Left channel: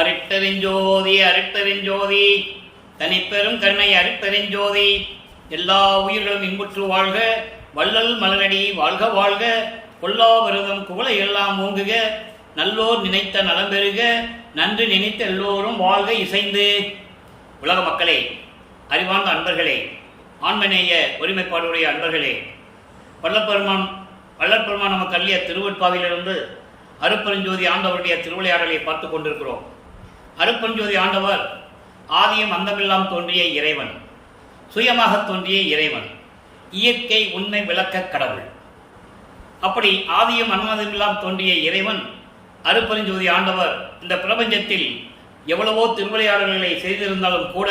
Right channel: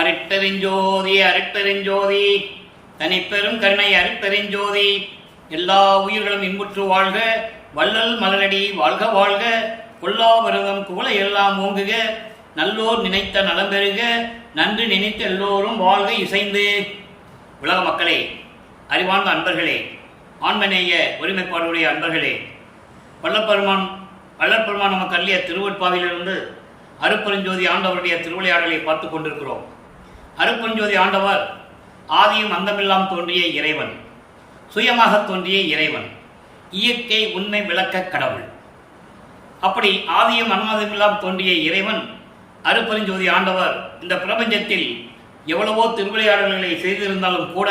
அருட்பெருஞ்சோதி அருட்பெருஞ்சோதி தனிப்பெரும் கருணை அருட்பெருஞ்சோதி. எல்லா உயிர்களும் இன்புற்று வாழ்க, வள்ளல் மலரடி வாழ்க வாழ்க, கொல்லாவிரதம் குவளை எல்லாம் ஓங்குக, நல்லோர் நினைத்த நலம் பெறுக, நன்று நினைத்த எல்லோரும் வாழ்க இசைந்து. உலக மக்களே, அறிவார்ந்த அன்பர்களே, ஆண்மநேய ஒருமைப்பாடுடைய அன்பர்களே, வல்லப்பெருமான் நமக்கு அள்ளிய திருவட்பாவிலிருந்து அருட்பெருஞ்சோதி ஆண்டவருடைய திருவிளையாடலை பார்த்து கொண்டிருக்கிறோம். அருட்பெருஞ்சோதி ஆண்டவர் ஆதியும் அந்தமெல்லாம் தோன்றிய இறைவன், சுயமாக தோன்றிய இறைவன், இயற்கை உண்மை விளக்க கடவுள். அப்படி ஆதியும் அன்னாதமெல்லாம் தோன்றிய இறைவன் அருட்பெருஞ்சோதி ஆண்டவர் இந்த பிரபஞ்சத்தில் எவ்வளவோ திருவிளையாடல்களை செய்திருந்தாலும் கூட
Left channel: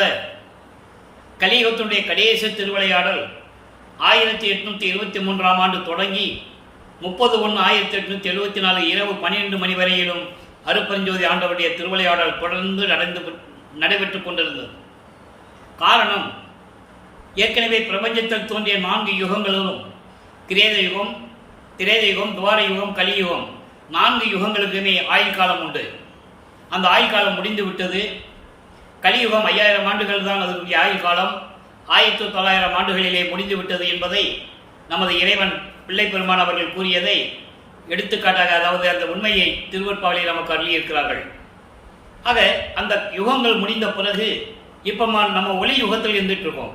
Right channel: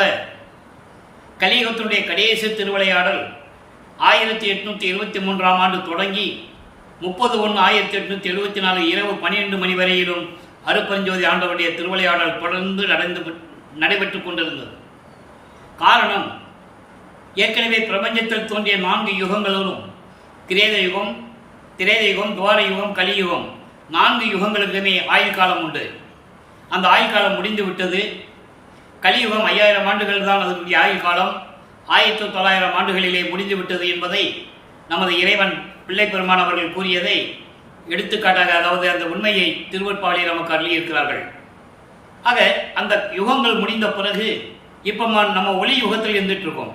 கலியுகத்தினுடைய கடைசி திருவிளையாடல் 1823ஆம் ஆண்டு தொடங்கி 30/1/1874 இரவு 12 மணி வரையிலும் அருட்பெருஞ்சோதி ஆண்டவருடைய திருவிளையாடல் தொடர்ந்து நடைபெற்று கொண்டிருந்தது. காரணம், ஏற்கனவே பிரபஞ்சத்தில் தோன்றிய 4 யுகங்களிலும் கிரேத யுகம், திரேத யுகம், துவார யுகம், கலியுகம் 4 யுகங்களுக்குமே ஆயுள் காலம் உண்டு. அந்த ஆயுள் காலம் முடிந்து விட்டது. கலியுகம் 5000 ஆண்டுகள் தான் அதனுடைய ஆயுள் காலம். 1900 ஆண்டுகளிலே முடிந்து விட்டது என்பதை நமது இறைவன் பிள்ளை பெருமான் அவர்கள் கூறியதை எடுத்துக்காட்டாக, அதாவது அந்த உண்மையை திருவற்பாவிலே நமக்கு அள்ளியிருக்கிறார்கள். ஆக அந்த யுகங்கள் முடிந்த பிறகு இப்போ நம்ம ஒளி யுகத்தில் இருந்துட்டு இருக்கோம்.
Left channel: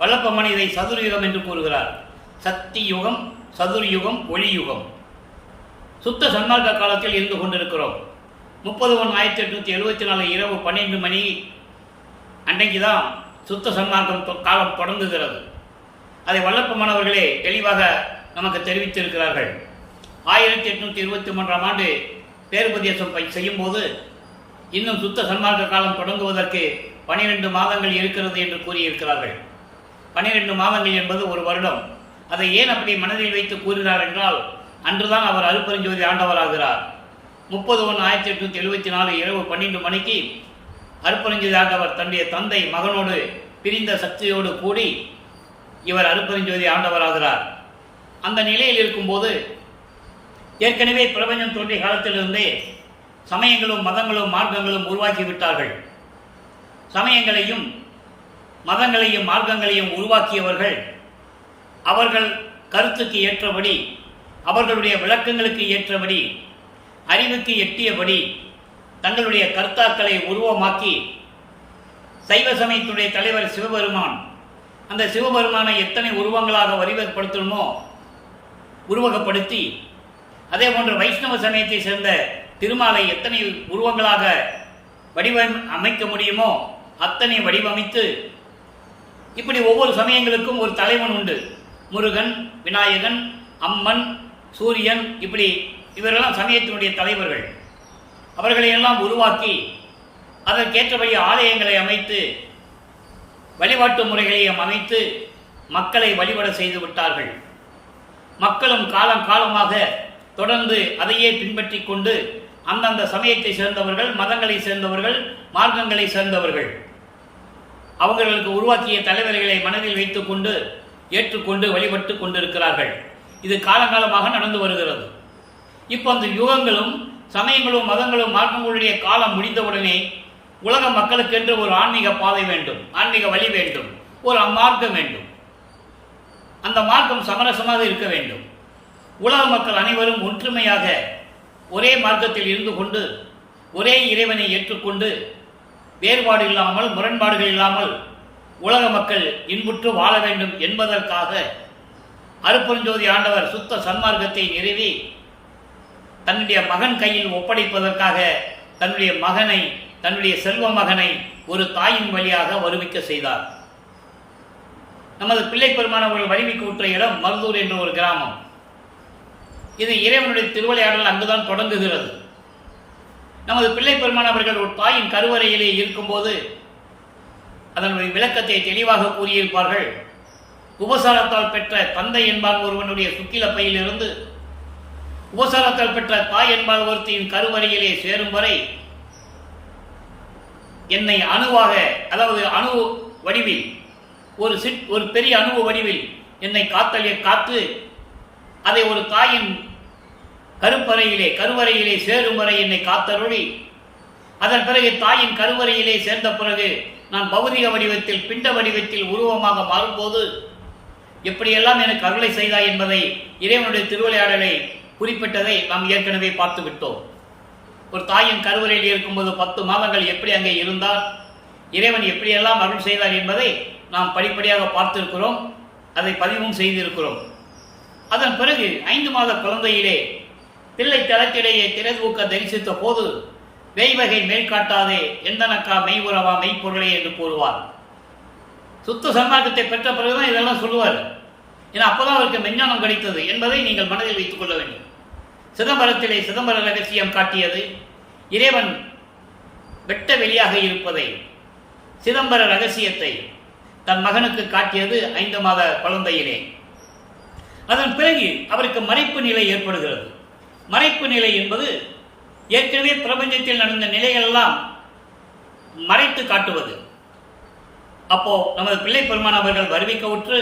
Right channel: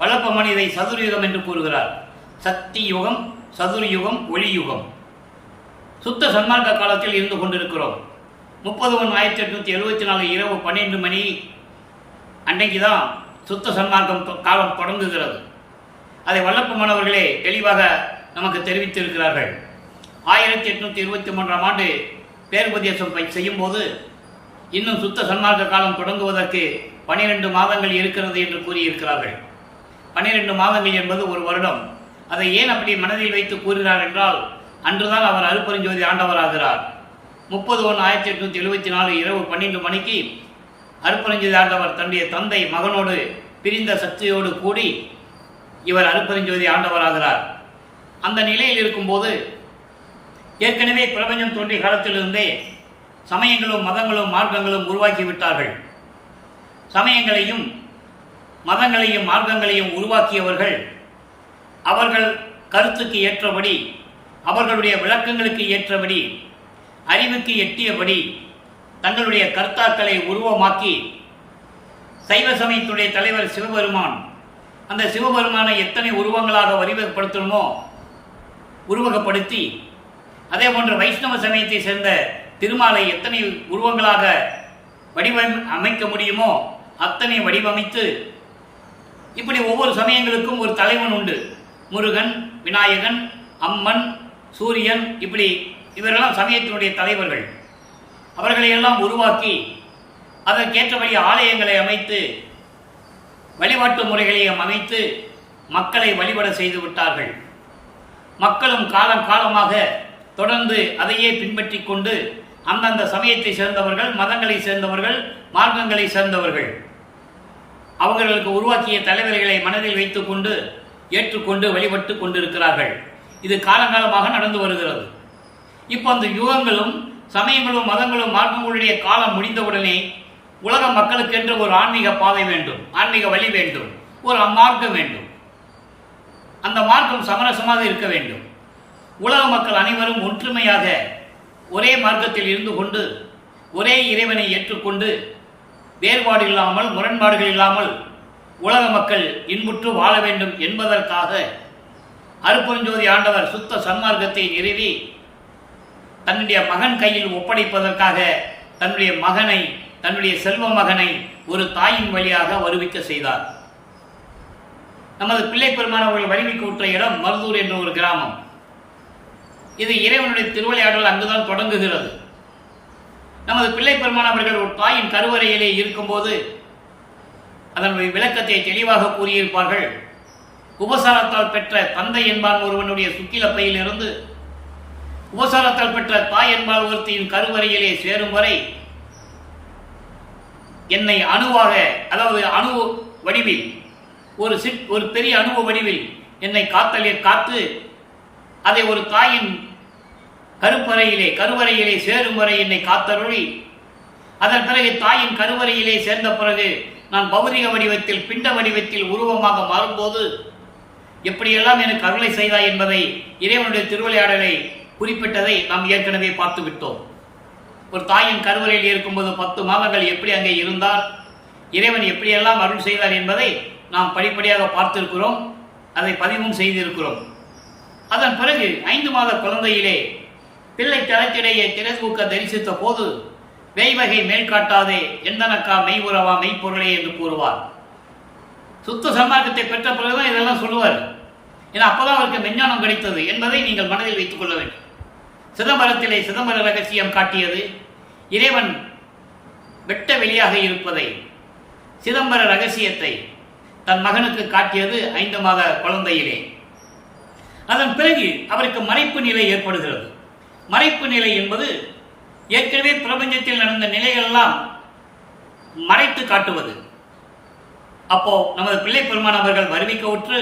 வல்லப்பெருமான் இதை சதுர்யுகம் என்று கூறுகிறார். சக்தி யுகம், சதுர்யுகம், ஒளி யுகம். சுத்த சன்மார்க்க காலத்தில் இருந்து கொண்டிருக்கிறோம். 30/1/1874 இரவு 12 மணி அன்றைக்கு தான் சுத்த சன்மார்க்கம் காலம் தொடங்குகிறது. அதை வல்லப்பெருமான் அவர்களே தெளிவாக நமக்கு தெரிவித்திருக்கிறார்கள். 1823ஆம் ஆண்டு பேருபதேசம் செய்யும்போது இன்னும் சுத்த சன்மார்க்க காலம் தொடங்குவதற்கு 12 மாதங்கள் இருக்கிறது என்று கூறியிருக்கிறார்கள். 12 மாதங்கள் என்பது ஒரு வருடம். அதை ஏன் அப்படி மனதில் வைத்து கூறினார் என்றால், அன்றுதான் அவர் அருட்பெருஞ்சோதி ஆண்டவராகிறார். 30/1/1874 இரவு 12 மணிக்கு அருட்பெருஞ்சோதி ஆண்டவர் தன்னுடைய தந்தை மகனோடு பிரிந்த சக்தியோடு கூடி இவர் அருட்பெருஞ்சோதி ஆண்டவராகிறார். அந்த நிலையில் இருக்கும்போது ஏற்கனவே பிரபஞ்சம் தோன்றிய காலத்திலிருந்தே சமயங்களும் மதங்களும் மார்க்கங்களும் உருவாக்கிவிட்டார்கள். சமயங்களையும் மதங்களையும் மார்க்கங்களையும் உருவாக்கியவர்கள் அவர்கள் கருத்துக்கு ஏற்றபடி, அவர்களுடைய விளக்கங்களுக்கு ஏற்றபடி, அறிவுக்கு எட்டியபடி தங்களுடைய கர்த்தாக்களை உருவமாக்கி, சைவ சமயத்துடைய தலைவர் சிவபெருமான், அந்த சிவபெருமானை எத்தனை உருவங்களாக வடிவப்படுத்தணுமோ உருவகப்படுத்தி, அதே போன்று வைஷ்ணவ சமயத்தை சேர்ந்த திருமாலை எத்தனை உருவங்களாக அமைக்க முடியுமோ அத்தனை வடிவமைத்து, இப்படி ஒவ்வொரு சமயங்களுக்கும் ஒரு தலைவன் உண்டு. முருகன், விநாயகன், அம்மன், சூரியன், இப்படி இவரெல்லாம் சமயத்தினுடைய தலைவர்கள். அவர்களையெல்லாம் உருவாக்கி அதற்கேற்றபடி ஆலயங்களை அமைத்து வழிபாட்டு முறைகளையும் அமைத்து மக்களை வழிபட செய்து விட்டார்கள். மக்களும் காலமாக தொடர்ந்து அதையே பின்பற்றி கொண்டு அந்தந்த சமயத்தை சேர்ந்தவர்கள், மதங்களை சேர்ந்தவர்கள், மார்க்கங்களை சேர்ந்தவர்கள் அவர்களுக்கு உருவாக்கிய தலைவர்களை மனதில் வைத்துக் கொண்டு ஏற்றுக்கொண்டு வழிபட்டு கொண்டிருக்கிறார்கள். இது காலங்காலமாக நடந்து வருகிறது. இப்போ அந்த யுகங்களும் சமயங்களும் மதங்களும் மார்க்கங்களுடைய காலம் முடிந்தவுடனே உலக மக்களுக்கென்று ஒரு ஆன்மீக பாதை வேண்டும், ஆன்மீக வழி வேண்டும், ஒரு மார்க்கம் வேண்டும். அந்த மார்க்கம் சமரசமாக இருக்க வேண்டும். உலக மக்கள் அனைவரும் ஒற்றுமையாக ஒரே மார்க்கத்தில் இருந்து கொண்டு ஒரே இறைவனை ஏற்றுக்கொண்டு வேறுபாடு இல்லாமல், முரண்பாடுகள் இல்லாமல் உலக மக்கள் இன்புற்று வாழ வேண்டும் என்பதற்காக அருட்பெருஞ்சோதி ஆண்டவர் சுத்த சன்மார்க்கத்தை நிறுவி தன்னுடைய மகன் கையில் ஒப்படைப்பதற்காக தன்னுடைய மகனை, தன்னுடைய செல்வ மகனை ஒரு தாயின் வழியாக வருவிக்க செய்தார். நமது பிள்ளை பெருமான் அவர்கள் வருவிக்க விட்ட இடம் மருதூர் என்ற ஒரு கிராமம். இது இறைவனுடைய திருவிளையாடல் அங்குதான் தொடங்குகிறது. நமது பிள்ளை பெருமான் அவர்கள் ஒரு தாயின் கருவறையிலே இருக்கும்போது அதனுடைய விளக்கத்தை தெளிவாக கூறியிருப்பார்கள். உபசாரத்தால் பெற்ற தந்தை என்பான் ஒருவனுடைய சுக்கிலப்பையில் இருந்து உபசாரத்தால் பெற்ற தாய் என்பால் ஒருத்தியின் கருவறையிலே சேரும் வரை என்னை அணுவாக, அதாவது அணு வடிவில், ஒரு பெரிய அணுவ வடிவில் என்னை காத்து அதை ஒரு தாயின் கருவறையிலே சேரும் வரை என்னை காத்தருளி அதன் பிறகு தாயின் கருவறையிலே சேர்ந்த பிறகு நான் பௌதிக வடிவத்தில் பிண்ட வடிவத்தில் உருவமாக மாறும்போது எப்படியெல்லாம் எனக்கு அருளை செய்தாய் என்பதை இறைவனுடைய திருவிளையாடலை குறிப்பிட்டதை நாம் ஏற்கனவே பார்த்து விட்டோம். ஒரு தாயின் கருவறையில் இருக்கும்போது 10 மாதங்கள் எப்படி அங்கே இருந்தால் இறைவன் எப்படியெல்லாம் அருள் செய்தார் என்பதை நாம் படிப்படியாக பார்த்திருக்கிறோம், அதை பதிவும் செய்திருக்கிறோம். அதன் பிறகு 5 மாத குழந்தையிலே பிள்ளை தளத்திடையே திரைதூக்க தரிசித்த போது வேய்வகை மேல் காட்டாதே எந்தனக்கா மெய் உறவா மெய்ப்பொருளே என்று கூறுவார். சுத்த சன்மார்க்கத்தை பெற்ற பிறகுதான் இதெல்லாம் சொல்லுவார். ஏன்னா அப்போதான் அவருக்கு மெஞ்ஞானம் கிடைத்தது என்பதை நீங்கள் மனதில் வைத்துக் கொள்ள வேண்டும். சிதம்பரத்திலே சிதம்பர ரகசியம் காட்டியது இறைவன் வெட்ட வெளியாக இருப்பதை, சிதம்பர ரகசியத்தை தன் மகனுக்கு காட்டியது 5 மாத குழந்தையிலே. அதன் பிறகு அவருக்கு மறைப்பு நிலை ஏற்படுகிறது. மறைப்பு நிலை என்பது ஏற்கனவே பிரபஞ்சத்தில் நடந்த நிலைகளெல்லாம் மறைத்து காட்டுவது. அப்போ நமது பிள்ளை பெருமான் அவர்கள் வருவிக்க உற்று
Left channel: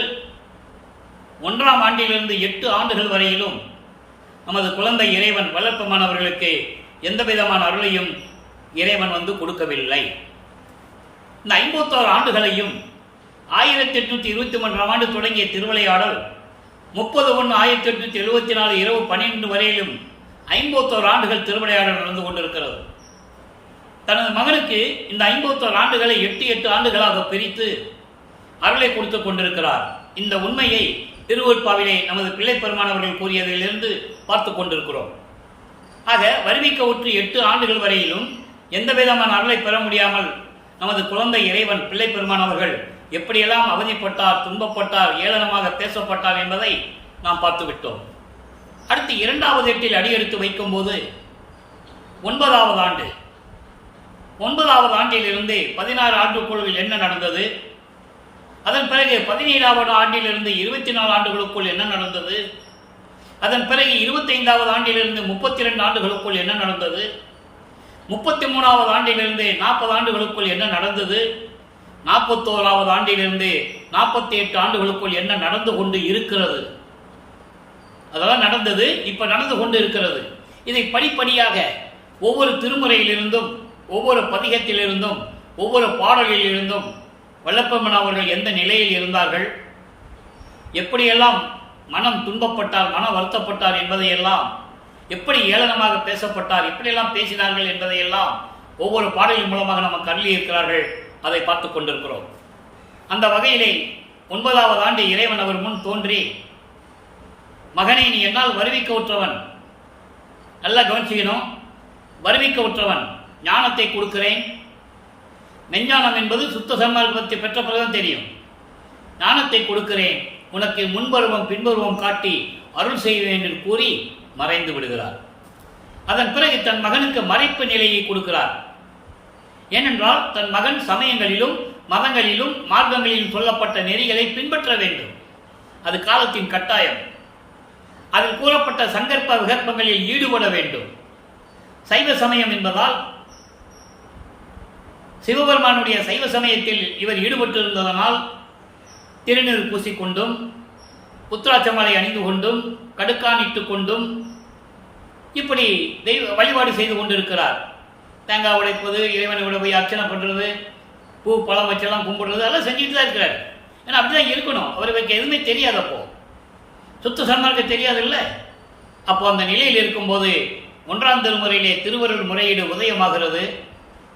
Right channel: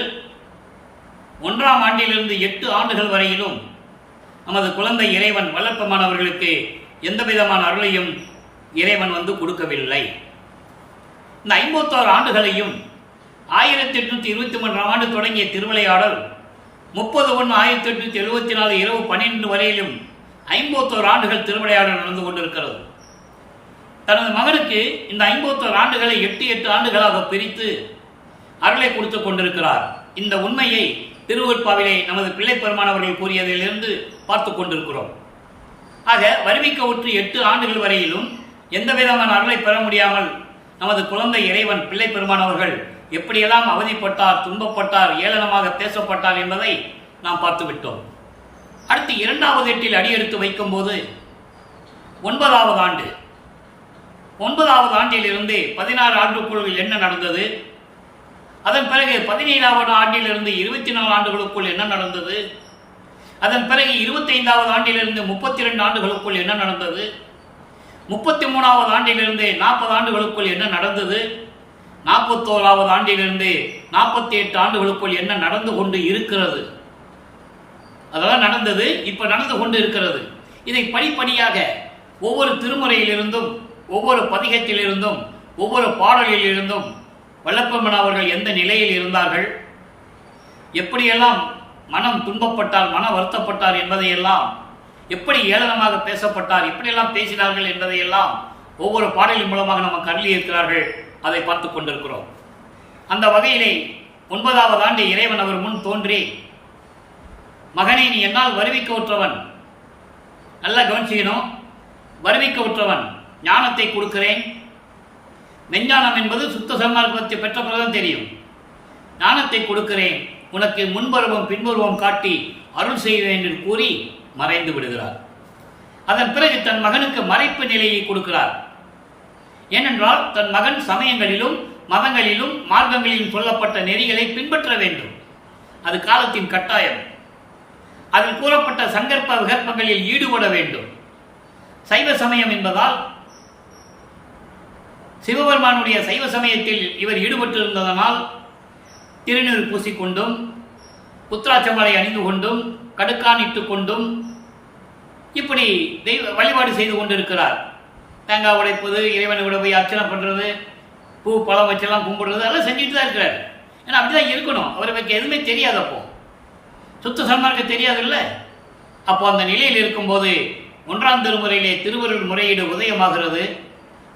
1ஆம் ஆண்டிலிருந்து 8 ஆண்டுகள் வரையிலும் நமது குழந்தை இறைவன் வளர்ப்பமானவர்களுக்கு எந்த விதமான அருளையும் இறைவன் கொடுக்கவில்லை. இந்த 51 ஆண்டுகளையும் 1823ஆம் ஆண்டு தொடங்கிய திருவிளையாடல் 30/1/1874 இரவு 12 வரையிலும் 51 ஆண்டுகள் திருவிளையாடல் நடந்து கொண்டிருக்கிறது. தனது மகனுக்கு இந்த 51 ஆண்டுகளை 8 ஆண்டுகளாக பிரித்து அருளை கொடுத்து கொண்டிருக்கிறார். இந்த உண்மையை திருவருட்பாவிலே நமது பிள்ளை பெருமானவர்கள் கூறியதிலிருந்து பார்த்து கொண்டிருக்கிறோம். ஆக வருவிக்க உற்று 8 ஆண்டுகள் வரையிலும் எந்த விதமான அருளை பெற முடியாமல் நமது குழந்தை இறைவன் பிள்ளை பெருமானவர்கள் எப்படியெல்லாம் அவதிப்பட்டார், துன்பப்பட்டார், ஏளனமாக பேசப்பட்டார் என்பதை நாம் பார்த்து விட்டோம். அடுத்து 2வது எட்டில் அடியெடுத்து வைக்கும் போது 9வது ஆண்டு, 9வது ஆண்டிலிருந்து 16 ஆண்டுக்குள் என்ன நடந்தது, அதன் பிறகு 17வது ஆண்டிலிருந்து 24 ஆண்டுகளுக்குள் என்ன நடந்தது, அதன் பிறகு 25வது ஆண்டிலிருந்து 32 ஆண்டுகளுக்குள் என்ன நடந்தது, 33வது ஆண்டிலிருந்து 40 ஆண்டுகளுக்குள் என்ன நடந்தது, 41வது ஆண்டிலிருந்து 48 ஆண்டுகளுக்குள் என்ன நடந்து கொண்டு இருக்கிறது, அதெல்லாம் நடந்தது, இப்ப நடந்து கொண்டு இருக்கிறது. இதை படிப்படியாக ஒவ்வொரு திருமுறையிலிருந்தும், ஒவ்வொரு பதிகத்திலிருந்தும், ஒவ்வொரு பாடலிலிருந்தும் வல்லப்பெருமான் அவர்கள் எந்த நிலையில் இருந்தார்கள், எப்படியெல்லாம் மனம் துன்பப்பட்டார், மன வருத்தப்பட்டார் என்பதையெல்லாம், எப்படி ஏளனமாக பேசப்பட்டார், எப்படியெல்லாம் பேசினார்கள் என்பதையெல்லாம் ஒவ்வொரு பாடலின் மூலமாக நமக்கு அருளி இருக்கிறார்கள். அதை பார்த்து கொண்டிருக்கிறோம். அந்த வகையிலே 9வது ஆண்டு இறைவன் அவர் முன் தோன்றி, மகனே நீ என்னால் வருவிக்க உற்றவன், நல்லா கவனிச்சுக்கணும், வருவிக்க உற்றவன், ஞானத்தை கொடுக்கிறேன். மெஞ்ஞானம் என்பது சுத்த சன்மார்க்கத்தை பெற்ற பிறகுதான் தெரியும். ஞானத்தை கொடுக்கிறேன், உனக்கு முன்பருவம் பின்பருவம் காட்டி அருள் செய்வேன் என்று கூறி மறைந்து விடுகிறார். அதன் பிறகு தன் மகனுக்கு மறைப்பு நிலையை கொடுக்கிறார். ஏனென்றால் தன் மகன் சமயங்களிலும் மதங்களிலும் மார்க்கங்களிலும் சொல்லப்பட்ட நெறிகளை பின்பற்ற வேண்டும். அது காலத்தின் கட்டாயம். அதில் கூறப்பட்ட சங்கற்ப விகற்பங்களில் ஈடுபட வேண்டும். சைவ சமயம் என்பதால் சிவபெருமானுடைய சைவ சமயத்தில் இவர் ஈடுபட்டிருந்ததனால் திருநீர் பூசிக்கொண்டும், புத்திராட்சமலை அணிந்து கொண்டும், கடுக்கான் இட்டு கொண்டும் இப்படி தெய்வ வழிபாடு செய்து கொண்டிருக்கிறார். தேங்காய் உடைப்பது, இறைவனை விட போய் அர்ச்சனை பண்ணுறது, பூ பழம் வச்செல்லாம் கும்பிடுறது, அதெல்லாம் செஞ்சுட்டு தான் இருக்கிறார். ஏன்னா அப்படிதான் இருக்கணும். அவருக்கு எதுவுமே தெரியாது, அப்போ சுத்த சன்மார்க்கம் தெரியாது இல்லை. அப்போ அந்த நிலையில் இருக்கும்போது 1ஆம் திருமுறையிலே திருவருள் முறையீடு உதயமாகிறது.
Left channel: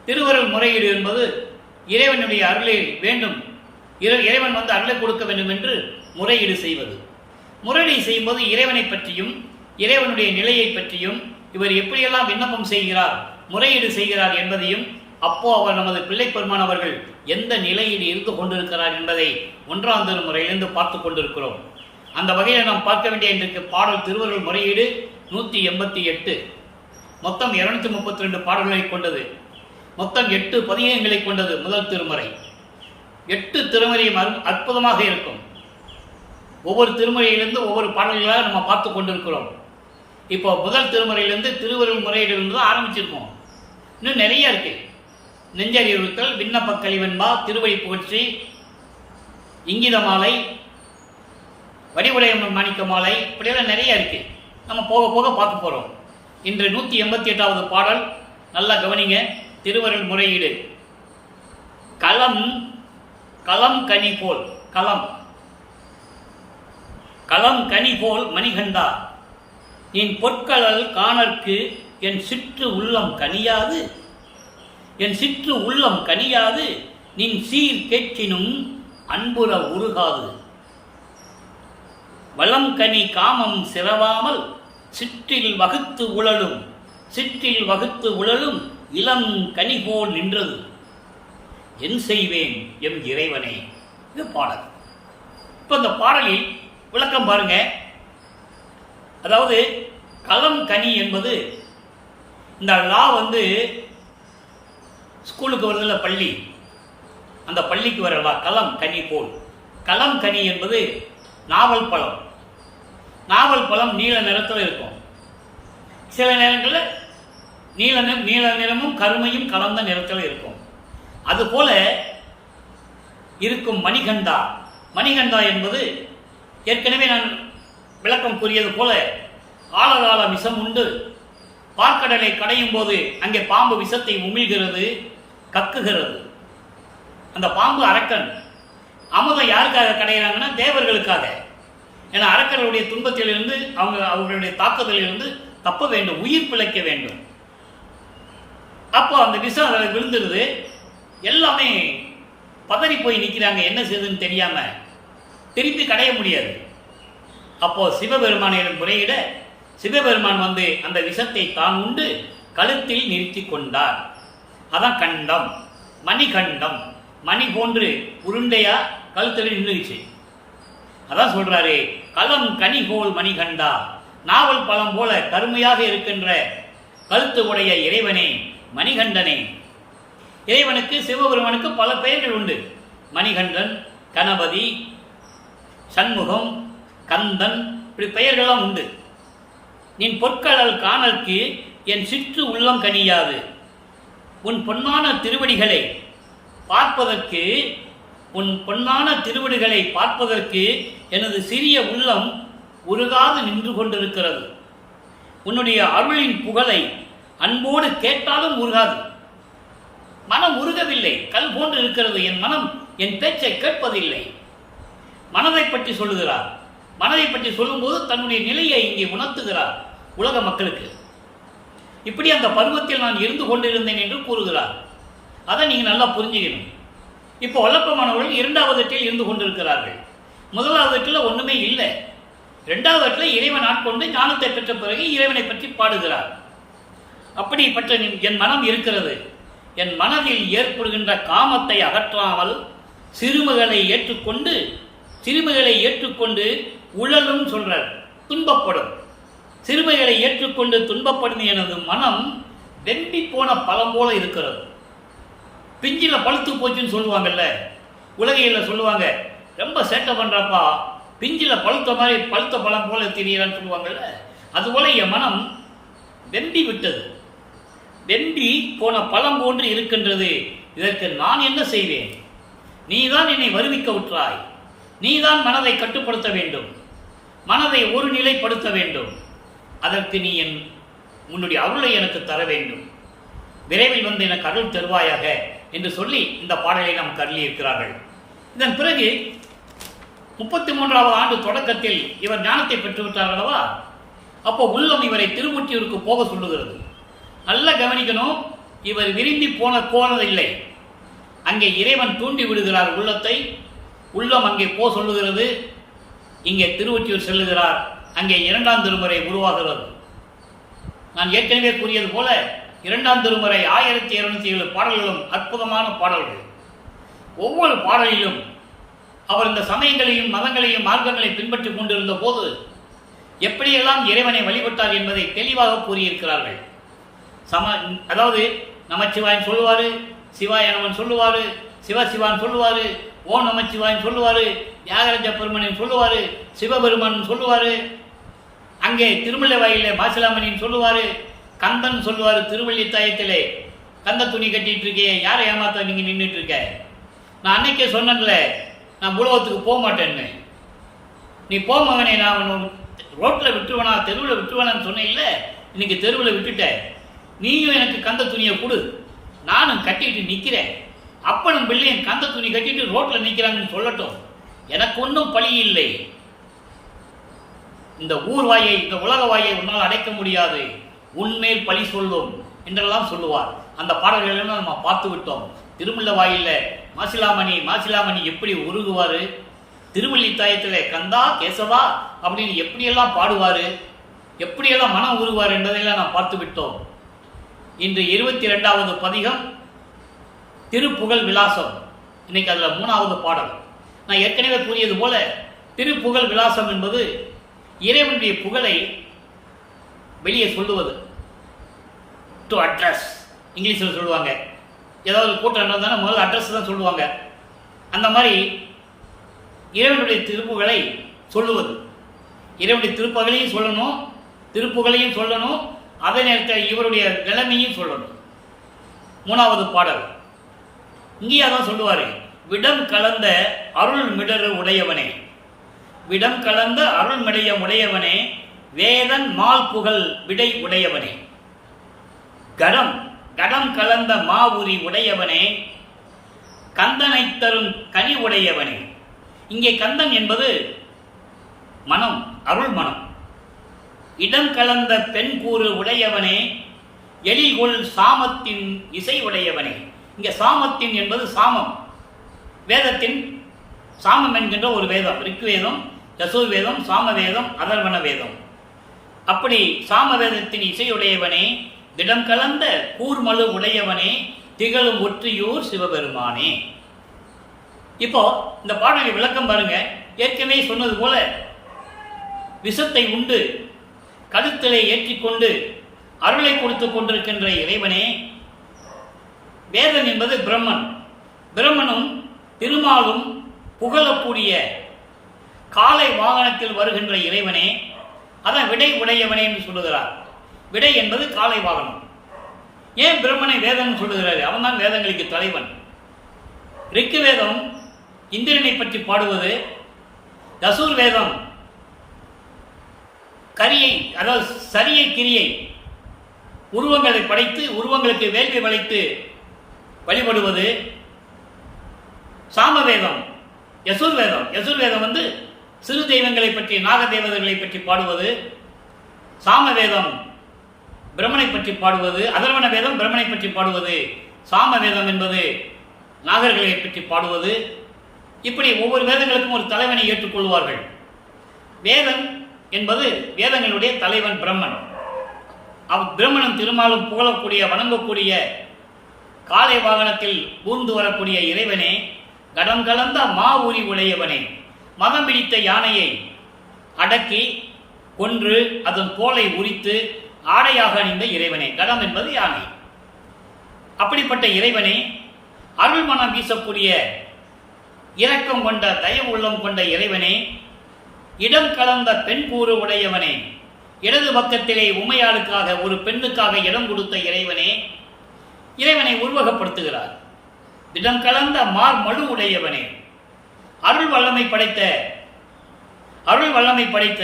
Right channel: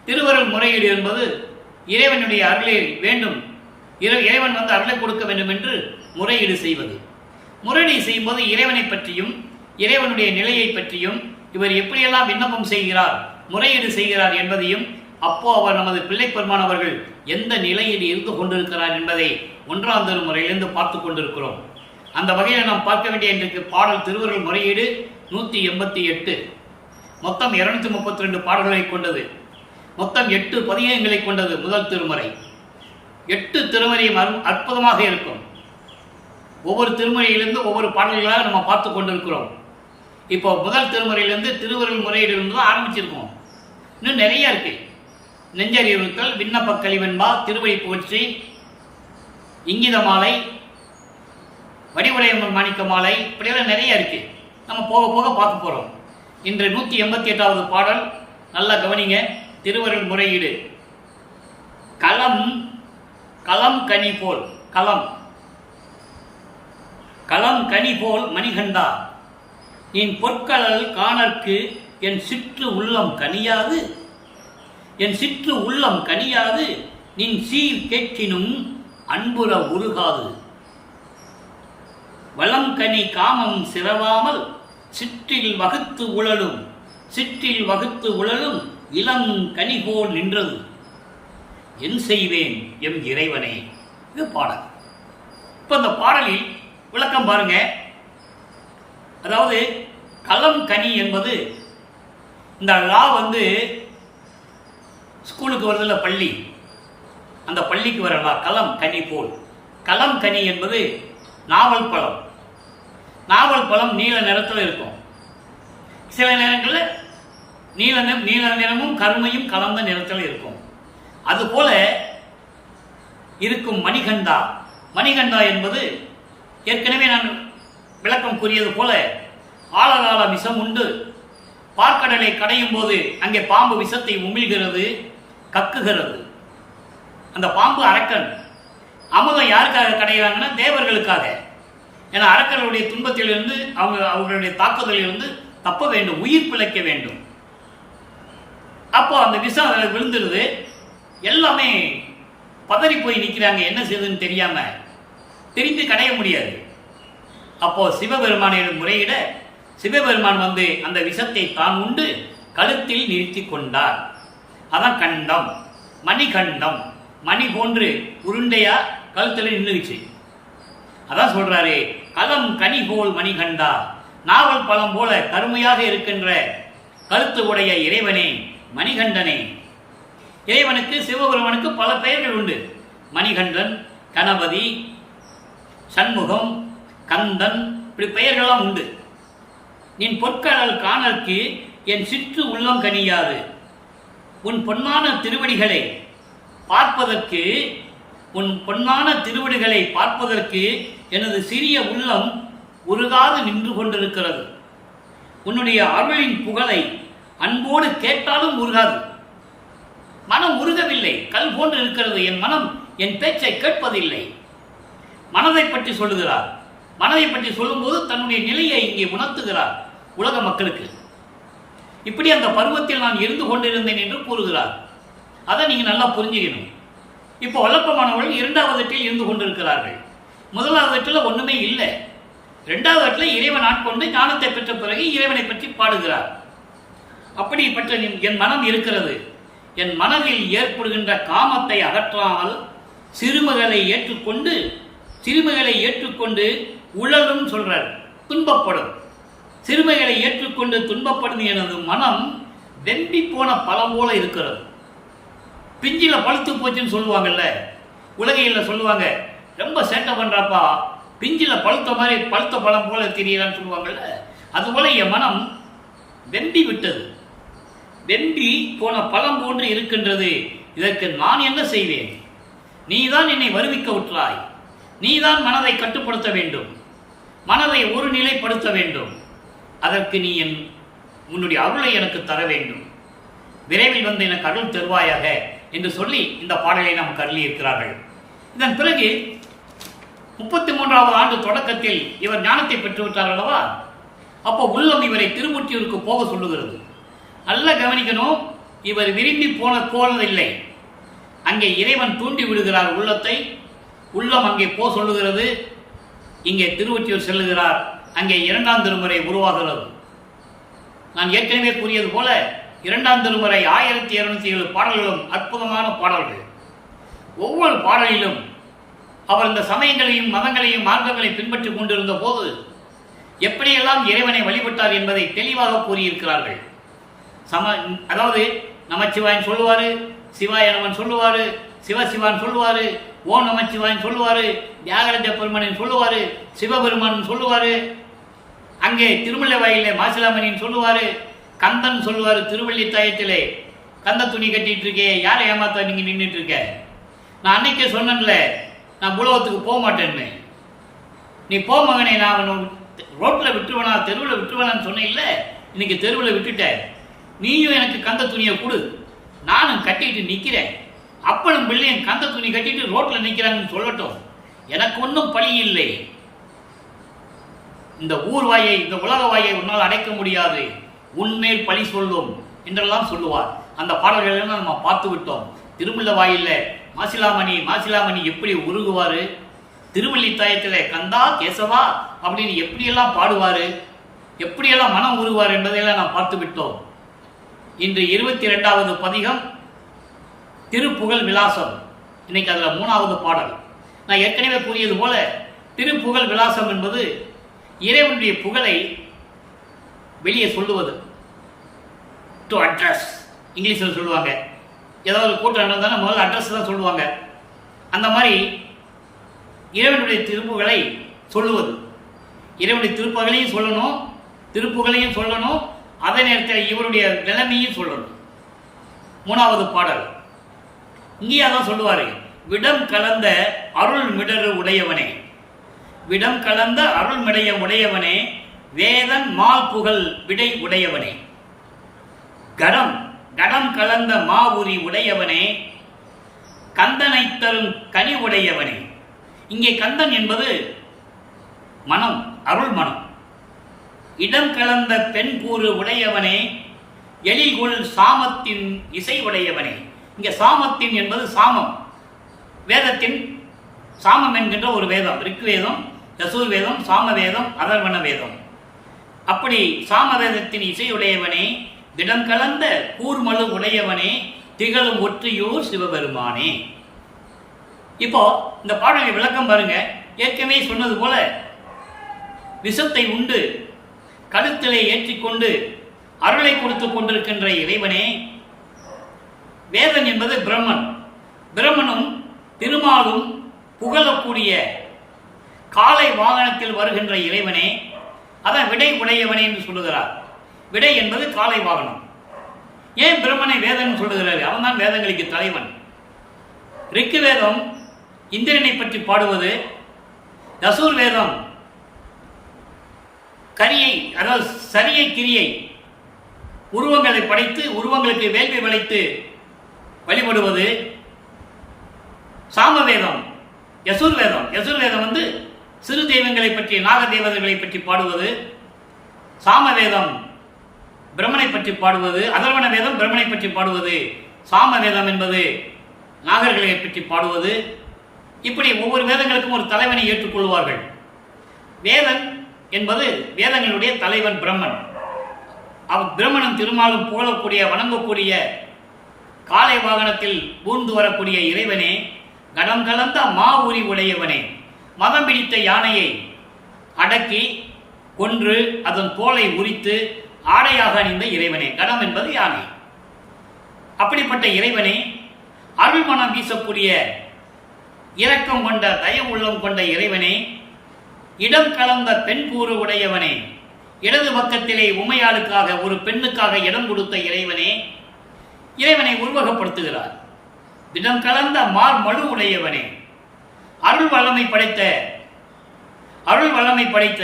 திருவருள் முறையீடு என்பது இறைவனுடைய அருளை வேண்டும், இறைவன் அருளை கொடுக்க வேண்டும் என்று முறையீடு செய்வது. முறையீடு செய்யும்போது இறைவனை பற்றியும் இறைவனுடைய நிலையை பற்றியும் இவர் எப்படியெல்லாம் விண்ணப்பம் செய்கிறார், முறையீடு செய்கிறார் என்பதையும், அப்போ அவர் நமது பிள்ளை பெருமான் அவர்கள் எந்த நிலையில் இருந்து கொண்டிருக்கிறார் என்பதை 1ஆம் திருமுறையிலிருந்து பார்த்து கொண்டிருக்கிறோம். அந்த வகையில் நாம் பார்க்க வேண்டிய இன்றைக்கு பாடல் திருவருள் முறையீடு 188, மொத்தம் 232 பாடல்களை கொண்டது, மொத்தம் 8 பதிகங்களை கொண்டது முதல் திருமுறை. 8 திருமுறையும் அற்புதமாக இருக்கும். ஒவ்வொரு திருமுறையிலிருந்து ஒவ்வொரு பாடல்களாக நம்ம பார்த்து கொண்டிருக்கிறோம். இப்போ முதல் திருமுறையிலிருந்து திருவருள் முறையிலிருந்து தான் ஆரம்பிச்சிருக்கோம். இன்னும் நிறைய இருக்கு. நெஞ்சறிவுறுத்தல், விண்ணப்ப கழிவென்பா, திருவழி புகழ்ச்சி, இங்கித மாலை, வடிவுடையம்மன் மாணிக்க மாலை, இப்படியெல்லாம் நிறைய இருக்கு. நம்ம போக போக பார்க்க போறோம். இன்று 188வது பாடல். நல்லா கவனிங்க. திருவருள் முறையீடு. களம் களம் கனி போல் களம் கனி போல் மணிகண்டா, நின் பொற்களல் காணற்கு என் சிற்று உள்ளம் கனியாது, என் சிற்று உள்ளம் கனியாது, நின் சீர் கேட்கினும் அன்புற உருகாது. வளம் கனி காமம் சிறவாமல் சிற்றில் வகுத்து உழலும் இளம் கனி போல் நின்றது. என் செய்வேன் எம் இறைவனே. இது பாடல். இப்போ இந்த பாடலில் விளக்கம் பாருங்க. அதாவது களம் கனி என்பது இந்த லா ஸ்கூலுக்கு வருதில்ல பள்ளி, அந்த பள்ளிக்கு வரலா களம் கனி போல். களம் கனி என்பது நாவல் பழம். நாவல் பழம் நீல நிறத்தில் இருக்கும். சில நேரங்களில் நீல நிறமும் கருமையும் கலந்த நிறத்தில் இருக்கும். அதுபோல இருக்கும் மணிகண்டா. மணிகண்டா என்பது ஏற்கனவே நான் விளக்கம் கூறியது போல ஆழகால விஷம் உண்டு. பார்க்கடலை கடையும் போது அங்கே பாம்பு விஷத்தை உமிழ்கிறது, கக்குகிறது. அந்த பாம்பு அரக்கன். அமுதம் யாருக்காக கடைகிறாங்கன்னா தேவர்களுக்காக. ஏன்னா அரக்கர்களுடைய துன்பத்திலிருந்து அவர்களுடைய தாக்குதலிலிருந்து தப்ப வேண்டும், உயிர் பிழைக்க வேண்டும். அப்போ அந்த விஷம் அதில் விழுந்துருது. எல்லாமே பதறி போய் நிற்கிறாங்க, என்ன செய்யுதுன்னு தெரியாம. திருப்பி கடைய முடியாது. அப்போ சிவபெருமானிடம் முறையிட சிவபெருமான் அந்த விஷத்தை தான் உண்டு கழுத்தில் நிறுத்தி கொண்டார். அதான் கண்டம், மணிகண்டம். மணி போன்று உருண்டையா கழுத்தில் நின்றுச்சு. அதான் சொல்றாரு, களம் கனி போல் மணிகண்டா, நாவல் பழம் போல கருமையாக இருக்கின்ற கழுத்து உடைய இறைவனே, மணிகண்டனே. இறைவனுக்கு சிவபெருமானுக்கு பல பெயர்கள் உண்டு. மணிகண்டன், கணபதி, சண்முகம், கந்தன், இப்படி பெயர்களெல்லாம் உண்டு. நின் பொற்களல் காணற்கு என் சிற்று உள்ளம் கனியாது. உன் பொன்னான திருவடிகளை பார்ப்பதற்கு எனது சிறிய உள்ளம் உருகாது நின்று கொண்டிருக்கிறது. உன்னுடைய அருளின் புகழை அன்போடு கேட்டாலும் உருகாது. மனம் உருகவில்லை, கல் போன்று இருக்கிறது. என் மனம் என் பேச்சை கேட்பதில்லை. மனதை பற்றி சொல்லுகிறார். மனதை பற்றி சொல்லும்போது தன்னுடைய நிலையை இங்கே உணர்த்துகிறார் உலக மக்களுக்கு. இப்படி அந்த பருவத்தில் நான் இருந்து கொண்டிருந்தேன் என்று கூறுகிறார். அதை நீங்கள் நல்லா புரிஞ்சுக்கணும். இப்போ வல்லப்பமானவர்கள் 2வது எட்டில் இருந்து கொண்டிருக்கிறார்கள். 1வது எட்டில் ஒன்றுமே இல்லை. 2வது எட்டில் இறைவன் ஆட்கொண்டு ஞானத்தை பெற்ற பிறகு இறைவனை பற்றி பாடுகிறார். அப்படிப்பட்ட என் மனம் இருக்கிறது. என் மனதில் ஏற்படுகின்ற காமத்தை அகற்றாமல் சிறுமைகளை ஏற்றுக்கொண்டு உழலும் சொல்றார், துன்பப்படும். சிறுமைகளை ஏற்றுக்கொண்டு துன்பப்படும் எனது மனம் வெம்பி போன பழம் போல இருக்கிறது. பிஞ்சில பழுத்து போச்சுன்னு சொல்லுவாங்கல்ல, உலகையில் சொல்லுவாங்க, ரொம்ப சேட்டை பண்றாப்பா, பிஞ்சில பழுத்த பழம் போல தெரியலான்னு சொல்லுவாங்கல்ல. அதுபோல என் மனம் வெம்பி விட்டது, வெம்பி போன பழம் போன்று இருக்கின்றது. இதற்கு நான் என்ன செய்வேன்? நீதான் என்னை வருவிக்க விட்டாய். நீதான் மனதை கட்டுப்படுத்த வேண்டும், மனதை ஒரு நிலைப்படுத்த வேண்டும். அதற்கு நீ உன்னுடைய அருளை எனக்கு தர வேண்டும். விரைவில் எனக்கு அருள் தருவாயாக என்று சொல்லி இந்த பாடலை நமக்கு அருளி இருக்கிறார்கள். இதன் பிறகு 33வது ஆண்டு தொடக்கத்தில் இவர் ஞானத்தை பெற்றுவிட்டார் அல்லவா? அப்போ உள்ளம் இவரை திருமுற்றியூருக்கு போக சொல்லுகிறது. நல்லா கவனிக்கணும், இவர் விரும்பி போனதில்லை. அங்கே இறைவன் தூண்டி விடுகிறார் உள்ளத்தை. உள்ளம் அங்கே சொல்லுகிறது. இங்கே திருவொற்றியூர் செல்லுகிறார். அங்கே 2ஆம் திருமுறை உருவாகிறது. நான் ஏற்கனவே கூறியது போல 2ஆம் திருமுறை 1207 பாடல்களும் அற்புதமான பாடல்கள். ஒவ்வொரு பாடலிலும் அவர் இந்த சமயங்களையும் மதங்களையும் மார்க்கங்களையும் பின்பற்றி கொண்டிருந்த போது எப்படியெல்லாம் இறைவனை வழிபட்டார் என்பதை தெளிவாக கூறியிருக்கிறார்கள். அதாவது நமச்சிவாயன் சொல்லுவாரு, சிவாய நமன் சொல்லுவாரு, சிவசிவான் சொல்லுவாரு, ஓ நமச்சிவாயன் சொல்லுவாரு, தியாகராஜ பெருமனின் சொல்லுவாரு, சிவபெருமான் சொல்லுவாரு, அங்கே திருமலை வாயிலே மாசிலாமணின்னு சொல்லுவாரு, கந்தன் சொல்லுவாரு, திருவள்ளி தாயத்திலே கந்த துணி கட்டிட்டு இருக்கே, யாரை ஏமாத்த நீங்க நின்றுட்டு இருக்க? நான் அன்னைக்கே சொன்னேன்ல, நான் உலகத்துக்கு போக மாட்டேன்னு. நீ போ மகனே, நான் அவன் ரோட்டில் விட்டுருவனா, தெருவில் விட்டுருவனான்னு சொன்னேன். இல்லை, இன்னைக்கு தெருவில் விட்டுட்ட. நீயும் எனக்கு கந்த துணியை கொடு, நானும் கட்டிட்டு நிற்கிறேன், அப்பனும் பிள்ளையும் கந்த துணி கட்டிட்டு ரோட்டில் நிற்கிறாங்கன்னு சொல்லட்டும், எனக்கு ஒன்றும் பழி இல்லை. இந்த ஊர் வாயை, இந்த உலக வாயை உன்னால் அடைக்க முடியாது, உன்மேல் பழி சொல்லும் என்றெல்லாம் சொல்லுவார். அந்த பாடல்களெல்லாம் நம்ம பார்த்து விட்டோம். திருமுல்ல வாயில மாசிலாமணி எப்படி உருகுவார், திருவள்ளித்தாயத்தில் கந்தா கேசவா அப்படின்னு எப்படியெல்லாம் பாடுவார், எப்படியெல்லாம் மனம் உருவார் என்பதையெல்லாம் நாம் பார்த்து விட்டோம். இன்று 22வது பதிகம் திருப்புகழ் விலாசம். இன்னைக்கு அதில் 3வது பாடல். நான் ஏற்கனவே கூறியது போல திருப்புகழ் விலாசம் என்பது இறைவனுடைய புகழை வெளியே சொல்லுவது, டு அட்ரஸ். இங்கிலீஷில் சொல்லுவாங்க, ஏதாவது கூட்டம் நடந்தாலும் முதல்ல அட்ரஸ் தான் சொல்லுவாங்க. அந்த மாதிரி இறைவனுடைய திருப்புகளை சொல்லுவது, இறைவனுடைய திருப்புகளையும் சொல்லணும், திருப்புகளையும் சொல்லணும், அதே நேரத்தில் இவருடைய நிலைமையும் சொல்லணும். 3வது பாடல் இங்கேயே தான் சொல்லுவார், விடம் கலந்த அருள் மிடரு உடையவனே, விடம் கலந்த அருள் மிடயம் உடையவனே, வேதன் மால் புகழ் விடை உடையவனே, கடம் கடம் கலந்த மாவுரி உடையவனே, கந்தனை தரும் கனி உடையவனே. இங்கே கந்தன் என்பது மனம், அருள் மனம். இடம் கலந்த பெண் கூறு உடையவனே, எழில்கொள் சாமத்தின் இசை உடையவனே. இங்கே சாமத்தின் என்பது சாமம், வேதத்தின் சாமம் என்கின்ற ஒரு வேதம், ரிக்வேதம், யசுர்வேதம், சாமவேதம், அதர்வண வேதம். அப்படி சாமவேதத்தின் இசையுடையவனே, திடம் கலந்த கூர்மலு உடையவனே, திகழும் ஒற்றியூர் சிவபெருமானே. இப்போ இந்த பாடலை விளக்கம் பாருங்க. ஏற்கனவே சொன்னது போல விஷத்தை உண்டு கழுத்திலே ஏற்றிக்கொண்டு அருளை கொடுத்து கொண்டிருக்கின்ற இறைவனே, வேதன் என்பது பிரம்மன், பிரம்மனும் திருமாலும் புகழக்கூடிய காலை வாகனத்தில் வருகின்ற இறைவனே, அதான் விடை உடையவனே என்று சொல்லுகிறார். விடை என்பது காலை வாகனம். ஏன் பிரம்மனை வேதன் சொல்லுகிறார்? அவன் தான் வேதங்களுக்கு தலைவன். ரிக்கு வேதம் இந்திரனை பற்றி பாடுவது, யசுர் வேதம் கரியை, அதாவது சரியை கிரியை, உருவங்களை படைத்து உருவங்களுக்கு வேள்வி வளைத்து வழிபடுவது. சாமவேதம் யசுர்வேதம், யசுர்வேதம் வந்து சிறு தெய்வங்களை பற்றி, நாக தேவதைகளை பற்றி பாடுவது. சாமவேதம் பிரம்மனை பற்றி பாடுவது, அதர்வண வேதம் பிரம்மனை பற்றி பாடுவது, சாமவேதம் என்பது நாகர்களை பற்றி பாடுவது. இப்படி ஒவ்வொரு வேதங்களுக்கும் ஒரு தலைவனை ஏற்றுக்கொள்வார்கள். வேதன் என்பது வேதங்களுடைய தலைவன் பிரம்மன். பிரம்மனும் திருமாலும் புகழக்கூடிய, வணங்கக்கூடிய, காலை வாகனத்தில் ஊர்ந்து வரக்கூடிய இறைவனே, கடம் கலந்த மா உரி உடையவனே, மதம் பிடித்த யானையை அடக்கி கொன்று அதன் தோலை உரித்து ஆடையாக அணிந்த இறைவனே. கடம் என்பது யானை. அப்படிப்பட்ட இறைவனே, அருள் மனம் வீசக்கூடிய, இரக்கம் கொண்ட, தயவு உள்ளம் கொண்ட இறைவனே, இடம் கலந்த பெண் கூறு உடையவனே, இடது பக்கத்திலே உமையாளுக்காக, ஒரு பெண்ணுக்காக இடம் கொடுத்த இறைவனே, இறைவனை உருவகப்படுத்துகிறார். இடம் கலந்த மார் மழு உடையவனே, அருள் வல்லமை படைத்த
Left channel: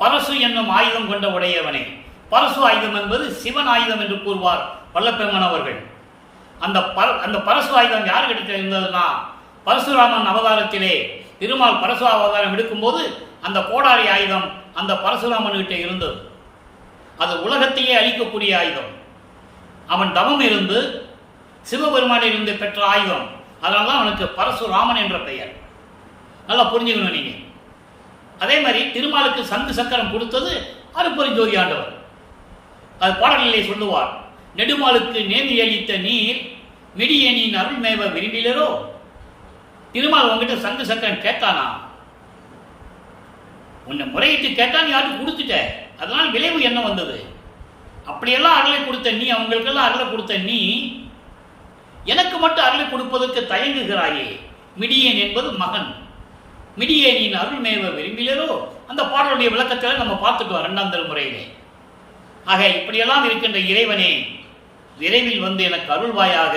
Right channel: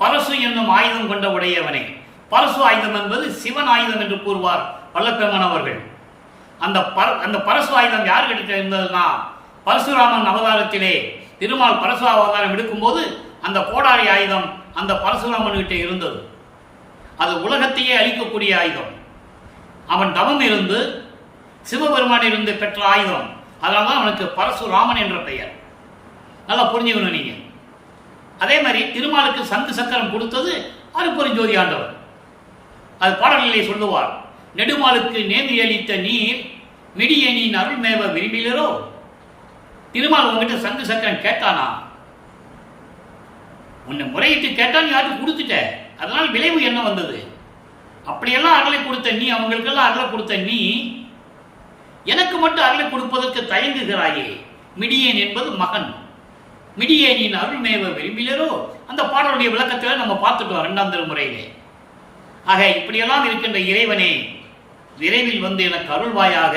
பரசு என்னும் ஆயுதம் கொண்ட உடையவனே. பரசு ஆயுதம் என்பது சிவன் ஆயுதம் என்று கூறுவார் வல்லப்பெருமான் அவர்கள். அந்த பரசு ஆயுதம் யார்கிட்ட இருந்ததுன்னா, பரசுராமன் அவதாரத்திலே திருமால் பரசு அவதாரம் எடுக்கும்போது அந்த கோடாரி ஆயுதம் அந்த பரசுராமன் கிட்ட இருந்தது. அது உலகத்தையே அழிக்கக்கூடிய ஆயுதம். அவன் தவம் இருந்து சிவபெருமானிலிருந்து பெற்ற ஆயுதம். அதனால்தான் அவனுக்கு பரசுராமன் என்ற பெயர். நல்லா புரிஞ்சுக்கணும் நீங்க. அதே மாதிரி திருமாலுக்கு சங்கு சக்கரம் கொடுத்தது அருப்பெருஞ்சோதி ஆண்டவர். அது பாடல்களை சொல்லுவார். நெடுமாலுக்கு நேமி அளித்த நீர் மிடியேனின் அருள் மேவ விரும்பிலரோ. திருமால் உங்ககிட்ட சங்கு சக்கரம் கேட்டானா? உன்னை முறையிட்டு கேட்டான், யாருக்கு கொடுத்துட்ட, அதனால் விளைவு என்ன வந்தது? அப்படியெல்லாம் அருளை கொடுத்த நீ, அவங்களுக்கெல்லாம் அருளை கொடுத்த நீ, எனக்கு மட்டும் அருளை கொடுப்பதற்கு தயங்குகிறாயே. மிடியேன் என்பது மகன். மிடியேனின் அருள் மேவ விரும்பிலரோ. அந்த பாடலுடைய விளக்கத்தில் நம்ம பார்த்துட்டோம் 2ஆம் திருமுறையிலே. ஆக இப்படியெல்லாம் இருக்கின்ற இறைவனே, விரைவில் வந்து எனக்கு அருள்வாயாக.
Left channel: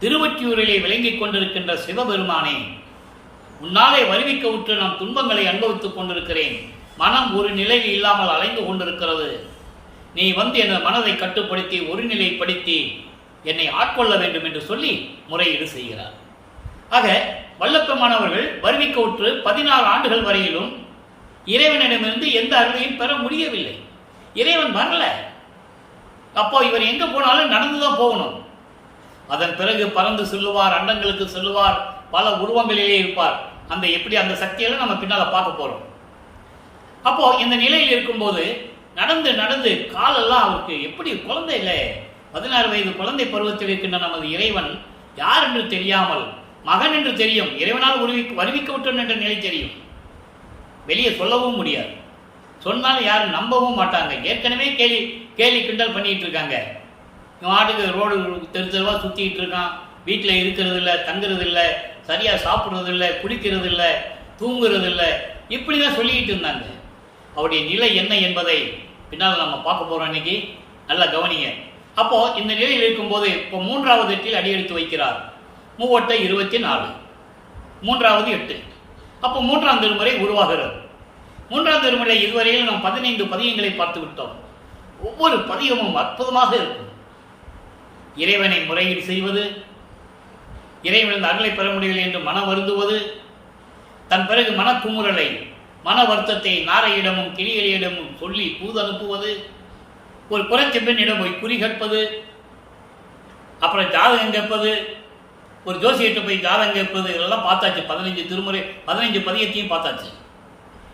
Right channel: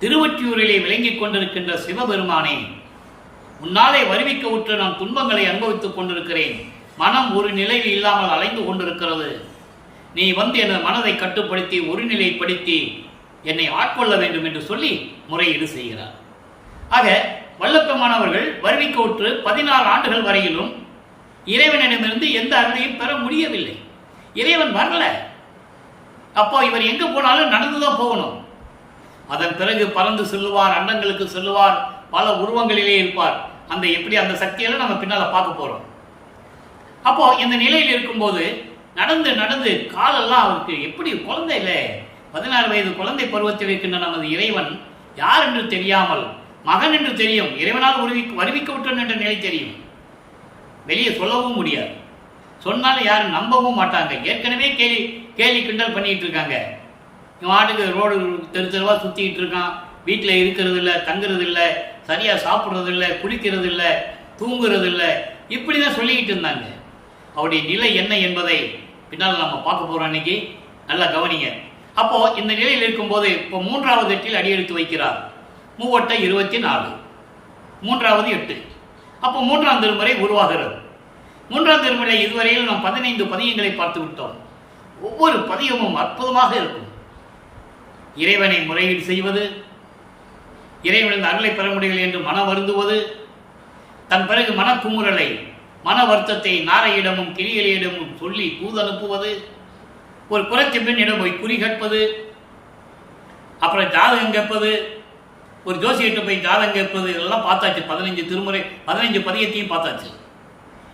திருவொற்றியூரிலே விளங்கிக் கொண்டிருக்கின்ற சிவபெருமானே, உன்னாலே வருவிக்க உற்று நான் துன்பங்களை அனுபவித்துக் கொண்டிருக்கிறேன். மனம் ஒரு நிலையில் இல்லாமல் அலைந்து கொண்டிருக்கிறது. நீ வந்து எனது மனதை கட்டுப்படுத்தி ஒருநிலைப்படுத்தி என்னை ஆட்கொள்ள வேண்டும் என்று சொல்லி முறையீடு செய்கிறார். ஆக வல்லபெருமான் அவர்கள் வருவிக்க உற்று 16 ஆண்டுகள் வரையிலும் இறைவனிடமிருந்து எந்த அருளையும் பெற முடியவில்லை. இறைவன் வரல. அப்போ இவர் எங்க போனாலும் நடந்துதான் போகணும். அதன் பிறகு பறந்து செல்லுவார், அண்டங்களுக்கு செல்லுவார், பல உருவங்களிலே இருப்பார். அந்த சக்தியெல்லாம் நம்ம பின்னால பார்க்க போறோம். அப்போ இந்த நிலையில் இருக்கும்போது நடந்து நடந்து காலெல்லாம் அவருக்கு எப்படி குழந்தை இல்லை, 16 வயது குழந்தை பருவத்தில் இருக்கின்ற நமது இறைவன் யார் என்று தெரியாமல், மகன் என்று தெரியும், இறைவனால் வருவிக்க விட்டோம் என்ற நிலை தெரியும், வெளியே சொல்லவும் முடியாது. சொன்னாலும் யாரும் நம்பவும் மாட்டாங்க. ஏற்கனவே கேலி கிண்டல் பண்ணிட்டு இருக்காங்க. இவன் ஆட்டுக்கு ரோடு தெரு தெருவாக சுற்றிக்கிட்டு இருக்கான், வீட்டில் இருக்கிறது இல்லை, தங்குறது இல்லை, சரியாக சாப்பிட்றது இல்லை, குளிக்கிறது இல்லை, தூங்குறது இல்லை, இப்படி தான் சொல்லிக்கிட்டு இருந்தாங்க. அவருடைய நிலை என்ன என்பதை பின்னால் நம்ம பார்க்க போகிறோம். இன்னைக்கு நல்லா கவனிங்க. அப்போது இந்த நிலையில் இருக்கும்போது இப்போ 3வது எட்டில் அடியெடுத்து வைக்கிறார். 3 24, 3வது 8. அப்போ 3ஆம் திருமுறை உருவாகிறது. 3ஆம் திருமுறை இதுவரையில் நாம் 15 பதியங்களை பார்த்து விட்டோம். ஒவ்வொரு பதியமும் அற்புதமாக இருக்கும். இறைவனை முறையீடு செய்வது, இறைவனின் அருளை பெற முடியவில்லை என்று மன வருந்துவது, தன் பிறகு மனக்குமுறலை, மன வருத்தத்தை நாரையிடமும் கிளிகளிடமும் சொல்லி தூது அனுப்புவது, ஒரு குறைச்ச பெண்ணிடம் போய் குறி கற்பது, அப்புறம் ஜாதகம் கேட்பது, ஒரு ஜோசியிட்ட போய் ஜாதகம் கேட்பது, இதெல்லாம் பார்த்தாச்சு. 15 திருமுறை 15 பதியத்தையும் பார்த்தாச்சு.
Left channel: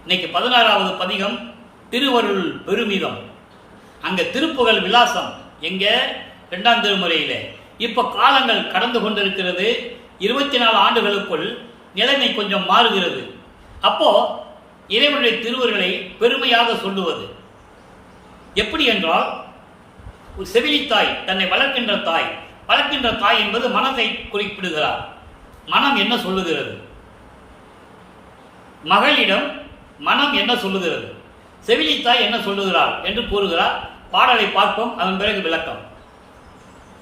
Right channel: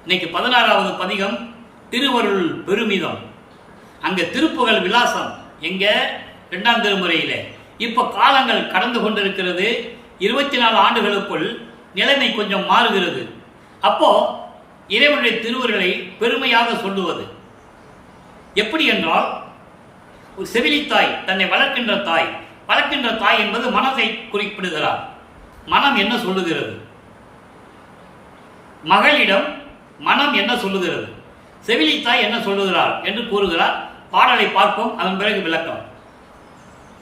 இன்னைக்கு 16வது பதிகம் திருவருள் பெருமிதம். அங்க திருப்புகழ் விலாசம் எங்க 2ஆம் திருமுறையிலே. இப்ப காலங்கள் கடந்து கொண்டிருக்கிறது. 24 ஆண்டுகளுக்குள் நிலைமை கொஞ்சம் மாறுகிறது. அப்போ இறைவனுடைய திருவருளை பெருமையாக சொல்லுவது எப்படி என்றால், ஒரு செவிலித்தாய் தன்னை வளர்க்கின்ற தாய் என்பது மனதை குறிப்பிடுகிறார். மனம் என்ன சொல்லுகிறது, மகளிடம் மனம் என்ன சொல்லுகிறது, செவிலித்தாய் என்ன சொல்லுகிறார் என்று கூறுகிறார். பாடலை பார்ப்போம், அதன் பிறகு விளக்கம்.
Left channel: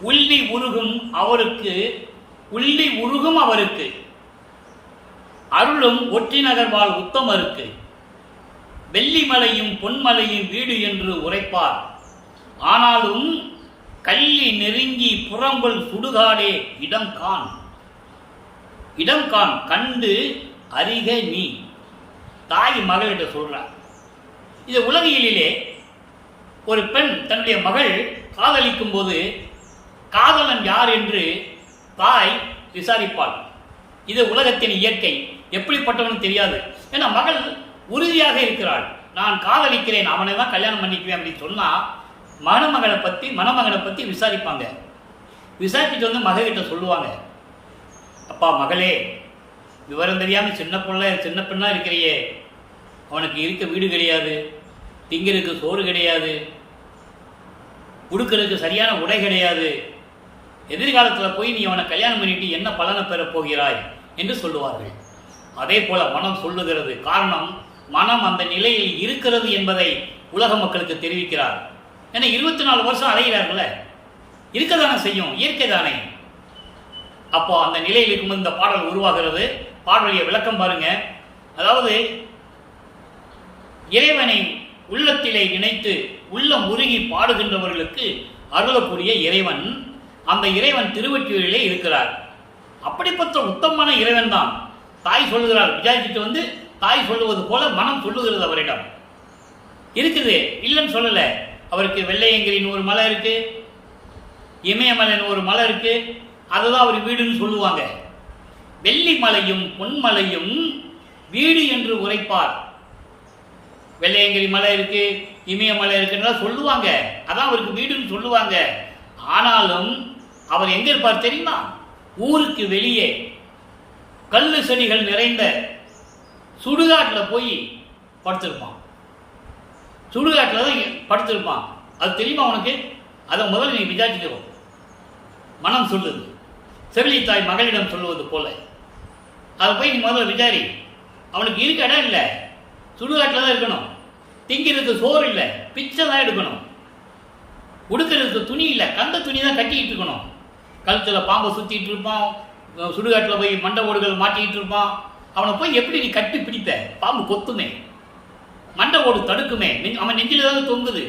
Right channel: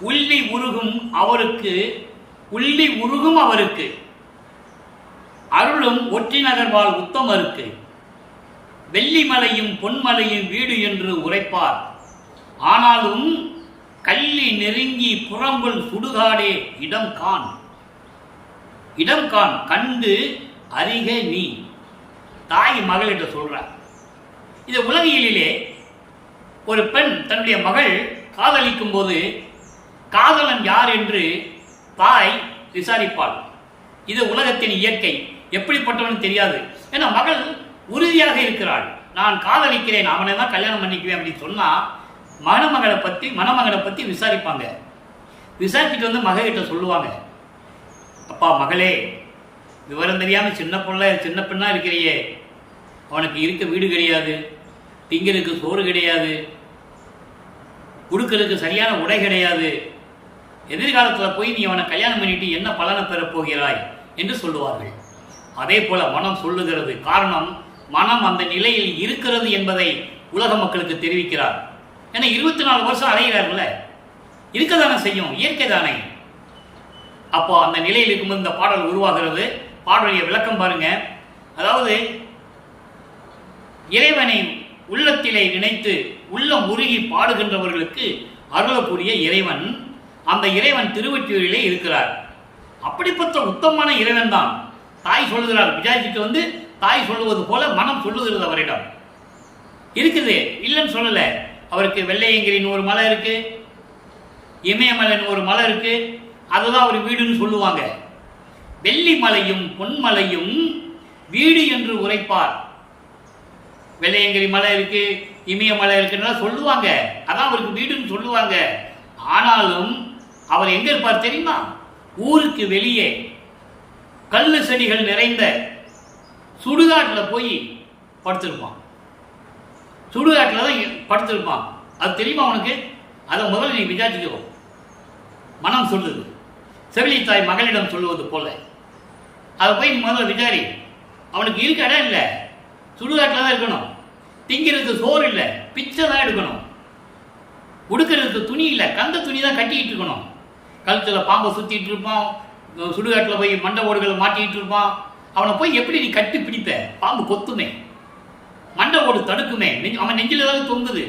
உள்ளி உருகும் அவருக்கு அருளும் ஒற்றி நகர்வாள் உத்தமருக்கு வெள்ளிமலையும் பொன்மலையும் வீடு என்று உரைப்பார். ஆனாலும் கள்ளி நெருங்கி புறம்புல் சுடுகாடே இடம் காண் கண்டு அறிக நீ. தாய் மகளிட சொல்றார். இது உலகியலிலே ஒரு பெண் தன்னுடைய மகள் காதலிக்கும் போது காதலன் யார் என்று தாய் விசாரிப்பாள். இது உலகத்தின் இயற்கை. எப்படிப்பட்டவன் தெரியாது. ஏன்னா மகள் உறுதியாக இருக்கிறாள், நான் காதலிக்கிறேன், அவனை தான் கல்யாணம் பண்ணிக்குவேன் அப்படின்னு சொன்னா மணமகனை பத்தி விசாரிப்பாங்க. விசாரிச்சுட்டு வந்து மகிட்ட சொல்லுவாங்க, அப்பா மகளே, விவரம் தெரியாம சின்ன பெண்ணா இருக்கிறியே, அவனுக்கு இருக்க வீடு கிடையாது, திங்கிறதுக்கு சோறு கிடையாது, உடுக்கிறதுக்கு சரியான உடை கிடையாது, எதிர்காலத்தில் போய் நீ அவனை கல்யாணம் பண்ணிட்டு என்ன பலனை பெறப் போகிறாய் என்று சொல்லுவார்கள். அதே போல மனம் சொல்லுகிறது. காரணம், மனம் அந்த நிலையில் இருக்கிறது என்பதை உலக மக்களுக்கு தெரிவிக்கிறார். ஏன்னா 24 வருஷம் அலைகிறார்கள, இருக்கதானே செய்யும், இயற்கை தானே. அப்போ அந்த நிலையில் இருக்கும்போது இந்த பாடல் உருவாகிறது. பாடலுடைய விளக்கம் பாருங்க. அதாவது இறைவனை உள்ளத்திலே நினைத்து உள்ளம் உருகி பாடுகின்றவர்களுக்கு அருளக்கூடிய இறைவன், அந்த இறைவன் திருவொற்றியூரிலே இருக்கிறார். அப்படிப்பட்ட உத்தமமான இறைவன் தான் தாய் சொல்லுகிறார். விசாரிச்சுட்டு வந்து தாய் சொல்லுவது போல மனம் சொல்லுகிறது. அவரிடம் இருக்குது, இல்லைன்னு சொல்லலை. அவருக்கு வெள்ளையங்கிரின்னு ஒரு மலை இருக்கு, இமயமலைன்னு ஒரு மலை இருக்கு, அதுதான் அவர் வீடுன்னு சொல்லுவாங்க. வெள்ளி மலையும் பொன்மலையும் வீடு என்று உரைப்பார். வெள்ளையங்கிரி மலை இருக்கு, இமயமலை இருக்குன்னா சொல்லுவாங்க, அதான் அவருக்கு வீடுன்னு சொல்லுவாங்க. ஆனாலும் அவர் எங்க இருப்பார் தெரியுமா? ஊருக்கு வெளியே கல்லு செடிகள் நிறைந்த சுடுகாட்டில் போய் படுத்திருப்பான். சுடுகாட்டில் தான் படுத்திருப்பான். அது தெரியுமா உனக்கு? அதை முதல்ல நீ விசாரிச்சுக்கோ. மனம் சொல்லுது, செவிலித்தாய் மகளிடம் சொல்லுவது போல. அதை போய் நீ முதல்ல விசாரி. அவனுக்கு இருக்க இடம் இல்லை, சுடுகாட்டில் தான் இருக்கணும். திங்கிறதுக்கு சோறு இல்லை, பிச்சை தான் எடுக்கணும். உடுக்கிறதுக்கு துணி இல்லை, கந்த துணி தான் கட்டிக்கிட்டு இருக்கணும். கழுத்தில் பாம்பை சுற்றிட்டு இருப்பான், சுடுகாட்டில் போய் மண்டை ஓடுகள் மாட்டிக்கிட்டு இருப்பான். அவனை போய் எப்படி நீ கட்டி பிடிப்ப? பாம்பு கொத்துமே, மண்டை ஓடு தடுக்குமே, அவன் நெஞ்சில் தான் தொங்குது.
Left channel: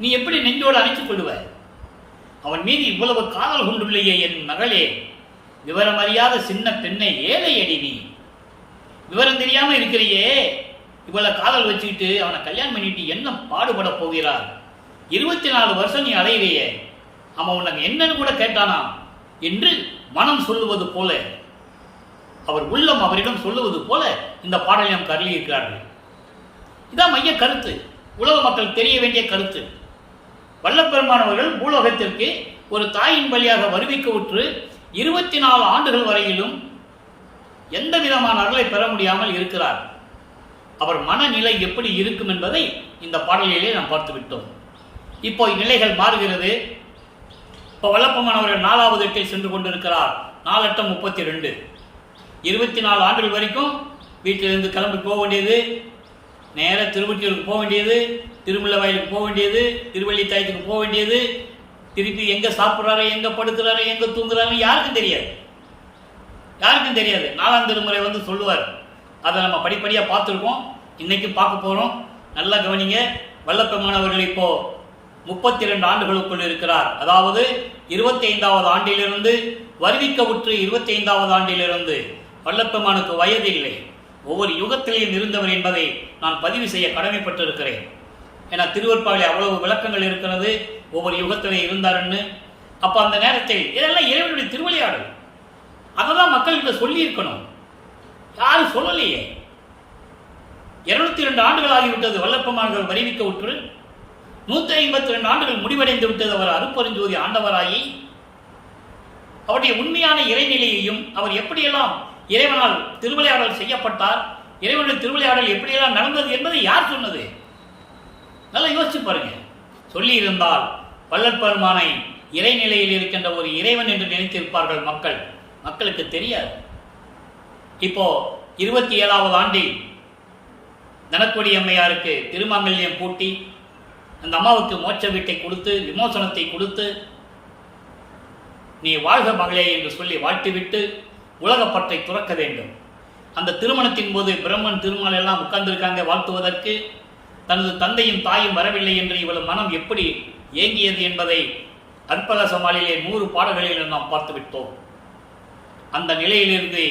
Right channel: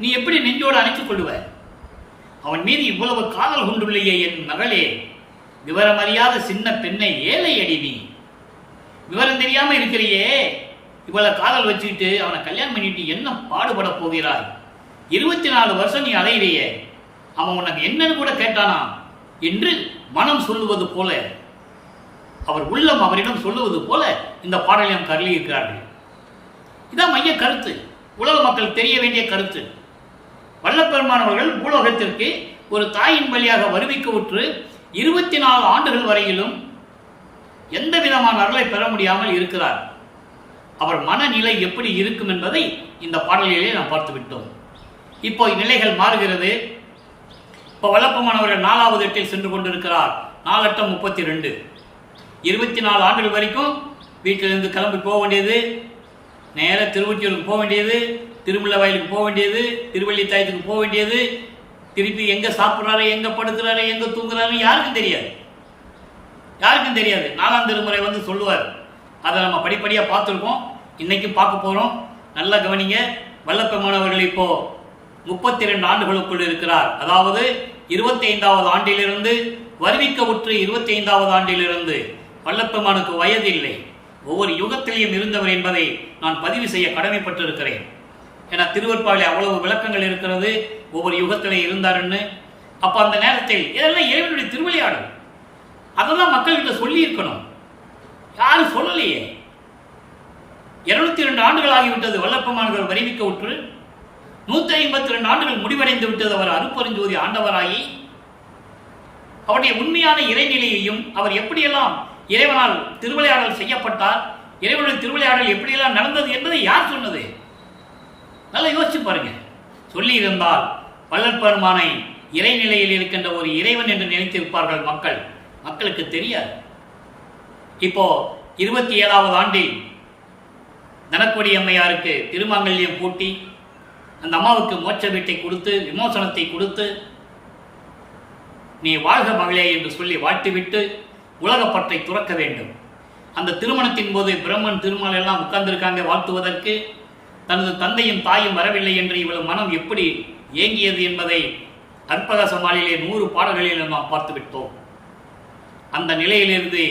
நீ எப்படி நெஞ்சோடு அணைச்சு கொள்ளுவ? அவன் மீது இவ்வளவு காதல் கொண்டுள்ளையே என் மகளே, விவரமறியாத சின்ன பெண்ணை ஏழை அடிவி, விவரம் தெரியாம இருக்கிறியே, இவ்வளவு காதல் வச்சுக்கிட்டு அவனை கல்யாணம் பண்ணிட்டு என்ன பாடுபட போகிறாய்? 24 வருஷம் நீ அலையிறையே, அவன் உனக்கு என்னன்னு கூட கேட்டானா என்று மனம் சொல்லுவது போல, அவர் உள்ளம் அவரிடம் சொல்லுவது போல இந்த பாடலை நமக்கு அருளி இருக்கிறார்கள். இதான் மைய கருத்து, உலக மக்கள் தெரிய வேண்டிய கருத்து. வல்லப்பெருமானவர்கள் பூலோகத்திற்கு ஒரு தாயின் வழியாக வருவிக்க உற்று 24 ஆண்டுகள் வரையிலும் எந்த விதமான அருளை பெற முடியாமல் இருக்கிறார். அவர் மனநிலை எப்படி இருக்கும் என்பதை இந்த பாடலிலே நாம் பார்த்து விட்டோம். இப்போ நிலைகள் மாறுகிறது. இப்போ வல்லப்பெருமானவர்கள் 4வது எட்டில் சென்று கொண்டிருக்கிறார். 4×8 = 32. 24 ஆண்டுகள் வரைக்கும் வீட்டிலிருந்து கிளம்பி போக வேண்டியது, நேர திருவொற்றியூருக்கு போக வேண்டியது, திருமலை வயலுக்கு போக வேண்டியது, திருவள்ளித்தாயத்துக்கு போக வேண்டியது, திருப்பி எங்கே சாப்பிட்றாரு, எங்கே படுக்கிறாரு, எங்கே தூங்குறாரு யாருக்கும் தெரியாது, யாருக்கும் தெரியாது. 4ஆம் திருமுறை வந்து சொல்லுவார். அதை நம்ம படிப்படியாக பார்த்துருக்கோம், இன்னைக்கும் பார்க்க போகிறோம். நல்லா கவனிங்க. வல்லப்பெருமானவர்கள் இப்போ 32 ஆண்டுகளுக்குள் இருக்கிறார். அதாவது 25வது ஆண்டிலிருந்து வருவிக்க உற்று 25வது ஆண்டிலிருந்து வல்லப்பெருமானுக்கு வயது இல்லை, ஒவ்வொரு யுகத்திலையும் இருந்தவர் என்பதை நான் பதிவு செய்ய கடமைப்பட்டிருக்கிறேன். ஏன்னா திருவருட்பாவிலே அவ்வளவு விளக்கங்கள் இருக்கிறது, ஒவ்வொரு யுகத்திலே இருந்தாருன்னு. அப்போ அந்த நேரத்தில் இதெல்லாம் இறைவனுடைய திருவிளையாடல், அதை தான் மக்கள்கிட்ட சொல்லி இருக்கணும். யாரும் சொல்லலையே. 202 ஆண்டுகள் ஆகிவிட்டது வல்லப்பெருமான்கள் வருவிக்க உற்று. 152 ஆண்டுகள் முடிவடைந்து விட்டது அவர் அருட்பெருஞ்சோதி ஆண்டவராகி. அவருடைய உண்மையான இறைநிலையையும் அவர் எப்படியெல்லாம் இறைவனால் திருவிளையாடல் செய்யப்பட்டார், இறைவனுடைய திருவிளையாடல் எப்படியெல்லாம் நடந்தது என்பதை யார் சொன்னது? நல்லா யோசிச்சு பாருங்க. சொல்லி இருந்தால் வல்லற்பெருமானை இறைநிலையில் இருக்கின்ற ஒரு இறைவன் என்று நினைத்திருப்பார்கள் மக்கள். மக்களுக்கு தெரியாது. இப்போ 27வது ஆண்டில் தனக்கொடி அம்மையாருக்கு திருமாங்கல்யம் பூட்டி அந்த அம்மாவுக்கு மோட்ச வீட்டை கொடுத்து விமோசனத்தை கொடுத்து நீ வாழ்க மகளே என்று சொல்லி வாழ்த்திவிட்டு உலகப்பற்றை துறக்க வேண்டும். அந்த திருமணத்தின் போது பிரம்மன் திருமால் எல்லாம் உட்கார்ந்திருக்காங்க வாழ்த்துவதற்கு. தனது தந்தையும் தாயும் வரவில்லை என்று இவள் மனம் எப்படி ஏங்கியது என்பதை அற்பக சமாளிலே 100 பாடல்களில் நாம் பார்த்து விட்டோம். அந்த நிலையிலிருந்து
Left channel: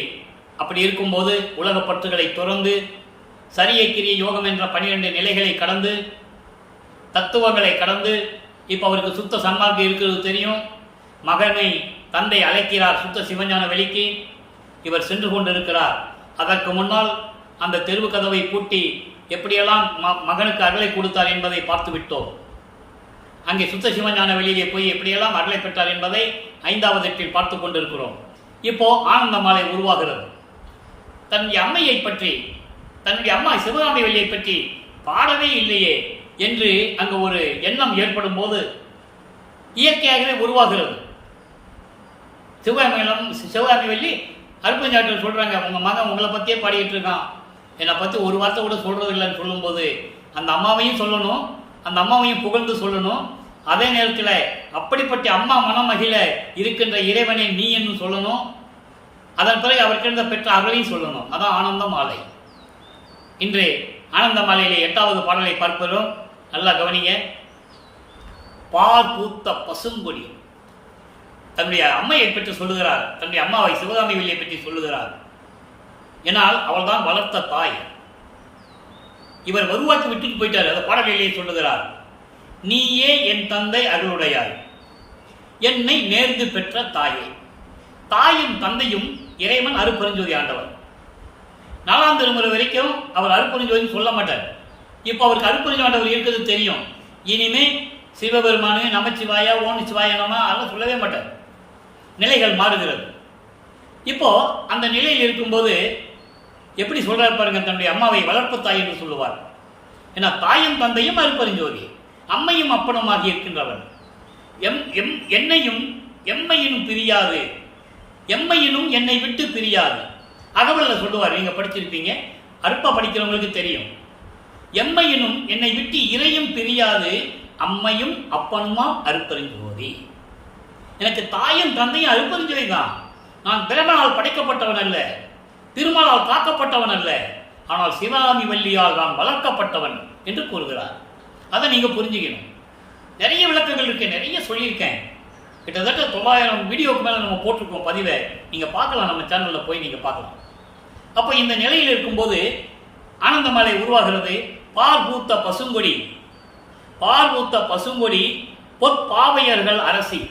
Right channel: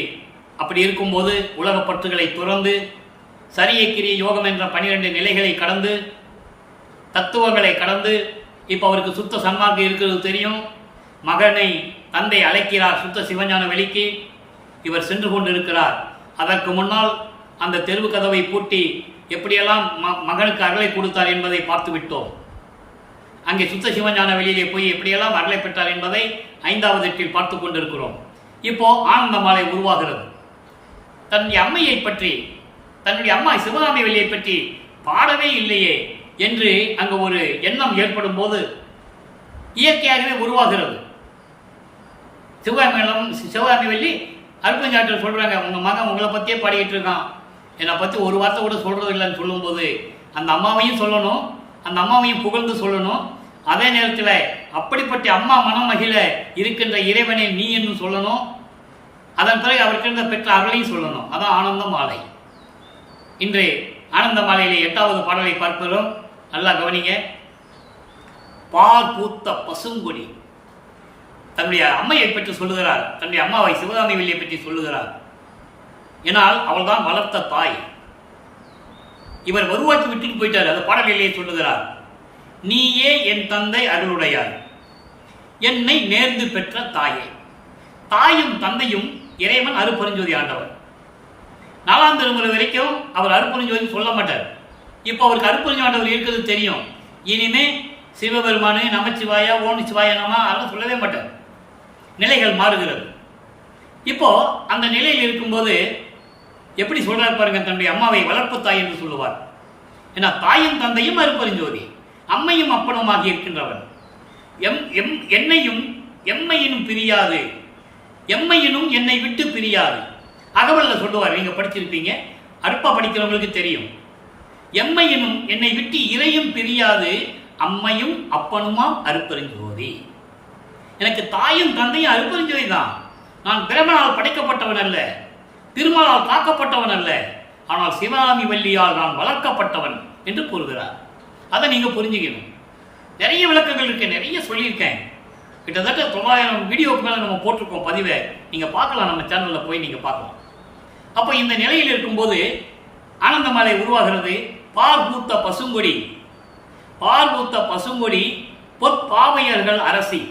அப்படி இருக்கும்போது உலகப்பற்றுகளை துறந்து சரியை கிரிய யோகம் என்ற 12 நிலைகளை கடந்து தத்துவங்களை கடந்து இப்போ அவருக்கு சுத்த சன்மார்க்கம் இருக்கிறது தெரியும். மகனை தந்தை அழைக்கிறார் சுத்த சிவஞான வெளிக்கு. இவர் சென்று கொண்டிருக்கிறார். அதற்கு முன்னால் அந்த தெருவு கதவை பூட்டி எப்படியெல்லாம் மகனுக்கு அருளை கொடுத்தார் என்பதை பார்த்து விட்டோம். அங்கே சுத்த சிவஞான வெளியிலே போய் எப்படியெல்லாம் அருளை பெற்றார் என்பதை 5வது எட்டில் பார்த்து கொண்டிருக்கிறோம். இப்போ ஆனந்த மாலை உருவாகிறது. தன்னுடைய அம்மையை பற்றி, தன்னுடைய அம்மா சிவகாமி வெளியை பற்றி பாடவே இல்லையே என்று அங்கு ஒரு எண்ணம் ஏற்படும் போது இயற்கையாகவே உருவாகிறது. சிவகாமி வள்ளி அருட்பெருஞ்சாற்றல் சொல்றாங்க, உங்க மகன் உங்களை பத்தியே பாடிக்கிட்டு இருக்கான், என்னை பத்தி ஒரு வார்த்தை கூட சொல்றது இல்லைன்னு சொல்லும்போது அந்த அம்மாவையும் சொல்லணும், அந்த அம்மாவையும் புகழ்ந்து சொல்லணும். அதே நேரத்தில் அப்படிப்பட்ட அம்மா மனமகிழ இருக்கின்ற இறைவனே நீ என்று சொல்லணும். அதன் பிறகு அவர்கிட்ட பெற்ற அருளையும் சொல்லணும். அதான் ஆனந்த மாலை. இன்று ஆனந்த மாலையிலே 8வது பாடலை பார்க்கிறோம். நல்லா கவனிங்க. பால் பூத்த பசுங்கொடி தன்னுடைய அம்மையை பற்றி சொல்லுகிறார், தன்னுடைய அம்மாவை சிவகாமி வள்ளியை பற்றி சொல்லுகிறார். ஏனால் அவள் தான் வளர்த்த தாய். இவர் உருவாக்கி விட்டுட்டு போயிட்டார். அந்த பாடலிலேயே சொல்லுகிறார், நீயே என் தந்தை அருளுடையாய், என்னை நேர்ந்து பெற்ற தாயை. தாயும் தந்தையும் இறைவன் அருட்பெருஞ்சோதி ஆண்டவர். 4ஆம் திருமுறை வரைக்கும் அவர் அருட்பெருஞ்சோதி சொல்ல மாட்டார். இப்போ அவருக்கு அருட்பெருஞ்சோதி ஆண்டவர் இருக்கிறது தெரியும். இனிமே சிவபெருமானு நமச்சிவாயா ஓம் சிவாய நம அதெல்லாம் சொல்லவே மாட்டார். நிலைகள் மாறுகிறது. இப்போ அந்த நிலையில் இருக்கும்போது எப்படி சொல்றாரு பாருங்க, தன்னுடைய அம்மாவை வளர்ப்பு தாய் என்று சொல்லுவார். ஏன்னா தாயும் தந்தையும் அருட்பெருஞ்சோதி, அம்மையும் அப்பனுமாகி இருக்கின்றவன். என்னையும் எம்மையினும் பிரியாது, எம்மையினும் என்னை விட்டு பிரியாது. அகவல்ல சொல்லுவார், நீங்க படிச்சிருப்பீங்க, அற்பா படிக்கிறவங்களுக்கு தெரியும். எம்மையினும் என்னை விட்டு இறையும் பிரியாது, அம்மையும் அப்பனுமா அருட்பெருஞ்சோதி. எனக்கு தாயும் தந்தையும் அருட்பெருஞ்சோதி தான். நான் பிரமனால் படைக்கப்பட்டவன் அல்ல, திருமாலால் காக்கப்பட்டவன் அல்ல, ஆனால் சிவகாமி வள்ளியால் நான் வளர்க்கப்பட்டவன் என்று கூறுகிறார். அதை நீங்க புரிஞ்சுக்கணும். நிறைய விளக்கங்கள் இருக்கு, நிறைய சொல்லியிருக்கேன். கிட்டத்தட்ட 900 வீடியோக்கு மேலே நம்ம போட்டிருக்கோம் பதிவை. நீங்கள் பார்க்கலாம், நம்ம சேனலில் போய் நீங்கள் பார்க்கலாம். அப்போ இந்த நிலையில் இருக்கும்போது ஆனந்தமாலை உருவாகிறது. பால் பூத்த பசுங்கொடி, பால் பூத்த பசுங்கொடி பொற்பாவையர்கள் அரசி,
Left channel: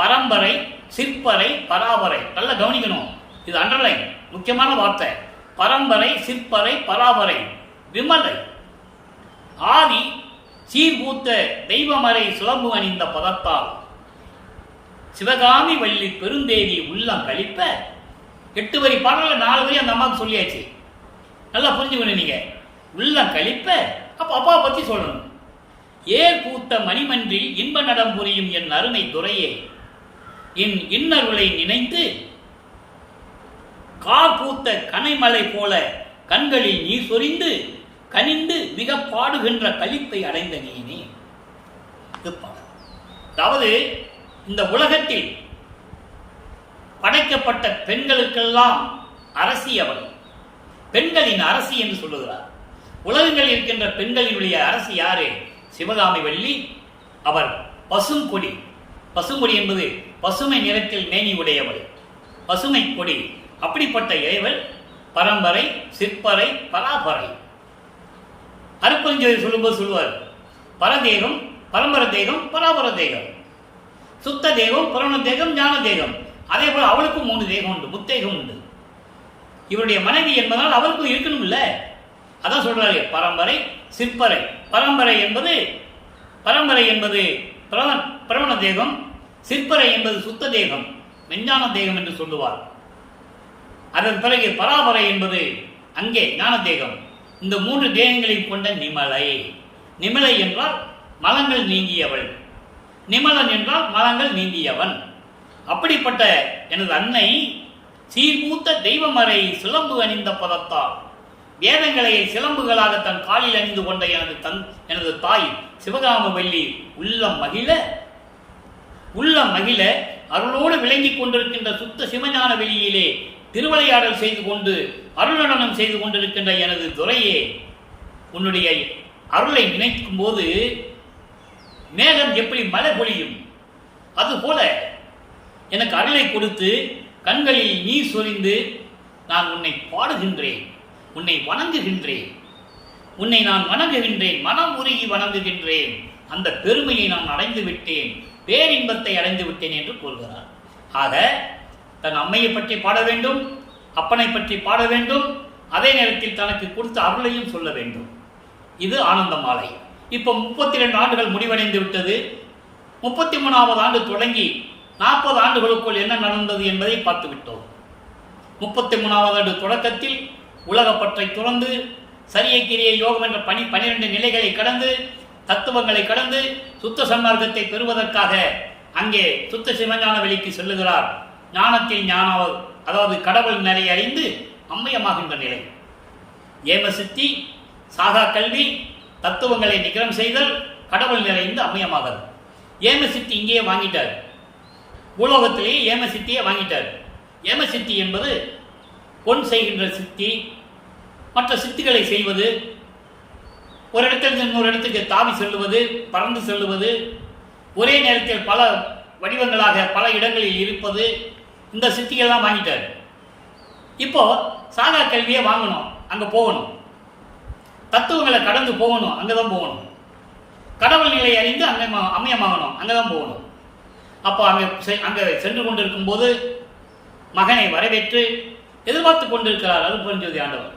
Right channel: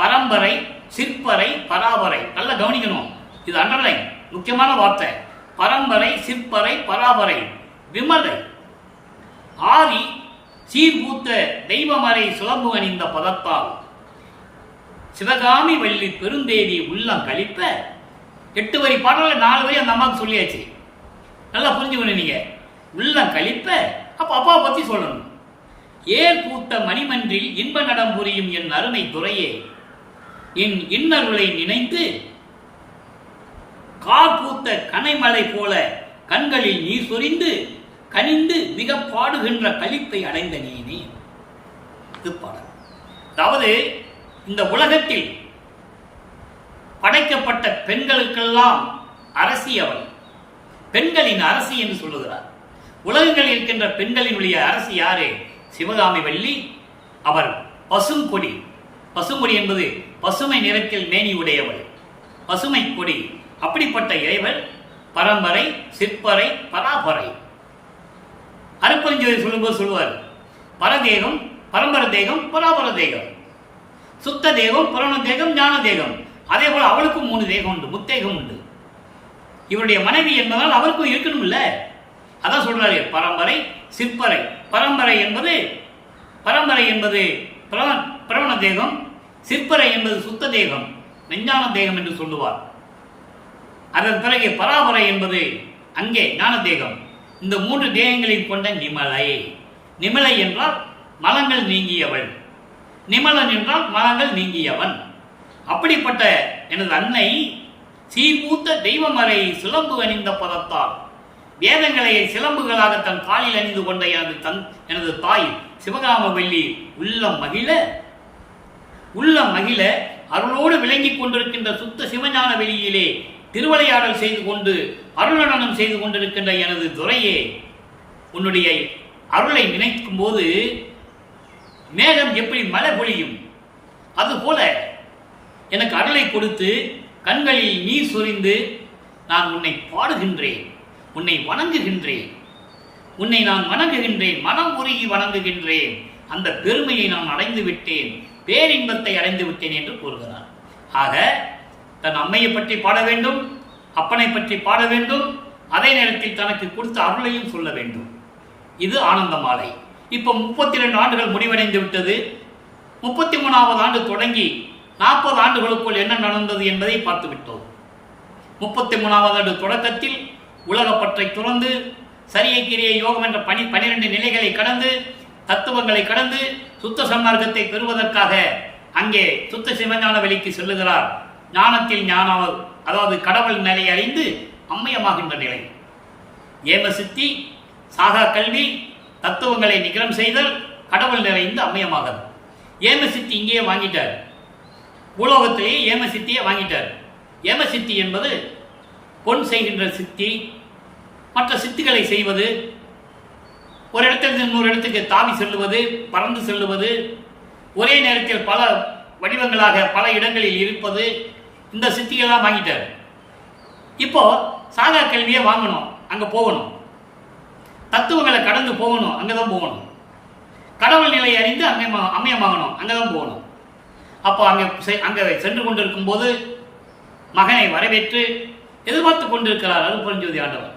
பரம்பரை சிற்பரை பராபரை. நல்லா கவனிக்கணும், இது அண்டர்லைன், முக்கியமான வார்த்தை. பரம்பரை சிற்பரை பராபரை விமலை ஆதி சீர்பூத்த தெய்வமறை சுலம்பு அணிந்த பதத்தால் சிவகாமி வள்ளி பெருந்தேவி உள்ளம் கழிப்ப. 8 வரி பாடல 4 வரி அந்த அம்மாவுக்கு சொல்லியாச்சு. நல்லா புரிஞ்சுக்கணும் நீங்க. உள்ளம் கழிப்ப அப்ப அப்பாவை பத்தி சொல்லணும். ஏர் பூத்த மணிமன்றில் இன்ப நடம் புரியும் என் அருமை துறையே, என் இன்னருளை நினைத்து கார் பூத்த கனைமலை போல கண்களில் நீர் சொரிந்து கனிந்து மிக பாடுகின்ற களிப்பை அடைந்த நீனே. இது பாடல். அதாவது இந்த உலகத்தில் படைக்கப்பட்ட பெண்களுக்கெல்லாம் அரசி அவள், பெண்களின் அரசி என்று சொல்லுகிறார். உலகங்களில் இருக்கின்ற பெண்களினுடைய அரசி யாரு? சிவகாமி வள்ளி. அவர் பசுங்கொடி. பசுங்கொடி என்பது பசுமை நிறத்தில் மேனி உடையவள், பசுமை கொடி. அப்படிப்பட்ட இறைவள் பரம்பரை சிற்பரை பராபரை. அருப்பெருஞ்சோதி சொல்லும்போது சொல்லுவார், பரதேகம் பரம்பர தேகம் பராபர தேகம், சுத்த தேகம் புராண தேகம் ஞான தேகம். அதே போல அவளுக்கும் 3 தேகம் உண்டு, முத்தேகம் உண்டு. இவருடைய மனைவி என்பதால் அவருக்கும் இருக்கணும் இல்ல. அதான் சொல்றாரு பரம்பரை சிற்பரை. பரம்பரை என்பது பிரவண தேகம், சிற்பரை என்பது சுத்த தேகம் விஞ்ஞான தேகம் என்று சொல்லுவார். அதன் பிறகு பராபரை என்பது அங்கே ஞான தேகம். இந்த 3 தேகங்களையும் கொண்ட நிமலை. நிமலை என்றால் மலங்கள் நீங்கியவள், நிமலன் என்றால் மலங்கள் நீங்கியவன். அப்படிப்பட்ட எனது அன்னை சீர்பூத்த தெய்வமறை சிலம்பு அணிந்த பதத்தால், வேதங்களை சிலம்புகளாக தன் காலில் அணிந்து கொண்ட எனது தாய் சிவகாம வள்ளி உள்ளம் மகிழ அருளோடு விளங்கிக் கொண்டிருக்கின்ற சுத்த சிவஞான வெளியிலே திருவிளையாடல் செய்து கொண்டு அருளடனம் செய்து கொண்டிருக்கின்ற எனது துரையே, உன்னுடைய அருளை நினைக்கும் போது மேகம் எப்படி மழை பொழியும், அதுபோல எனக்கு அருளை கொடுத்து கண்களில் நீர் சொரிந்து நான் உன்னை பாடுகின்றேன், உன்னை வணங்குகின்றேன், உன்னை நான் வணங்குகின்றேன், மனம் உருகி வணங்குகின்றேன். அந்த பெருமையை நான் அடைந்து விட்டேன், பேரின்பத்தை அடைந்து விட்டேன் என்று கூறுகிறார். ஆக தன் அம்மையை பற்றி பாட வேண்டும், அப்பனை பற்றி பாட வேண்டும், அதே நேரத்தில் தனக்கு கொடுத்த அருளையும் சொல்ல வேண்டும். இது ஆனந்தமாலை. இப்போ 32 ஆண்டுகள் முடிவடைந்து விட்டது. 33வது ஆண்டு தொடங்கி 40 ஆண்டுகளுக்குள் என்ன நடந்தது என்பதை பார்த்து விட்டோம். 33வது ஆண்டு தொடக்கத்தில் உலகப்பற்றை துறந்து சரியை கிரியை யோகம் என்ற 12 நிலைகளை கடந்து தத்துவங்களை கடந்து சுத்த சன்மார்க்கத்தை பெறுவதற்காக அங்கே சுத்த சிவஞான வெளிக்கு செல்லுகிறார். ஞானத்தில் ஞானாவது, அதாவது கடவுள் நிலை அறிந்து அம்மையமாகின்ற நிலை. ஏமசித்தி, சாகா கல்வி, தத்துவங்களை நிகரம் செய்தல், கடவுள் நிறைந்து அம்மையமாகிறது. ஏமசித்தி இங்கேயே வாங்கிட்டார், பூலோகத்திலேயே ஏமசித்தியை வாங்கிட்டார். ஏமசித்தி என்பது பொன் செய்கின்ற சித்தி, மற்ற சித்திகளை செய்வது, ஒரு இடத்திலிருந்து இன்னொரு இடத்துக்கு தாவி செல்லுவது, பறந்து செல்லுவது, ஒரே நேரத்தில் பல வடிவங்களாக பல இடங்களில் இருப்பது, இந்த சித்திகள்லாம் வாங்கிட்டார். இப்போ சாகா கல்வியை வாங்கணும், அங்கே போகணும், தத்துவங்களை கடந்து போகணும், அங்கே தான் போகணும், கடவுள் நிலை அறிந்து அம்மையமாகணும், அங்கே தான் போகணும். அப்போ அங்கே சென்று கொண்டிருக்கும் போது மகனை வரவேற்று எதிர்பார்த்து கொண்டிருக்கிறார் அருட்பெருஞ்சோதி ஆண்டவர்.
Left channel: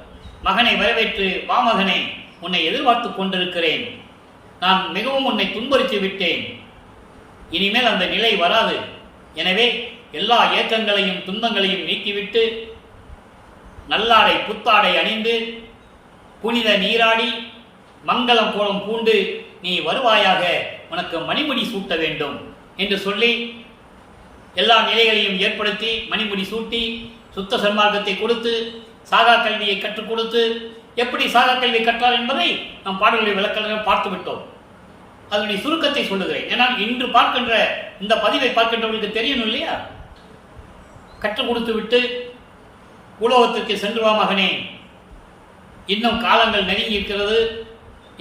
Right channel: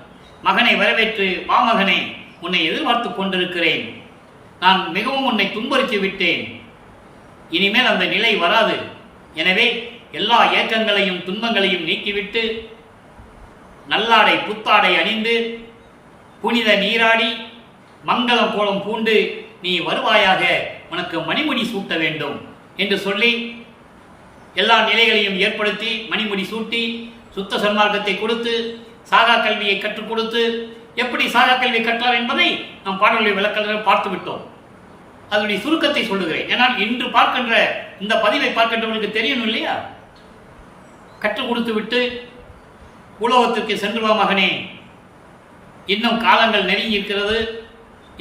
மகனை வரவேற்று, வா மகனே, உன்னை எதிர்பார்த்து கொண்டிருக்கிறேன், நான் மிகவும் உன்னை துன்புறுத்தி விட்டேன், இனிமேல் அந்த நிலை வராது. எனவே எல்லா ஏக்கங்களையும் துன்பங்களையும் நீக்கிவிட்டு நல்லாடை புத்தாடை அணிந்து புனித நீராடி மங்களம் கோலம் பூண்டு நீ வருவாயாக, உனக்கு மணிமுடி சூட்ட வேண்டும் என்று சொல்லி எல்லா நிலைகளையும் ஏற்படுத்தி மணிமுடி சூட்டி சுத்த சன்மார்க்கத்தை கொடுத்து சாகா கல்வியை கற்றுக் கொடுத்து, எப்படி சாகா கல்வியை கற்றார் என்பதை நம் பாடல்களை விளக்கங்கள் பார்த்து விட்டோம். அதனுடைய சுருக்கத்தை சொல்லுகிறேன். ஏன்னால் இன்று பார்க்கின்ற இந்த பதிவை பார்க்கின்றவர்களுக்கு தெரியணும் இல்லையா? கற்றுக் கொடுத்து விட்டு உலோகத்திற்கு சென்று வா மகனே, இன்னும் காலங்கள் நெருங்கி இருக்கிறது,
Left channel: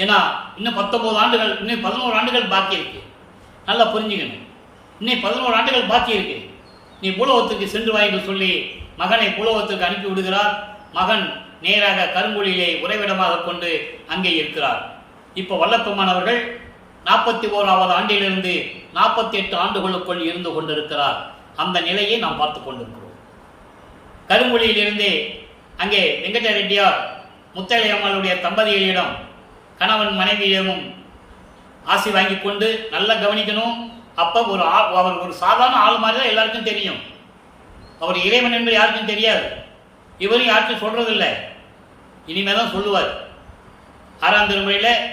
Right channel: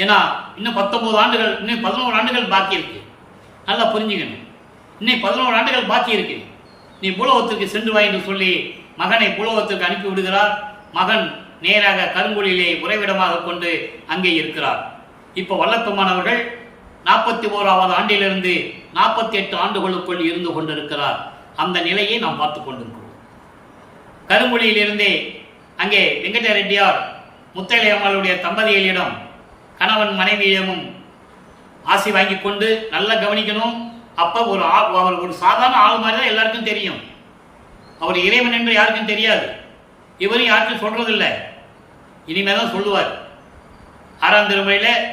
ஏன்னா இன்னும் 19 ஆண்டுகள், இன்னும் 11 ஆண்டுகள் பாக்கி இருக்கு. நல்லா புரிஞ்சுக்கணும். இன்னும் 11 ஆண்டுகள் பாக்கி இருக்கு, நீ பூலோகத்திற்கு சென்று வா என்று சொல்லி மகனை பூலோகத்திற்கு அனுப்பி விடுகிறார். மகன் நேராக கருங்குழியிலே உறைவிடமாக கொண்டு அங்கே இருக்கிறார். இப்போ வல்லப்பெருமான் அவர்கள் 41வது ஆண்டிலிருந்து 48 ஆண்டுகளுக்குள் இருந்து கொண்டிருக்கிறார். அந்த நிலையை நாம் பார்த்து கொண்டிருக்கிறோம். கருங்குழியிலிருந்தே அங்கே வெங்கட ரெட்டியார் முத்தலையம்மாளுடைய தம்பதிகளிடம் கணவன் மனைவியிடமும் ஆசி வாங்கி கொண்டு நல்லா கவனிக்கணும். அப்போ அவர் ஒரு சாதாரண ஆள் மாதிரி தான் எல்லாருக்கும் தெரியும். அவர் இறைவன் என்று யாருக்கும் தெரியாது. இவரும் யாருக்கும் சொல்றதில்லை, இனிமே தான் சொல்லுவார். 6ஆம் திருமுறையில்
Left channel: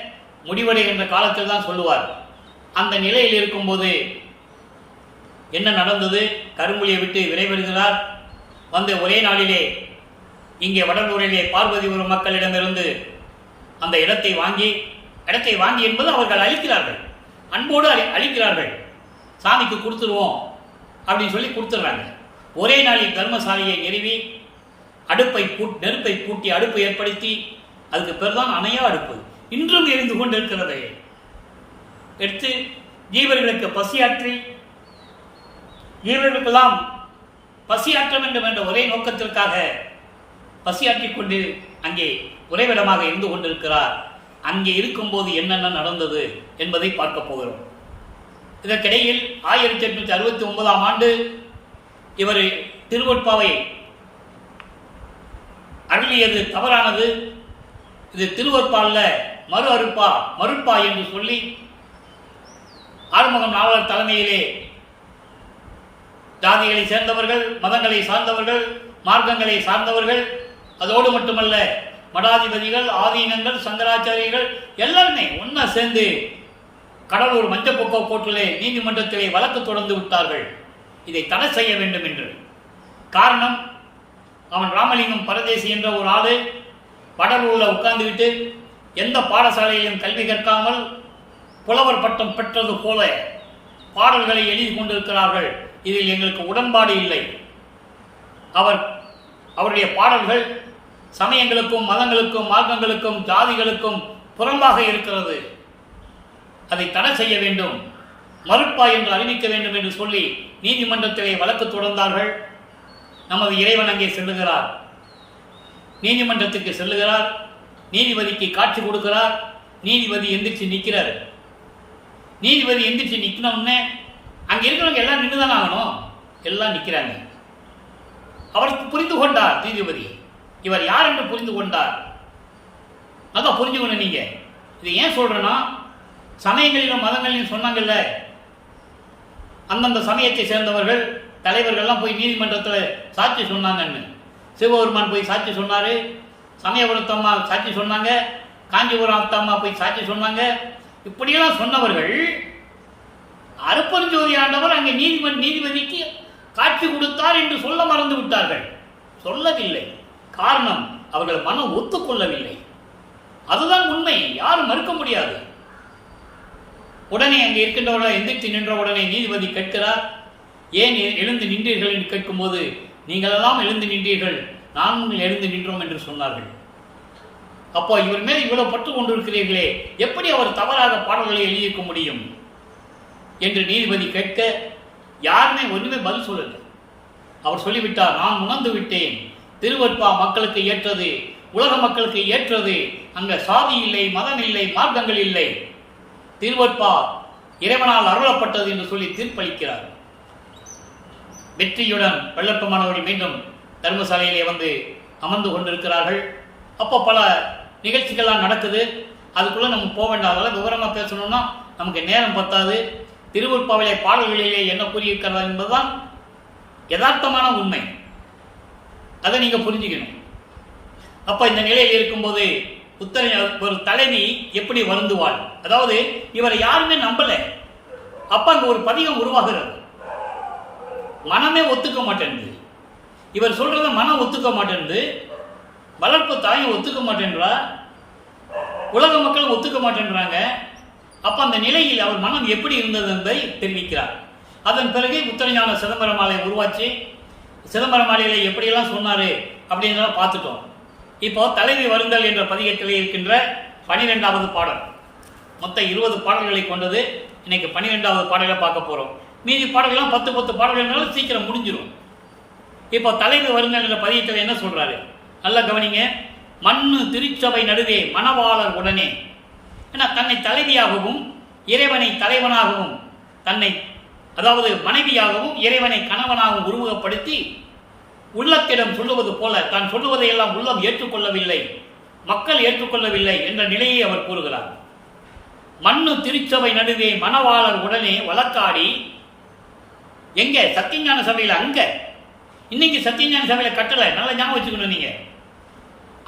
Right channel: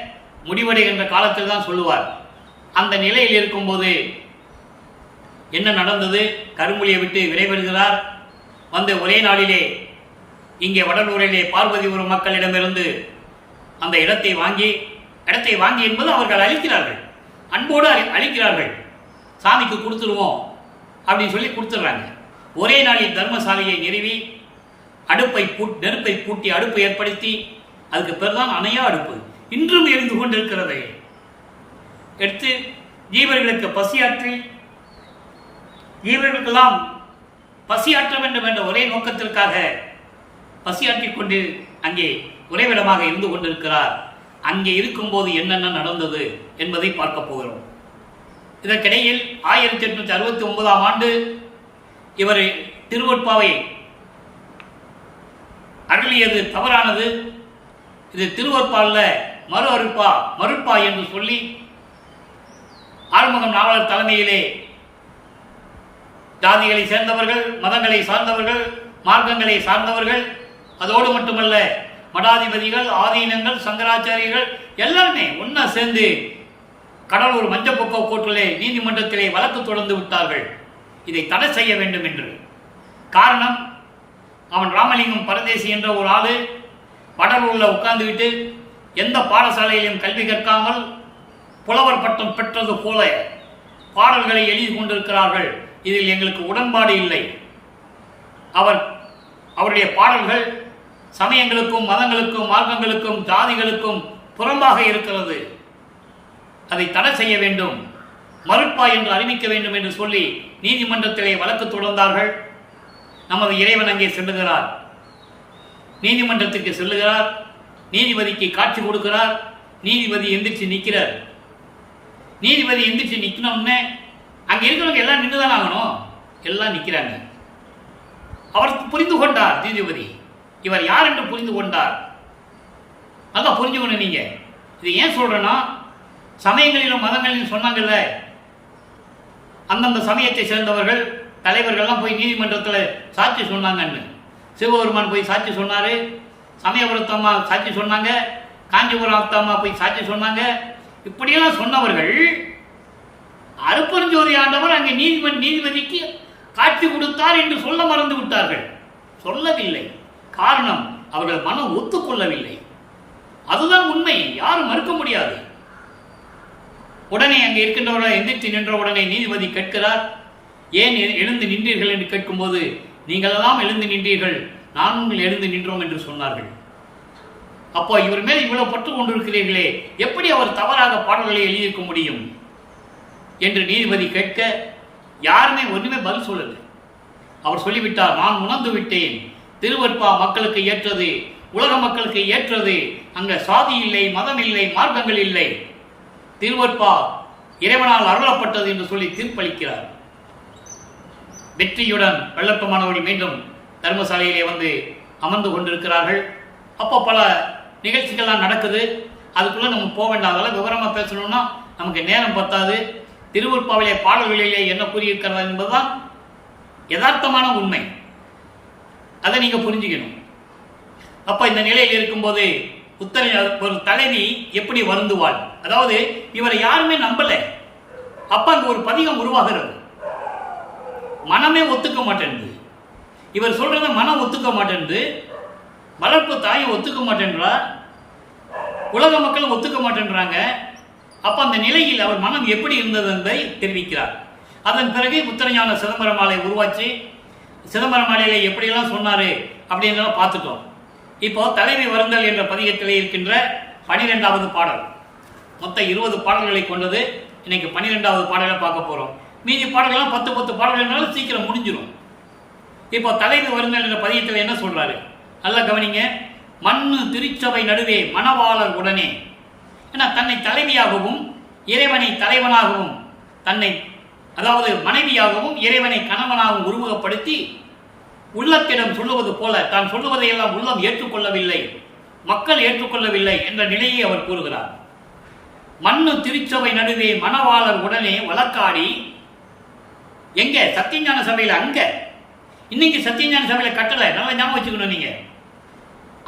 முடிவடைகின்ற காலத்தில் தான் சொல்லுவார். அந்த நிலையில் இருக்கும்போது என்ன நடந்தது? கருங்குழியை விட்டு விரைவருகிறார். வந்து ஒரே நாளிலே இங்கே வடலூரிலே பார்வதி ஒரு மக்களிடமிருந்து அந்த இடத்தை வாங்கி என்பது அவர்கள் அளிக்கிறார்கள், அன்போடு அளிக்கிறார்கள். சாமிக்கு கொடுத்துருவோம் அப்படின்னு சொல்லி கொடுத்துட்றாங்க. ஒரே நாளில் தர்மசாலையை நிறுவி நெருப்பை பூட்டி அடுப்பை ஏற்படுத்தி, அதுக்கு பேர் தான் அணையா அடுப்பு, இன்றும் எரிந்து கொண்டிருக்கிறதை எடுத்து ஜீவர்களுக்கு பசியாற்றி, ஜீவர்களுக்கெல்லாம் பசியாற்ற வேண்டும் என்ற ஒரே நோக்கத்திற்காக பசியாற்றிக் கொண்டு அங்கே உறைவிடமாக இருந்து கொண்டிருக்கிறார். அங்கே இருக்கும்போது என்னென்ன நடந்தது என்பதை பார்க்க போகிறோம். இதற்கிடையில் 1869ஆம் ஆண்டு இவர் திருவொற்பாவை அருளியது தவறானது. இது திருவொற்பால்ல மறுப்பா என்று சொல்லி ஆறுமுகம் நாவலர் தலைமையிலே ஜாதிகளை சேர்ந்தவர்கள், மதங்களை சார்ந்தவர்கள், மார்க்கங்களை சார்ந்தவர்கள், அதோடு மட்டுமல்ல மடாதிபதிகள், ஆதீனங்கள், சங்கராச்சாரியர்கள் எல்லாருமே ஒன்னா சேர்ந்து கடலூர் மஞ்சப்பொக்க கோர்ட்டிலே நீதிமன்றத்திலே வழக்கு தொடர்ந்து விட்டார்கள், இதை தடை செய்ய வேண்டும் என்று. காரணம், அவன் ராமலிங்கம் பரதேசி என்ற ஒரு ஆளு வடலூரில் உட்கார்ந்துவிட்டு எந்த பாடசாலையிலும் கல்வி கற்காமல் புலவர் பட்டம் பெற்றது போல பாடல்களை எழுதி கொண்டிருக்கிறார்கள். இதில் எங்களுக்கு உடன்பாடு இல்லை. அவருடைய பாடல்கள் சமயங்களுக்கும், மதங்களுக்கும், மார்க்கங்களுக்கும், ஜாதிகளுக்கும் புறம்பாக இருக்கிறது, அதை தடை செய்ய வேண்டும், மறுப்பா என்று அறிவிக்க வேண்டும் என்று சொல்லி நீதிமன்றத்திலே வழக்கு தொடர்ந்தார்கள். நமது இறைவன் அங்கே செல்லுகிறார், நீதிமன்றத்துக்கு செல்லுகிறார், நீதிபதிக்கு காட்சி கொடுக்கிறார். நீதிபதி எந்திரிச்சு நிற்கிறார். நீதிபதி எந்திரிச்சு நிற்கணும்னு அங்கே இருக்கிறவங்க எல்லாம் நின்று தான் ஆகணும், எல்லாம் நிற்கிறாங்க. அவர் புரிந்து கொண்டார், நீதிபதி இவர் யார் என்று புரிந்து கொண்டார். அதான் புரிஞ்சுக்கணும். நீங்க இது ஏன் சொல்றேன்னா, சமயங்களிலும் மதங்களிலும் சொன்னாங்கல்ல, அந்தந்த சமயத்தை சேர்ந்தவர்கள் தலைவர்கள்லாம் போய் நீதிமன்றத்தில் சாட்சி சொன்னாங்கன்னு. சிவபெருமான் போய் சாட்சி சொன்னாரு, சமயபுரத்தம்மா சாட்சி சொன்னாங்க, காஞ்சிபுரம் அம்மா போய் சாட்சி சொன்னாங்க. இப்படியெல்லாம் சொன்னவர்கள் அருப்பெருஞ்சோதி ஆண்டவர் அங்கே நீதிபதிக்கு காட்சி கொடுத்தார் என்று சொல்ல மறந்து விட்டார்கள். சொல்லவில்லை. காரணம், அவர்கள் மனம் ஒத்துக்கொள்ளவில்லை. அதுதான் உண்மை, யாரும் மறுக்க முடியாது. உடனே அங்கே இருக்கின்றவர்கள் எந்திரித்து நின்ற உடனே நீதிபதி கேட்கிறார், ஏன் எழுந்து நின்றீர்கள் என்று கேட்கும்போது, நீங்களெல்லாம் எழுந்து நின்றீர்கள், நாங்கள் எழுந்து நின்றோம் என்று சொன்னார்கள். அப்போ இவர் மேல் இவ்வளவு பற்று கொண்டிருக்கிறீர்களே, எப்படி அவர் தவறாக பாடல்களை எழுதியிருக்க முடியும் என்று நீதிபதி கேட்க, யாருமே ஒன்றுமே பதில் சொல்லல. அவர் சொல்லிவிட்டார், நான் உணர்ந்து விட்டேன், திருவொற்பா மக்களுக்கு ஏற்றது, உலக மக்களுக்கு ஏற்றது, அங்க சாதி இல்லை, மதம் இல்லை, மார்க்கங்கள் இல்லை, திருவொற்பா இறைவனால் அருளப்பட்டது என்று சொல்லி தீர்ப்பளிக்கிறார். வெற்றியுடன் வெள்ளப்பமானவடி மீண்டும் தர்மசாலையிலே வந்து அமர்ந்து கொண்டிருக்கிறார்கள். அப்போ பல நிகழ்ச்சிகள்லாம் நடக்குது. அதுக்குள்ள நம்ம போக வேண்டாம், அதெல்லாம் விவரமாக பேசணும்னா நமக்கு நேரம் பத்தாது. திருவொற்பாவிலே பாடல்களிலே என்ன கூறியிருக்கிறது என்பதுதான் யதார்த்தமான உண்மை. அதை நீங்க புரிஞ்சுக்கணும். அப்ப இந்த நிலையில் இருக்கும்போது ஒரு தலைவி எப்படி வருந்துவாள்? அதாவது இவரை யாருமே நம்பல. அப்ப அங்க ஒரு பதிகம் உருவாகிறது. மனமே ஒத்துக்க மாட்டேன்து. இவர் சொல்றத மனம் ஒத்துக்க மாட்டேன்து, வளர்ப்பு தாயும் ஒத்துக்க மாட்டேன்றா, உலக மக்களும் ஒத்துக்க மாட்டேன்றாங்க. அப்ப அந்த நிலையில் அவர் மனம் எப்படி இருந்தது என்பதை தெரிவிக்கிறார். அதன் பிறகு முத்தரஞான சிதம்பர மாலை உருவாச்சு. சிதம்பர மாலையில எப்படியெல்லாம் சொன்னாரு அப்படின்றத பார்த்துட்டோம். இப்போ தலைவி வருந்தல் என்ற பதிகத்திலே இருக்கின்ற 12வது பாடல், மொத்த 20 பாடல்களை கொண்டது. இன்னைக்கு 12வது பாடலை பார்க்க போறோம். மீதி பாடல்கள்லாம் 10 பாடல்கள்னாலும் சீக்கிரம் முடிஞ்சிடும். இப்போ தலைவி வருங்கள் என்ற பதியத்தில் என்ன சொல்றாரு நல்லா கவனிங்க. மண்ணு திருச்சபை நடுவே மணவாளர் உடனே, ஏன்னா தன்னை தலைவியாகவும் இறைவனை தலைவனாகவும், தன்னை அதாவது மனைவியாகவும் இறைவனை கணவனாகவும் உருவகப்படுத்தி உள்ளத்திடம் சொல்லுவது போல தான் சொல்லுவதையெல்லாம் உள்ளம் ஏற்றுக்கொள்ளவில்லை, மக்கள் ஏற்றுக்கொள்ளவில்லை என்ற நிலையை அவர் கூறுகிறார். மண்ணு திருச்சபை நடுவே மணவாளர் உடனே வழக்காடி, எங்க சத்தியஞான சபையில், அங்க இன்னைக்கு சத்தியஞான சபையில் கட்டளை நல்லா ஞாபகம் வச்சுக்கணும் நீங்க.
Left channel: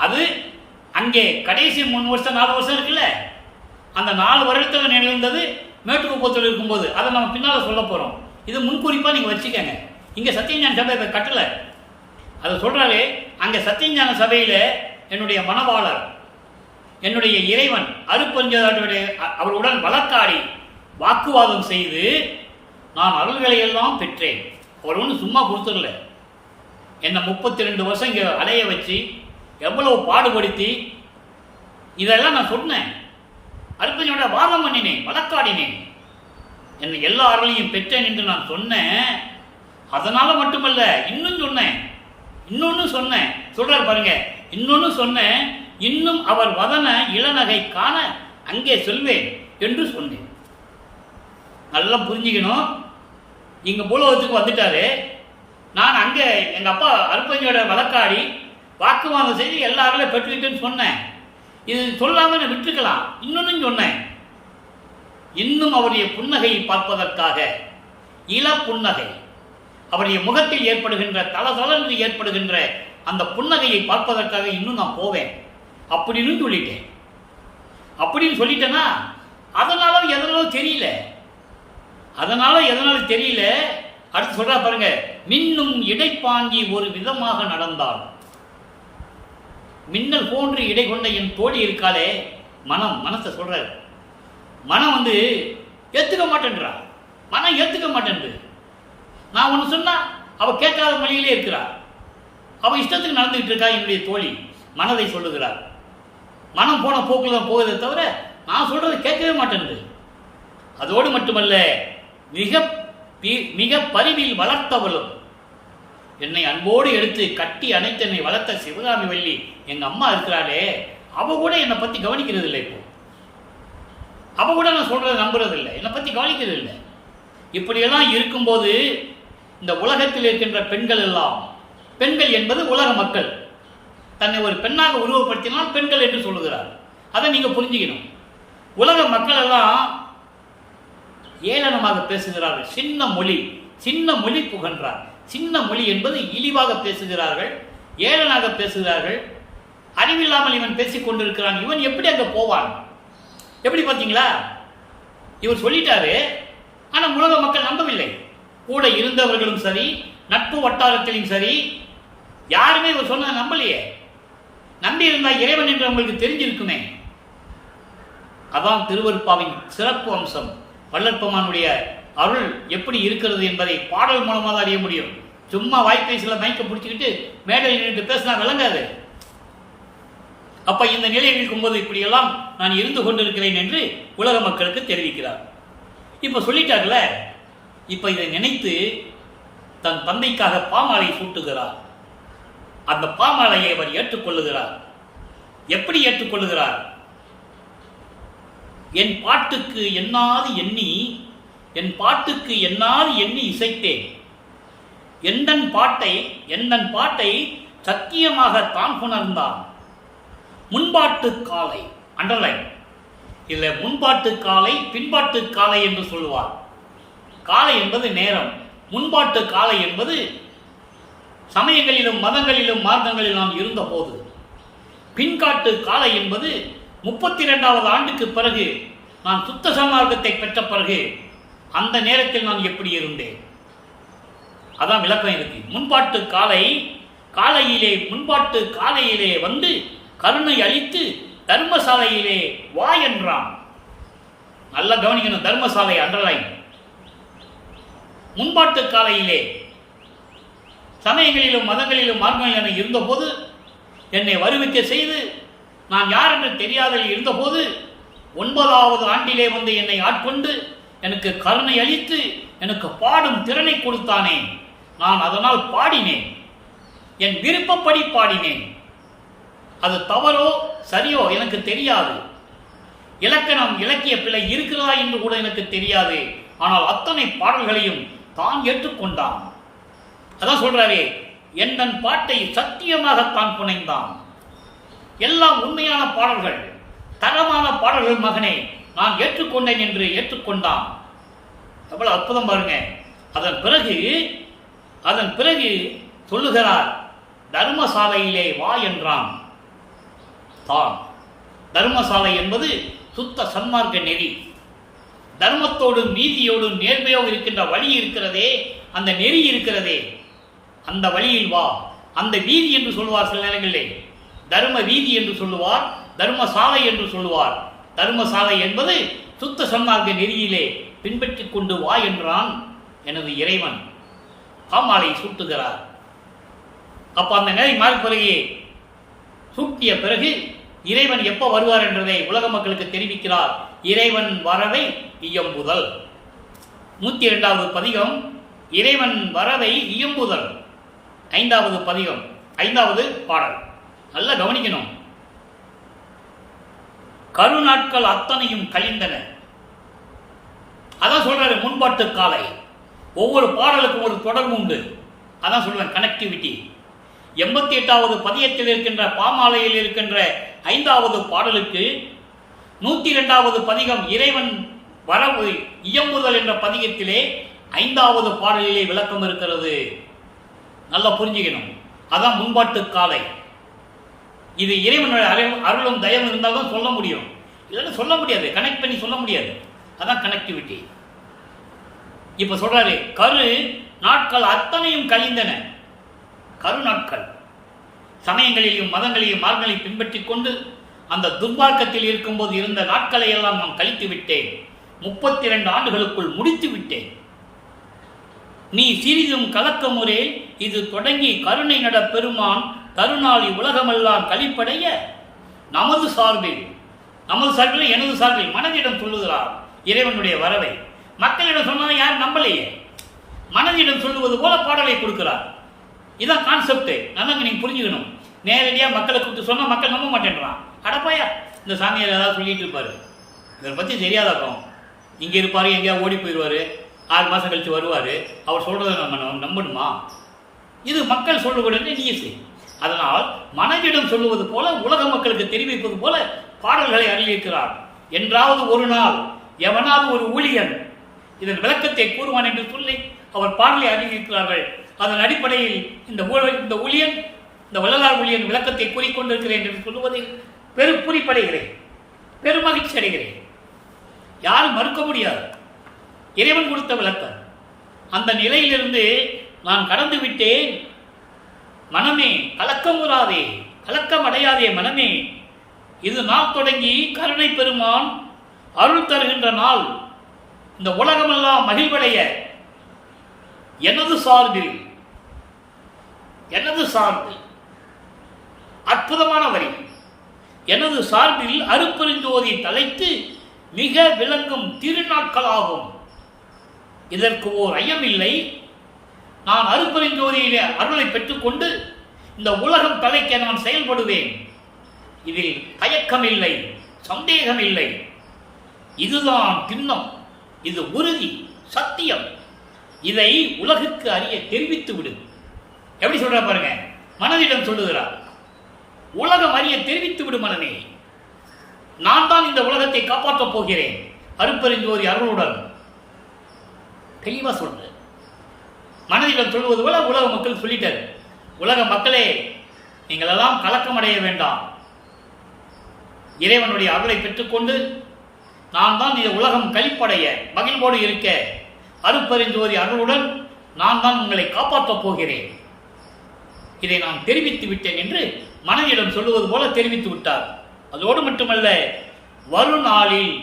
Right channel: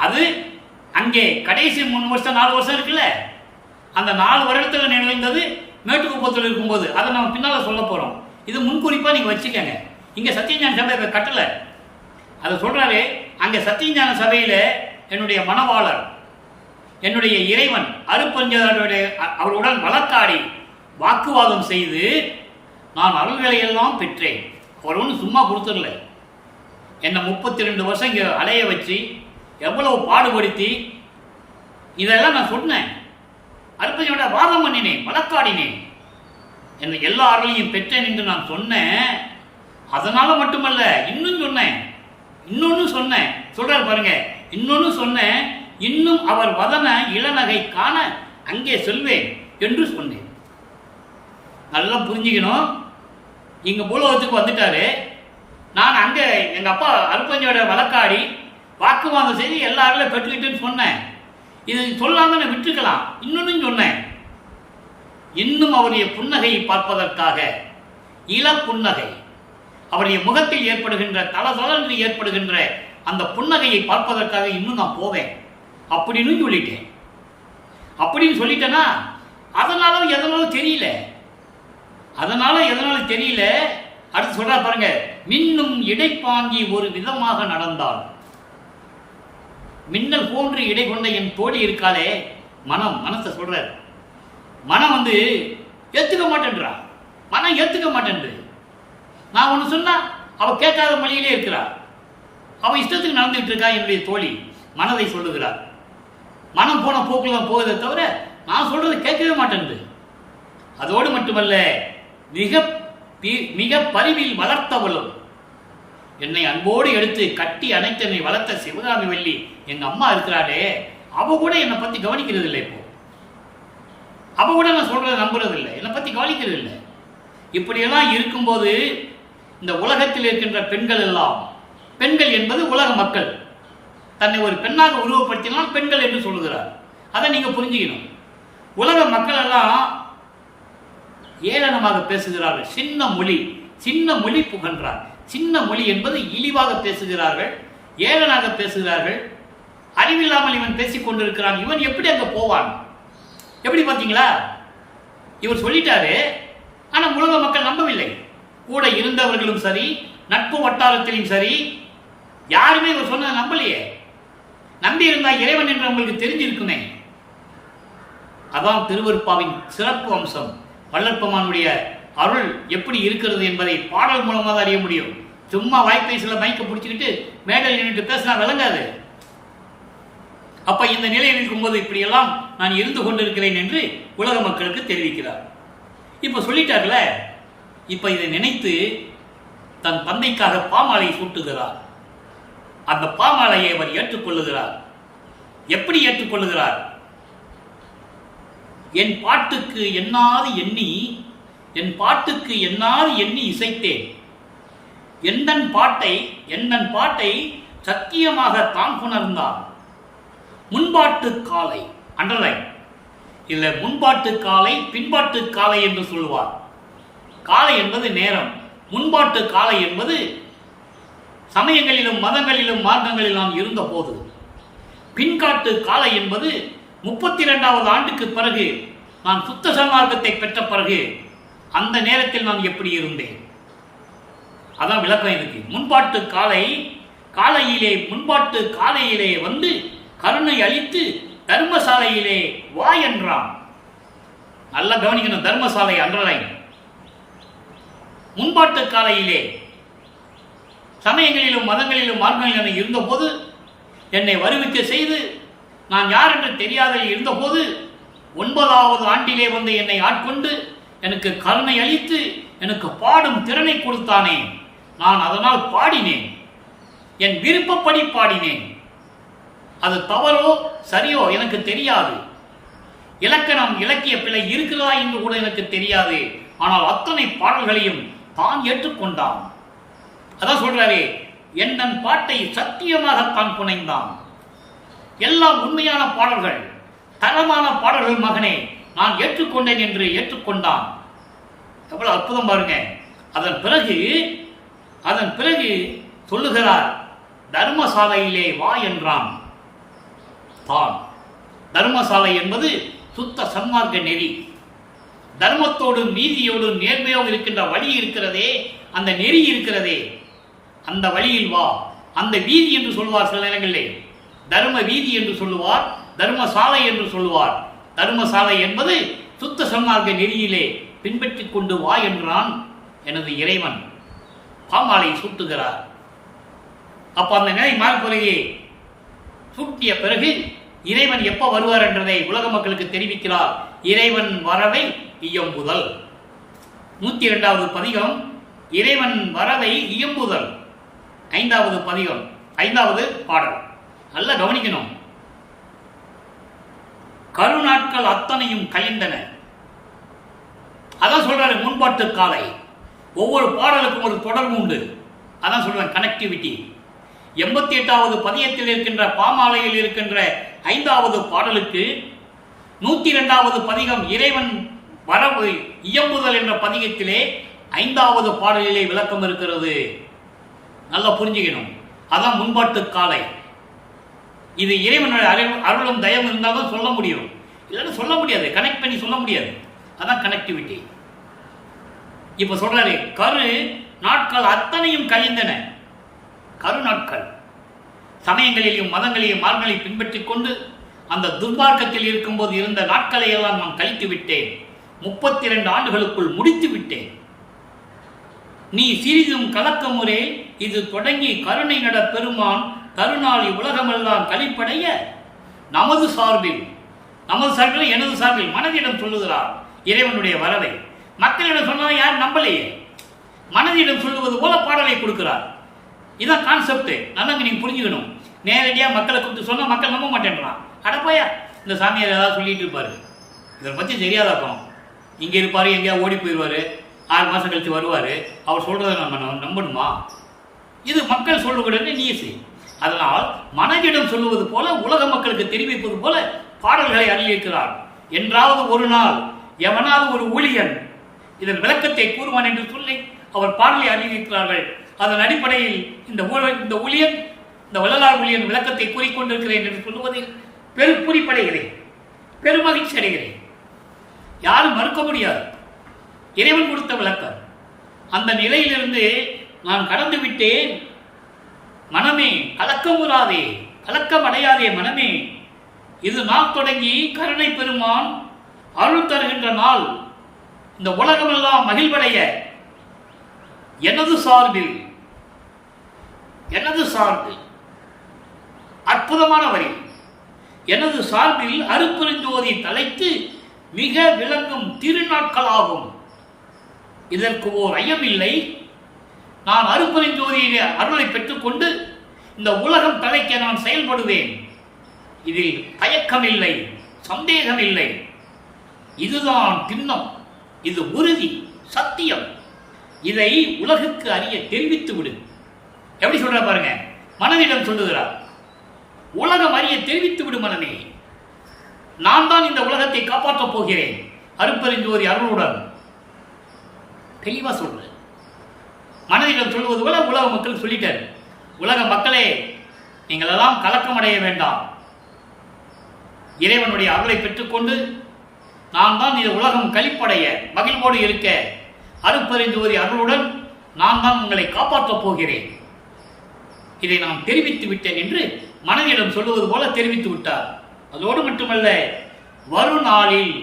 அது அங்கே கடைசி 3 வருஷம் 4 வருஷம் இருக்குல்ல, அந்த 4 வருடத்தில் நிகழ்ந்தது மேட்டுக்குப்பத்தில் இருக்கும்போது அதை நம்ம பின்னால் சொல்ல போகிறோம். இது முன்குறிப்பாக நீங்கள் வச்சுக்கோங்க. இங்கே சத்தியஞான சபை கட்டளை அதை சொல்கிறாரு. அங்கே சத்தியஞான சபையில் என்னுடைய மணவாளர், என்னுடைய இறைவன் அருட்பெருஞ்சோதியாருடைய அவருடன் வழக்காடி வாக்குவாதம் செய்து நான் அருள்களை எல்லாம் பெற்றேன். அவர் ஒன்றும் சும்மா கொடுத்துடல, என்னை 32 வருஷம் இங்கே அலைய வச்சு எவ்வளவு பாடுபடுத்தி இதெல்லாம் நான் சொன்னேன். அருட்பெருஞ்சோதியோட வாதம் பண்ணினேன், வழக்காடினேன், என்னை எல்லா அருளையும் பெற்றேன் என்று நான் சொன்னேன். அதனால மட்டுமல்ல, இன்னும் சொன்னேன், இன்னொன்னு சொன்னேன். சொல்றாரு பாருங்க, இன்னொன்னு சொன்னேன், இன்னும் அவர் வதன இளநகை காண அங்கே செல்வேன் என்று சொன்னேன். நல்லா புரிஞ்சுக்கணும். இங்க பூலோகத்துக்கு வந்துட்டாரு. நான் அங்க எங்க அப்பா அருட்பெருஞ்சோதியோட வழக்காடி வாக்குவாதம் செய்து எல்லாரும் பெற்றுக்கிட்டேன்னு சொன்னேன். இது சொல்லாம நான் விட்டுக்கலாம். இன்னொன்னு சொன்னேன், இன்னும் அவருடைய புன்னகையை பார்ப்பதற்காக, இள புன்னகை, அவருடைய முகத்தில் ஏற்படுகின்ற தளதளன்று ஏற்படுகின்ற அந்த புன்னகையை பார்ப்பதற்காக இன்னும் நான் போவேன் அப்படின்னு சொல்லிட்டேன். அப்படின்னு சொல்லிட்டேன்னா அதனால எதனாலும் தெரியல, அதனால எதனாலும் தெரியல. அடுத்து சொல்றா பாருங்க, மின்னும் இடைப்பாங்கி ஒரு விதமாக நடந்தால், மின்னல் போன்று இடை கொண்ட என் தோழி இருக்காளே, மனத்தை சொல்ற, மனம் ஏத்துக்க மாட்டேன்றா, மனம் ஏத்துக்க மாட்டேன்று. நான் ஒன்று சொன்னா அவ கேட்காத மொழியிலே இருக்கிறா, அவ இஷ்டத்துக்கு நடந்துகிட்டு இருக்கா. என்னுடைய தோழி மனதை சொல்லுகிறார். மனம் போன போக்குல தான் போகுதே தவிர நான் சொல்றது கேட்கவே மாட்டேன்று. அதோடு மட்டுமல்ல, மிக பரிவில் வளர்த்தவளும், என்னை அன்போடு எடுத்து கட்டி அணைத்து என்னை வளர்த்த சிவகாமி வள்ளி எங்க அம்மா இருக்கிறாளே, அவ கூட என்னை பத்தி கவனிக்கிறது இல்லை. இப்போ அவ கூட நான் சொல்றதை நம்புறது இல்லை, என்னை பத்தி கவனிக்கிறது இல்லை. இப்படியெல்லாம் இருக்கும்போது இந்த உலகத்தில் இருக்கின்ற பெண்கள் எல்லாம், பெண்கள் என்பது உலக மக்கள், தன்னை ஒரு பெண்ணாக உருவப்படுத்தினால் பெண்கள் என்று சொல்லுகிறார். அதை நீங்க புரிஞ்சுக்கணும். உலக மக்கள் எல்லாம் ஏளனமாக பேசுகிறார்கள். சின்ன மொழி புகன்றார். சின்ன மொழி என்பது இழிவாக பேசுகிறார்கள், ஏளனாக பேசுகிறார்கள். அறிவில்லாமல் இவன் பேசிக் கொண்டிருக்கிறான், இவன் எப்படி அங்க போவான்? எப்படி பார்த்தீங்களா? இவர் சொல்லிட்டாரு, ஆனால் உலக மக்கள் நம்பவில்லை. கூட இருந்தவர்களும் சரி, நட்பு வட்டாரத்திலும் சரி, யாருமே இவர் சொன்னதை நம்பலையே. நம்பி இருந்தா இறைவன் என்று உங்களுக்கு தெரிஞ்சிருக்குமே. அதான் திருவருட்பாவின் சிறப்பு அம்சம். வள்ளற்பெருமானுடைய அருள் எப்படி இருக்கிறது என்பதை பாடல் மூலமாக தான் அறிய முடியும். சும்மா வாய்ப்பேசில மைக்க பிடிச்சிக்கிட்டு மேடையில் நின்று பேசினா விளங்காது. அப்ப இந்த நிலையில் இருக்கும்போது இப்படியெல்லாம் நான் இருந்து கொண்டிருக்கிறேன் என்று உலக மக்களுக்கு தெரிவிக்கிறார். இப்ப சொல்லிட்டார்ல, இப்ப இதை நினைத்து தன் தந்தைக்காக பாமாலை சூட்டுகிறார். அந்த பாமாலையை அவர் ஏற்றுக்கொள்ளுகிறார். எப்படி ஏற்றுக்கொள்ளுகிறார்? என் பாட்டுக்கு எண்ணாது எண்ணி இசைத்தேன். எந்தன் பாட்டை சத்தியமாக தான் புணர்ந்தான். முன்பாட்டு காலை, அண்டர்லைன் இல்லை, முன்பாட்டு காலை பின்பாட்டு காலை என்று சொல்லுவார். காலை என்பது நேரம், முன்பாட்டு காலை என்பது சமயங்களிலும் மதங்களிலும் மார்க்கங்களில் நான் இருந்த போது, பின்காட்டு காலை என்பது 32வது ஆண்டுக்கு பிறகு நான் சுத்த சன்மார்க்கத்தை பெற்ற பிறகு அந்த நேரத்தில் நான் எப்படி இருந்தேன். அதான் விளக்கம் இருக்கு. முன்பாட்டு காலையிலே வந்து கருணை அளித்து தர்மசாலையிலே வா என்றான். நல்லா கவனிக்கணும், தர்மசாலை அண்டர்லைன். முன்பாட்டு காலையிலே சமயங்களிலும் மதங்களிலும் மார்க்கங்களிலும் இருந்தபோது என்னை வருவிக்க செய்து நான் யார் என்று தெரியாதல் இருந்தபோது 9வது ஆண்டிலே வந்து என்னை ஆட்கொண்டு எனக்கு கருணை அளித்து எனக்கு பாடும் திறனை கொடுத்தானே, நான் அதனால் பாடினேன், என் விருப்பப்படி பாடினேன். அது தவறோ சரியோ எனக்கு தெரியாது, இலக்கணம் இலக்கிய பிழை இருக்கிறதா என்று கூட எனக்கு தெரியாது. ஆனால் அத்தனை பாடல்களையும் தான் ஏற்றுக்கொண்டான். அதான் சொல்றாரே, என் பாட்டை சத்தியமாகத்தான் புனைந்தான். எல்லாம் உண்மையான பாடல்கள், தரமான பாடல்கள் மகனே, நான் ஏற்றுக்கொண்டேன் என்று ஏற்றுக்கொண்டான். எவ்வளவு அற்புதம் பாருங்க. அதன் பிறகு சொல்லுகிறார், தர்மசாலையிலே வா என்றான். தான் தர்மசாலை என்பது சுத்த சன்மார்க்க நெறி. தர்மத்தோடும் நீதியோடும் நேர்மையோடு இருக்கின்ற வழி இருக்கிறதே, அந்த நெறி இருக்கிறதே, அந்த வழியில் வா. அந்த வீதி என்று சொல்லுவார் சில நேரங்களிலே, தர்ம வீதி என்று சொல்லுவார், தர்மசாலை என்று சொல்லுவார். தர்மசாலை என்பது சுத்த சன்மார்க்க நெறியிலே பின்பற்றி கொண்டு வா என்றான் எனது இறைவன். பாமாலை சூட்டுகிறார். அப்ப அந்த நிலை மாறி பிறகு சூட்டிய பிறகு இறைவன் எப்ப வருவார் என்றதை உலக மக்களுக்கு தெரிவிக்கிறார். இறைவன் வரவை இயம்புதல். 102வது பதிகம், இறைவன் வரவை இயம்புதல். 5வது பதிகம், 5வது பாடல். நல்லா கவனிக்கணும். கருநாட்கள் அத்தனையும் கழிந்தன. அதான் சொல்றாரு முன்பாட்டு காலை. ஒவ்வொரு பாடலுக்கும் ஒரு தொடர்பு உண்டு. அதான் சொல்றேன், கனெக்டிவிட்டி. 88வது பதியத்தில் இருக்கின்ற பாமாலையில் இருக்கின்ற 5வது பாடலுக்கு 102வது பதிகம் இறைவன் வரவு இயம்புதல் என்ற பதிகத்திலே 5வது பாடலிலே விளக்கம் இருக்கிறது. நல்லா புரிஞ்சுக்கணும். அதான் முன்பாட்டு காலை. இது இறைவனுடைய அருளும் தயவும் இருந்தால்தான் சொல்ல முடியும், இல்லைன்னா சொல்ல முடியாது, கனெக்ட் பண்ணி சொல்ல முடியாது. அதான் கனெக்டிவிட்டி. இப்ப சொல்றாரு, கரு நாட்கள் அத்தனையும் கழிந்தன. கரு நாட்கள், சமயங்களிலும் மதங்களையும் மார்களை பின்பற்றி கொண்டு அந்த துர்மார்க்கத்தில் இருக்கும்போது இருந்த நாட்களை எல்லாம் நான் கழித்து விட்டேன். 32 ஆண்டுகளுக்குள் முடித்து விட்டேன். நீ சிறிதும் கலக்க முறை இது தொடங்கி கருணை நட பெருமான் தருநாளி உலகமெல்லாம் கழிப்படைய நமது சார்பில் எனது சார்பில் மனதிடம் சொல்லுகிறார் இறைவனுடைய வரவை. மக்களிடம் சொன்னால் யார் நம்பலையே, மனதிடம் சொல்லுவது போல பாடலை கொடுக்கிறார். இதான் கான்செப்ட். நல்லா நீங்க புரிஞ்சுக்கணும். நேரடியாக மக்களை கூப்பிட்டு சொன்னால் மக்கள் நம்ப மாட்டேன்றான். அடப்பாயா, இந்த சாமியார் ஏதாவது சொல்லிட்டு இருப்பாரு, இதை பற்றி தெரியாதப்போ இங்கே இருப்பார், எங்கேயாவது ஓடி போயிடுவார், 6 மாதம் கழித்து வருவார், அவர் சொல்கிறத நம்ம நம்பணுமா? இது மக்கள் சொல்லுகிறது நியூஸ். அதனால் மனதிடம் சொல்லுவது போல, உலக மக்களுக்கு தெரிவிப்பது போல பாடல்களை அருளியிருக்கிறார். என்றாவது ஒரு நாள் எவனாவது ஒரு ஊழியன் இதன் விளக்கத்தை கூறுவான் என்று சொல்லி அவர் பாடலை அறிவிக்கிறார்கள். அதன் அடிப்படையில் இந்த ஊழியன், இந்த வள்ளலார் ஊழியன் விளக்கத்தை கூறிக்கொண்டிருக்கிறேன் என்று சொல்லுவதில் பெரும்புரிப்படைகிறேன், பெருமகிழ்ச்சி அடைகிறேன். யாரும் மறுக்க முடியாது. இறைவன் கொடுத்த விளக்கம். அந்த நிலையிலிருந்து நான் கடந்து விட்டேன். மனமே கலக்கமுறாதே, கலக்கம் அடையாதே மனமே. இது நாள் தொடங்கி கருணை பெருமான் அருள் தருகின்ற நாள். இந்த உலகமெல்லாம் மகிழ்வடைய எனது சார்பில் அற்புதமான வரி. எனது சார்பில் அருப்பெருஞ்சோதி தலைத்து மிக விளங்கும் திருநாட்களாகும். இதற்கு ஓர் ஐயமில்லை. நான் அருப்பெருஞ்சோதியிலே அருளை பெற்றுக்கொண்டு இந்த உலகம் தலைக்க நான் செயல்படுவேன். இதில் தயக்கமில்லை, சந்தேகமில்லை. இதுதான் திண்ணம், இது உறுதி, சத்தியம். இதை உலகுக்கு அறிய தெரிவித்து விடு. எப்படி சொல்ற பாருங்க, மனதிடம் சொல்லுகிறார். உலகம் அறிய தெரிவித்து விடு மனமே. நான் தான் இந்த உலகத்தை காப்பாற்றப் போகிறேன் அருப்பெருஞ்சோதி அருளுடன். தெளிவா சொல்ற. மனதிடம் சொல்வது போல உலக மக்கள் சொல்லிட்டார். உலக மக்களே, நீங்கள் எல்லாம் கலக்கம் அடைய வேண்டாம். இறைவனுடைய அருளை பெற்றுக்கொண்டு நான் தான் இந்த உலகம் கழிப்படைய மகிழ்வோடு இருக்க அருப்பெருஞ்சோதி அருளுடன் நான் தான் உங்களை காப்பாற்றப் போகிறேன். இதை நான் தெரிவித்து விட்டேன் என்று மனதிடம் சொல்லுவது போல தெரிவித்து விட்டார். அதோடு மட்டுமல்ல, வருநாளில்,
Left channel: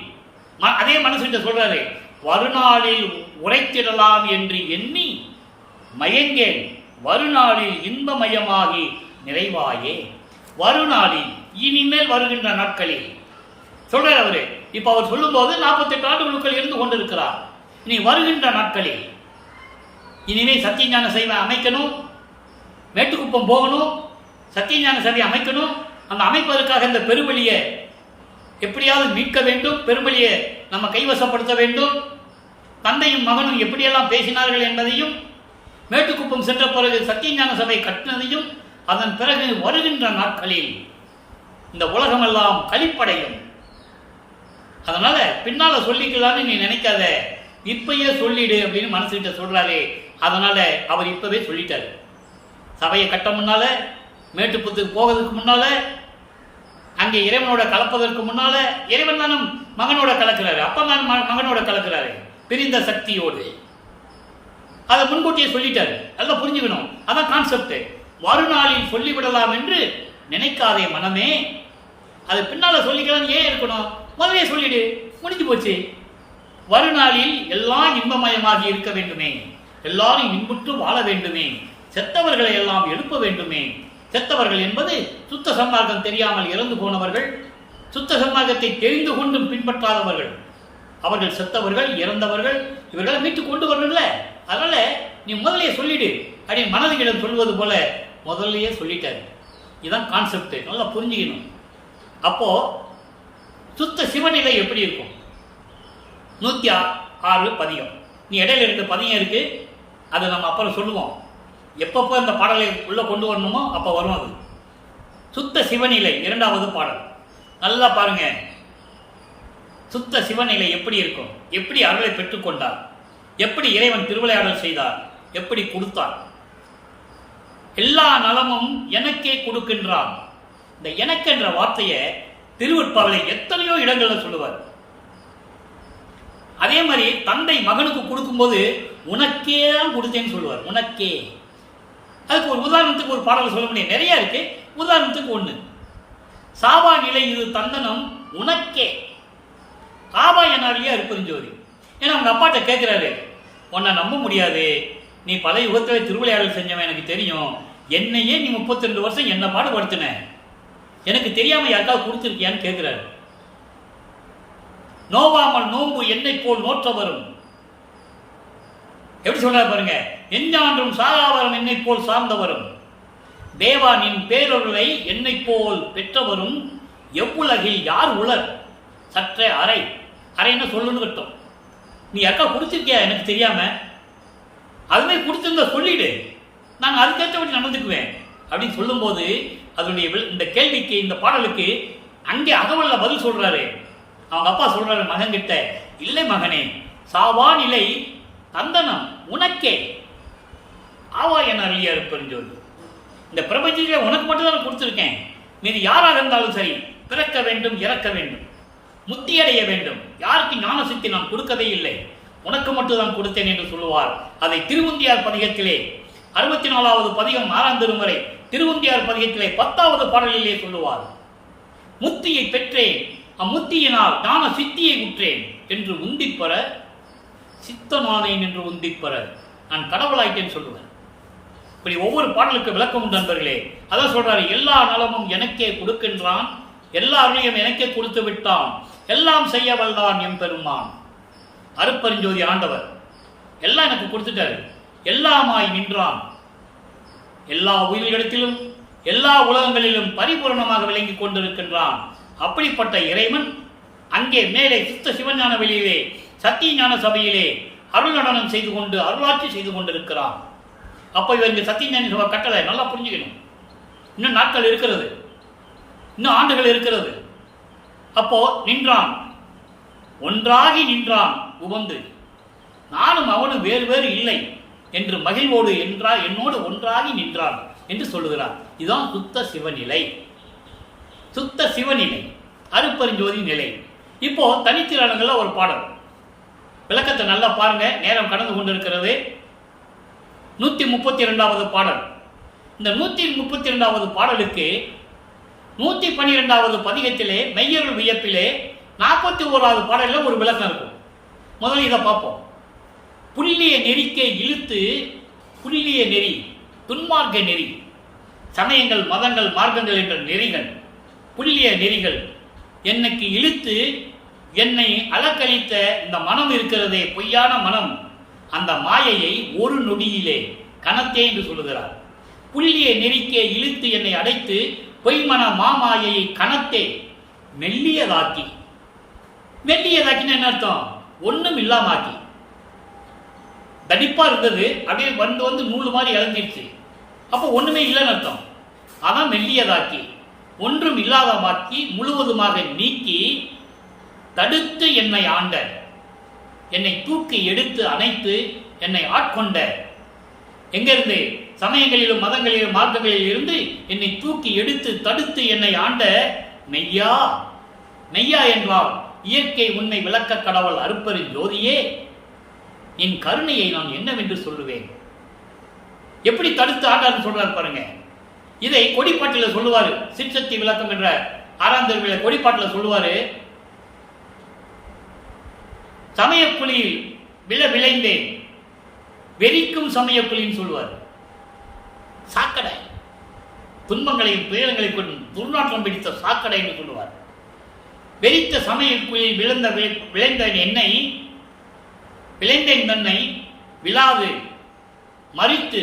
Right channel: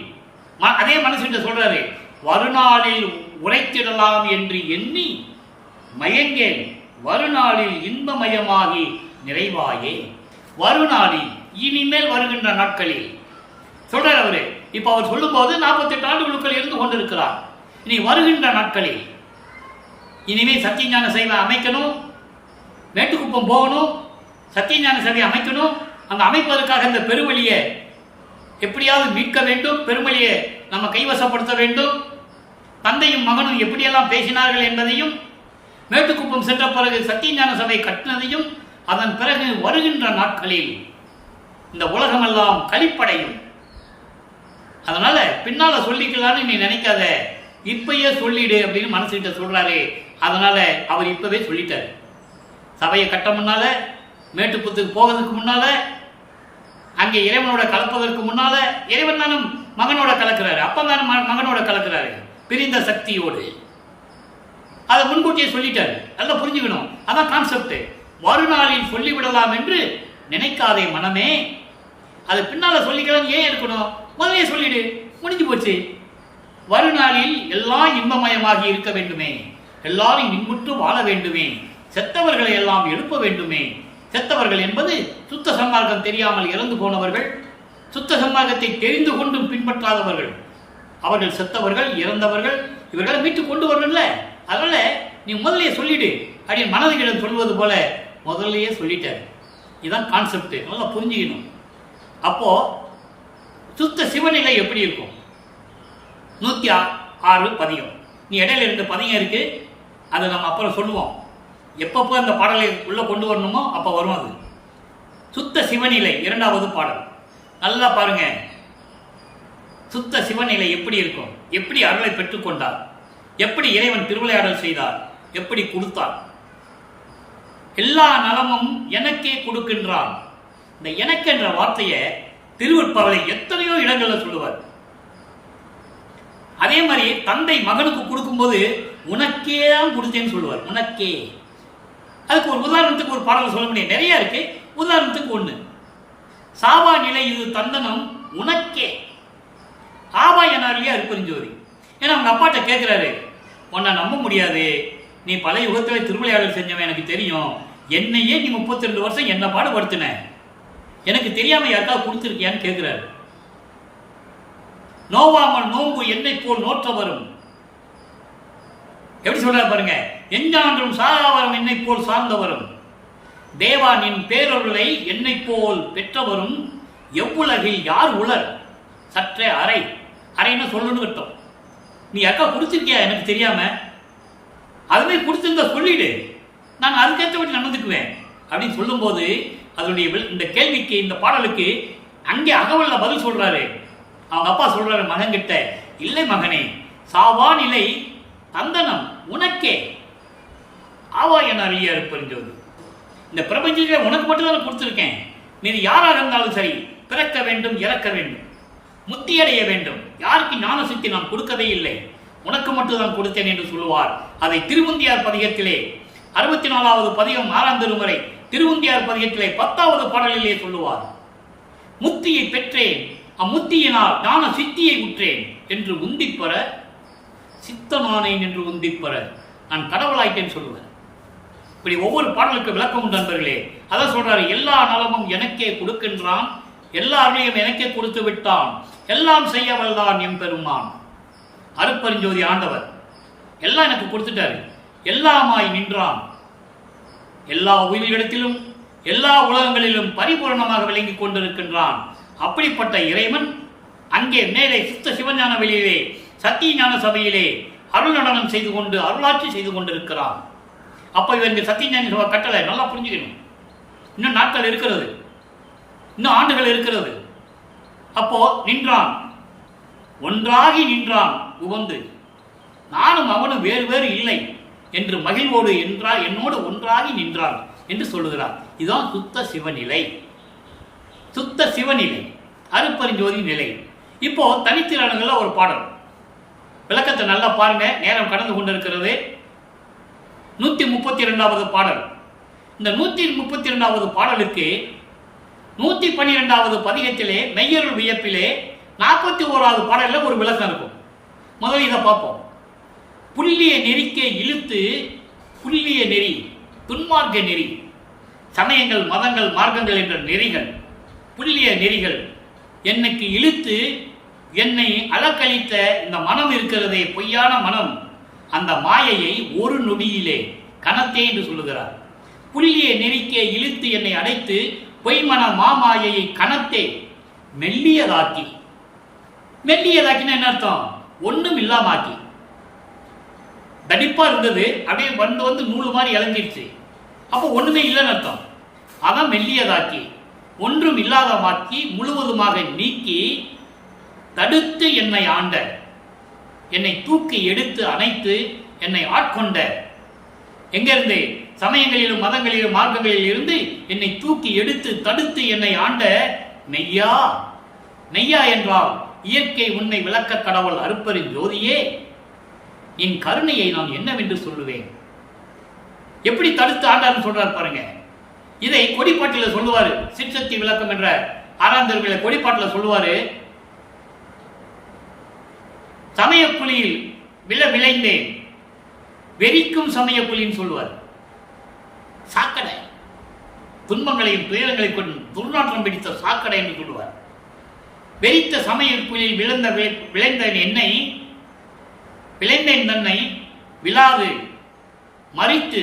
அதே மனசுகிட்ட சொல்றாரு, வருநாளில் உரைத்திடலாம் என்று எண்ணி மயங்கேன், வருநாளில் இன்பமயமாகி நிறைவாயே. வருநாளில், இனிமேல் வருகின்ற நாட்களில் சொல்றார் அவரு. இப்ப அவர் சொல்லும் போது 48 ஆண்டுகளுக்குள் இருந்து கொண்டிருக்கிறார். இனி வருகின்ற நாட்களில் இனிமேல் சத்தியஞான சபை அமைக்கணும், மேட்டுக்குப்பம் போகணும், சத்தியஞான சபை அமைக்கணும். அந்த அமைப்பதற்காக இந்த பெருவழியை எப்படியாவது மீட்க வேண்டும், பெருவழியை நம்ம கைவசப்படுத்த வேண்டும். தந்தையும் மகனும் எப்படியெல்லாம் பேசினார்கள் என்பதையும், மேட்டுக்குப்பம் சென்ற பிறகு சத்தியஞான சபை கட்டினதையும், அதன் பிறகு வருகின்ற நாட்களில் இந்த உலகமெல்லாம் கழிப்படையும். அதனால பின்னால சொல்லிக்கலான்னு நீ நினைக்காத, இப்பயே சொல்லிடு அப்படின்னு மனசுகிட்ட சொல்றாரு. அதனால அவர் இப்பவே சொல்லிட்டாரு. சபையை கட்ட முன்னால, மேட்டுப்புத்துக்கு போகிறதுக்கு முன்னால, அங்கே இறைவனோட கலப்பதற்கு முன்னால, இறைவன் தானும் மகனோட கலக்கிறாரு, அப்பந்தானும் மகனோட கலக்கிறாரு பிரிந்த சக்தியோடு. அதை முன்கூட்டியே சொல்லிட்டாரு. அதெல்லாம் புரிஞ்சுக்கணும். அதான் கான்செப்ட். மறுநாளில் சொல்லிவிடலாம் என்று நினைக்காதே மனமே. அது பின்னால சொல்லிக்கலாம் ஏன் இருக்கணும்? முதலே சொல்லிடு, முடிஞ்சு போச்சு. வருநாளில் எல்லாம் இன்பமயமாகி இருக்க வேண்டுமே, எல்லாரும் இன்புற்று வாழ வேண்டுமே, செத்தவர்களை எல்லாம் எழுப்ப வேண்டுமே. செத்தவர்கள் என்பது சுத்த சன்மார்க்கம் தெரியாமல் இறந்து போனவர்கள், சுத்த சன்மார்க்கத்தை தெரிந்து கொண்டும் பின்பற்றாதவர்கள். அவர்கள் செத்தவர்கள், இறந்தவர்கள், இவர்களை மீட்டு கொண்டு வரணும்ல. அதனால நீ முதலையே சொல்லிடு அப்படின்னு மனதுகிடம் சொல்வது போல முதல்லையே சொல்லிட்டாரு. இதுதான் கான்செப்ட். நல்லா புரிஞ்சுக்கணும். அப்போ சுத்த சிவநிலை எப்படி இருக்கும்? 106 பதிகம். நீ இடையில 2 பதிகம் இருக்கு, அதை நம்ம அப்புறம் சொல்லுவோம். எப்பப்போ இந்த பாடலை உள்ள கொண்டு வரணுமோ அப்போ வரும். அது சுத்த சிவநிலை 2வது பாடல். நல்லா பாருங்க, சுத்த சிவநிலை எப்படி இருக்கும், எப்படி அருளை பெற்றுக்கொண்டார், எப்படி இறைவன் திருவிளையாடல் செய்தார், எப்படி கொடுத்தார். எல்லா நலமும் எனக்கே கொடுக்கின்றான். இந்த எனக்கு என்ற வார்த்தையை திருவருட்பாவை எத்தனையோ இடங்களில் சொல்லுவார். அதே மாதிரி தந்தை மகனுக்கு கொடுக்கும்போது உனக்கே தான் கொடுத்தேன்னு சொல்லுவார். உனக்கே. அதுக்கு ஒரு உதாரணத்துக்கு ஒரு பாடல் சொல்ல முடியும், நிறைய இருக்கு. உதாரணத்துக்கு ஒன்று, சாவா நிலை இது தந்தனம் உனக்கே. ஆவா என்னார் இல்லையா அருட்பெருஞ்சோதி. ஏன்னா அவங்க அப்பாட்ட கேட்குறாரு, உன்னை நம்ப முடியாது, நீ பல யுகத்திலே திருவிளையாடல் செஞ்சவன் எனக்கு தெரியும், என்னையே நீ 32 வருஷம் என்ன பாடுபடுத்தின, எனக்கு தெரியாம யாருக்காவது கொடுத்துருக்கியான்னு கேட்கிறாரு. நோவாமல் நோம்பு என்னை போல் நோற்ற வரும். எப்படி சொல்ற பாருங்க, எஞ்சான்றும் சாகாவரம் என்னை போல் சார்ந்தவரும், தேவா நின் பேரொருளை என்னை போல் பெற்றவரும், எவ்வுலகில் யார் உலர் சற்றே அறை. அறைன்னு சொல்லுன்னு கட்டும். நீ யாருக்கா கொடுத்துருக்கியா எனக்கு தெரியாம, அதுவே கொடுத்துருந்தா சொல்லிடு, நான் அதுக்கேற்றபடி நடந்துக்குவேன் அப்படின்னு சொல்லும்போது அதனுடைய இந்த கேள்விக்கு, இந்த பாடலுக்கு அங்கே அகவல்ல பதில் சொல்றாரு. அவங்க அப்பா சொல்றாரு மகன்கிட்ட, இல்லை மகனே, சாவா நிலை தந்தனம் உனக்கே. ஆவா என அருளியா அருட்பெருஞ்சோதி. இந்த பிரபஞ்சத்திலே உனக்கு மட்டும் தான் கொடுத்துருக்கேன். நீ யாராக இருந்தாலும் சரி, பிறக்க வேண்டும், இறக்க வேண்டும், முத்தியடைய வேண்டும். யாருக்கு ஞான சக்தி நான் கொடுக்கவே இல்லை, உனக்கு மட்டும் தான் கொடுத்தேன் என்று சொல்லுவார். அதை திருவுந்தியார் பதிகத்திலே 64வது பதிகம் 6ஆம் திருமுறை திருவுந்தியார் பதிகத்திலே 10வது பாடலிலே சொல்லுவார். முத்தியை பெற்றேன், அம்முத்தியினால் ஞான சித்தியை உற்றேன் என்று உந்திப்பெற, சித்தனானேன் என்று உந்திப்பெற நான் கடவுளாயிட்டேன்னு சொல்லுவேன். இப்படி ஒவ்வொரு பாடலுக்கு விளக்கம் உண்டு நண்பர்களே. அதான் சொல்றாரு, எல்லா நலமும் எனக்கே கொடுக்கின்றான், எல்லா அருளையும் எனக்கே கொடுத்து விட்டான், எல்லாம் செய்ய வல்லான் எம்பெருமான். அருட்பெருஞ்சோதி ஆண்டவர் எல்லாம் எனக்கு கொடுத்துட்டாரு, எல்லாமாய் நின்றான், எல்லா உயிர்களிடத்திலும் எல்லா உலகங்களிலும் பரிபூர்ணமாக விளங்கி கொண்டிருக்கின்றான். அப்படிப்பட்ட இறைவன் அங்கே மேலே சுத்த சிவஞான வெளியிலே சத்திய ஞான சபையிலே அருள் நடனம் செய்து கொண்டு அருளாட்சி செய்து கொண்டிருக்கிறான். அப்போ இவங்க சத்திய ஞான சபை கட்டளை நல்லா புரிஞ்சுக்கணும். இன்னும் நாட்கள் இருக்கிறது, இன்னும் ஆண்டுகள் இருக்கிறது. அப்போ நின்றான், ஒன்றாகி நின்றான் உவந்து, நானும் அவனும் வேறு வேறு இல்லை என்று மகிழ்வோடு என்றால் என்னோடு ஒன்றாகி நின்றான் என்று சொல்லுகிறார். இதுதான் சுத்த சிவநிலை. சுத்த சிவநிலை அருட்பெருஞ்சோதி நிலை. இப்போ தனித்திறன்கள ஒரு பாடல் விளக்கத்தை நல்லா பாருங்க, நேரம் கடந்து கொண்டிருக்கிறது. 132வது பாடல். இந்த 132வது பாடலுக்கு 112வது பதிகத்திலே மெய்யருள் வியப்பிலே 41வது பாடலில் ஒரு விளக்கம் இருக்கும். முதல்ல இதை பார்ப்போம். புள்ளிய நெறிக்கே இழுத்து, புள்ளிய நெறி துன்மார்க்க நெறி, சமயங்கள் மதங்கள் மார்க்கங்கள் என்ற நெறிகள், புள்ளிய நெறிகள் என்னைக்கு இழுத்து என்னை அலக்களித்த இந்த மனம் இருக்கிறதே, பொய்யான மனம், அந்த மாயையை ஒரு நொடியிலே கணத்தே என்று சொல்லுகிறார். புள்ளியை நெருக்க இழுத்து என்னை அடைத்து பொய்மன மாமாயையை கணத்தே மெல்லியதாக்கி. மெல்லியதாக்கினா என்ன அர்த்தம்? ஒன்றும் இல்லாமாக்கி. தடிப்பா இருந்தது, அப்படியே வந்து நூல் மாதிரி இழந்துருச்சு. அப்போ ஒண்ணுமே இல்லைன்னு அர்த்தம். அதான் மெல்லியதாக்கி, ஒன்றும் இல்லாதமாக்கி, முழுவதுமாக நீக்கி, தடுத்து என்னை ஆண்ட, என்னை தூக்கி எடுத்து அணைத்து என்னை ஆட்கொண்ட. எங்கிருந்து? சமயங்களிலும் மதங்களிலும் மார்க்கங்களில் இருந்து என்னை தூக்கி எடுத்து தடுத்து என்னை ஆண்ட மெய்யா. மெய்யா என்றால் இயற்கை உண்மை விளக்க கடவுள் அருப்பரின் ஜோதியே, என் கருணையை நான் என்னவென்று சொல்லுவேன். எப்படி தடுத்து ஆண்டார்னு சொல்றாரு பாருங்க. இதை கொடிப்பாட்டில் சொல்லுவாரு. சிற்சக்தி விளக்கம் என்ற 6ஆம் திருவிழா கொடிப்பாட்டில் சொல்லுவாரு. சமயக்குழியில் விளைந்தேன், வெறிக்கும் சமயக்குழின்னு சொல்லுவார். சாக்கடை, துன்பங்களையும் துயரங்களை கொண்டு துர்நாற்றம் பிடித்த சாக்கடை என்று சொல்லுவார். வெறித்த சமயக்குழியில் விளைந்த என்னை, விளைந்தேன் தன்னை விழாது மறித்து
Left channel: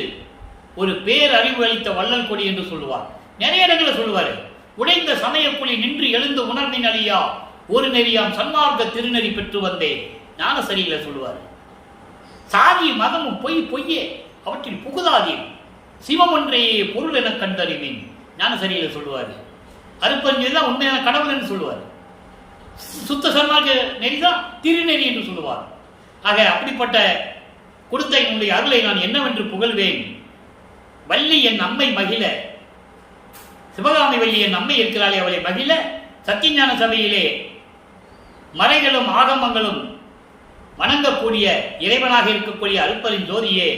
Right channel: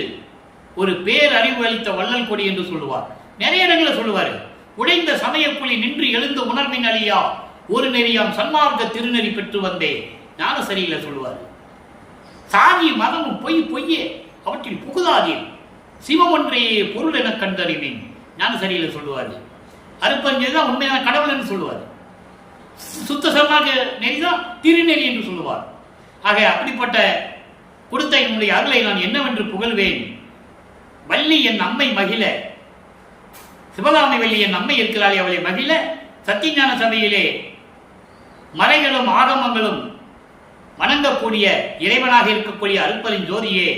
ஒரு பேரறிவு அளித்த வள்ளல் கொடி என்று சொல்லுவார். நிறைய இடங்களில் சொல்லுவார். உடைந்த சமயக்குழி நின்று எழுந்த உணர்வின் அழியா ஒரு நெறியாம் சன்மார்க்க திருநெறி பெற்று வந்தே ஞான சரியில்லை சொல்லுவார். சாதி மதமும் பொய்யே, அவற்றில் புகுதாதீர், சிவம் ஒன்றையே பொருள் என கண்டறிவேன் ஞான சரியில்லை சொல்லுவார். அருப்பறிஞர் உண்மையான கடவுள் என்று சொல்லுவார். சுத்த சன்மார்க்க நெறிதான் திருநெறி என்று சொல்லுவார். ஆக அப்படிப்பட்ட கொடுத்த என்னுடைய அருளை நான் என்னவென்று புகழ்வேன். வள்ளி என் அம்மை மகிழ, சிவகாமி வள்ளி என் அம்மை இருக்கிறாளே அவளை மகிழ, சத்தியஞான சபையிலே மறைகளும் ஆகமங்களும் வணங்கக்கூடிய இறைவனாக இருக்கக்கூடிய அருப்பரின் ஜோதியே,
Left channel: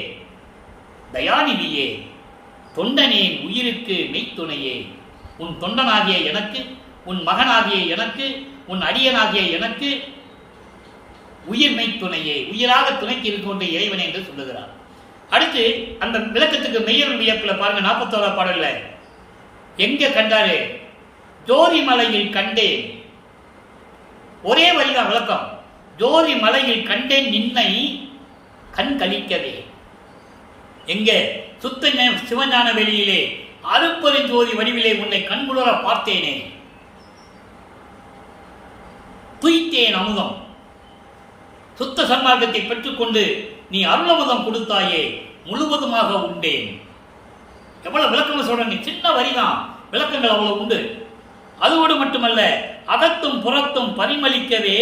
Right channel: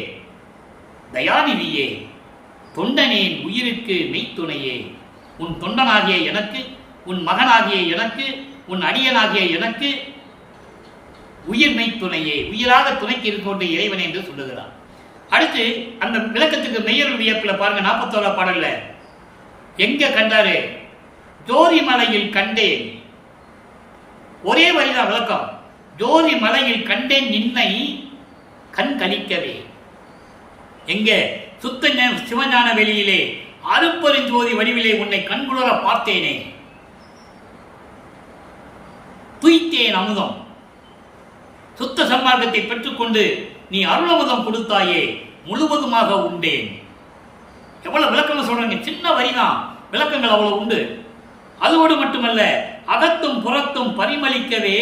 தயாநிதியே, தொண்டனேன் உயிருக்கு மெய்த்துணையே, உன் தொண்டனாகிய எனக்கு, உன் மகனாகிய எனக்கு, உன் அடியனாகிய எனக்கு உயிர் மெய்த்துணையே, உயிராக துணைக்கு இருக்கின்ற இறைவனே என்று சொல்லுகிறார். அடுத்து அந்த விளக்கத்துக்கு மெய்யருள் வியப்பில் பாருங்க. 41ஆம் பாடல்ல எங்க கண்டாரு? ஜோதி மலையில் கண்டேன். ஒரே வரிதான் விளக்கம். ஜோதி மலையில் கண்டேன் நின்னை கண் கழிக்கவே. எங்க? சுத்த சிவஞான வெளியிலே அருப்பெருஞ்சோதி வடிவிலே உன்னை கண்குளர பார்த்தேனே. துய்த்தேன் அமுதம். சுத்த சன்மார்க்கத்தை பெற்றுக்கொண்டு நீ அருளமுதம் கொடுத்தாயே, முழுவதுமாக உண்டேன். எவ்வளவு விளக்கம் சொல்றாங்க. சின்ன வரிதான், விளக்கங்கள் அவ்வளவு உண்டு. அதோடு மட்டுமல்ல, அகத்தும் புறத்தும் பரிமளிக்கவே,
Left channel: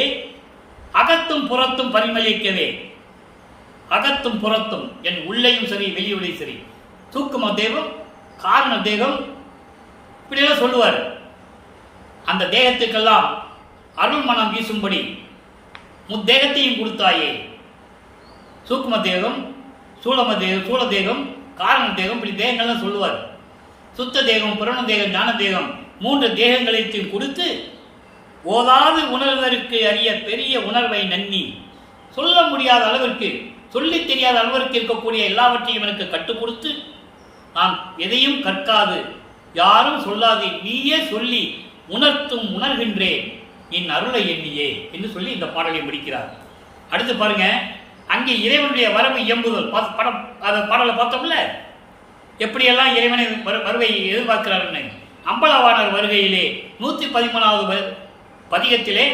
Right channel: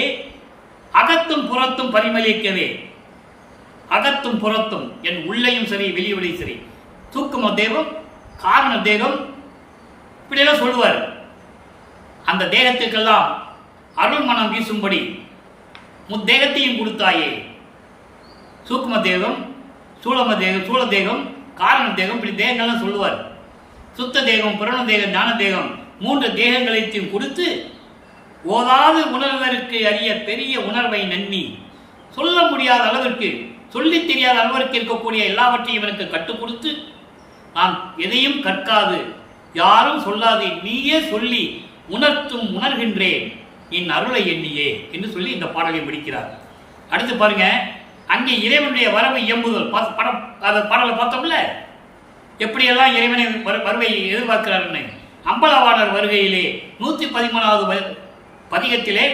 அகத்தும் புறத்தும் பரிமளிக்கவே, அகத்தும் புறத்தும் என் உள்ளையும் சரி வெளியுடையும் சரி, தூக்கும தேகம், காரண தேகம், இப்படியெல்லாம் சொல்லுவார். அந்த தேகத்துக்கெல்லாம் அருள் மனம் வீசும்படி முத்தேகத்தையும் கொடுத்தாயே. சூக்கும தேகம், சூழ தேகம், காரண தேகம், இப்படி தேகங்கள்லாம் சொல்லுவார். சுத்த தேகம், புரண தேகம், ஞான தேகம், 3 தேகங்களையும் கொடுத்து ஓதாது உணர்வதற்கு அறிய பெரிய உணர்வை நன்னி, சொல்ல முடியாத அளவிற்கு, சொல்லி தெரியாத அளவிற்கு இருக்கக்கூடிய எல்லாவற்றையும் எனக்கு கற்றுக் கொடுத்து, நான் எதையும் கற்காது, யாரும் சொல்லாது, நீயே சொல்லி உணர்த்தும் உணர்கின்றேன் என் அருளை எண்ணியே என்று சொல்லி இந்த பாடலை முடிக்கிறார். அடுத்து பாருங்க, அங்கே இறைவனுடைய வரவு இயம்புதல் பாடலை பார்த்தோம்ல, எப்படியெல்லாம் இறைவனை வருவை எதிர்பார்க்கிறாருன்னு. அம்பலவாணர் வருகையிலே 113வது பதிகத்திலே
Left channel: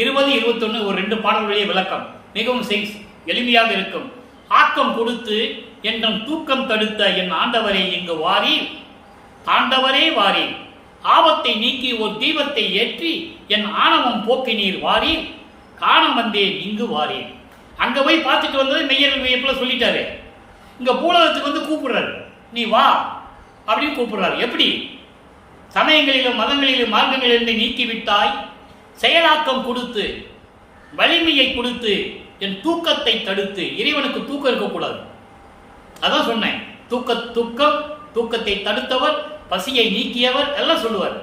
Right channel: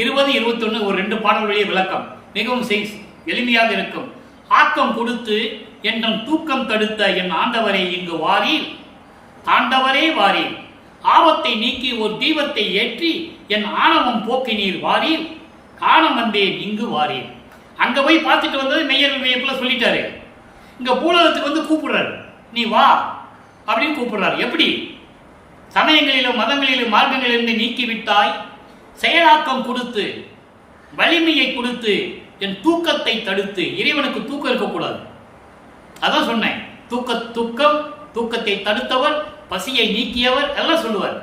20, 21 ஒரு 2 பாடல்களுடைய விளக்கம் மிகவும் எளிமையாக இருக்கும். ஆக்கம் கொடுத்து என்றும் தூக்கம் தடுத்த என் ஆண்டவரை இங்கு வாரீர், ஆண்டவரே வாரீர், ஆபத்தை நீக்கி ஒரு தீபத்தை ஏற்றி என் ஆணவம் போக்கினீர் வாரீர், காண வந்தேன் இங்கு வாரீர். அங்க போய் பார்த்துட்டு வந்தது மெய்யருள் வியப்புல சொல்லிட்டாரு. இங்க பூலகத்துக்கு வந்து கூப்பிடுறாரு, நீ வா அப்படின்னு கூப்பிடுறாரு. எப்படி? சமயங்களிலும் மதங்களிலும் மார்க்கங்களிலிருந்து நீக்கிவிட்டாய், செயலாக்கம் கொடுத்து வலிமையை கொடுத்து என் தூக்கத்தை தடுத்து. இறைவனுக்கு தூக்கம் இருக்கக்கூடாது, அதான் சொன்னேன். தூக்கத்தை தடுத்தவர், பசியை நீக்கியவர் எல்லாம் சொல்லுவார்.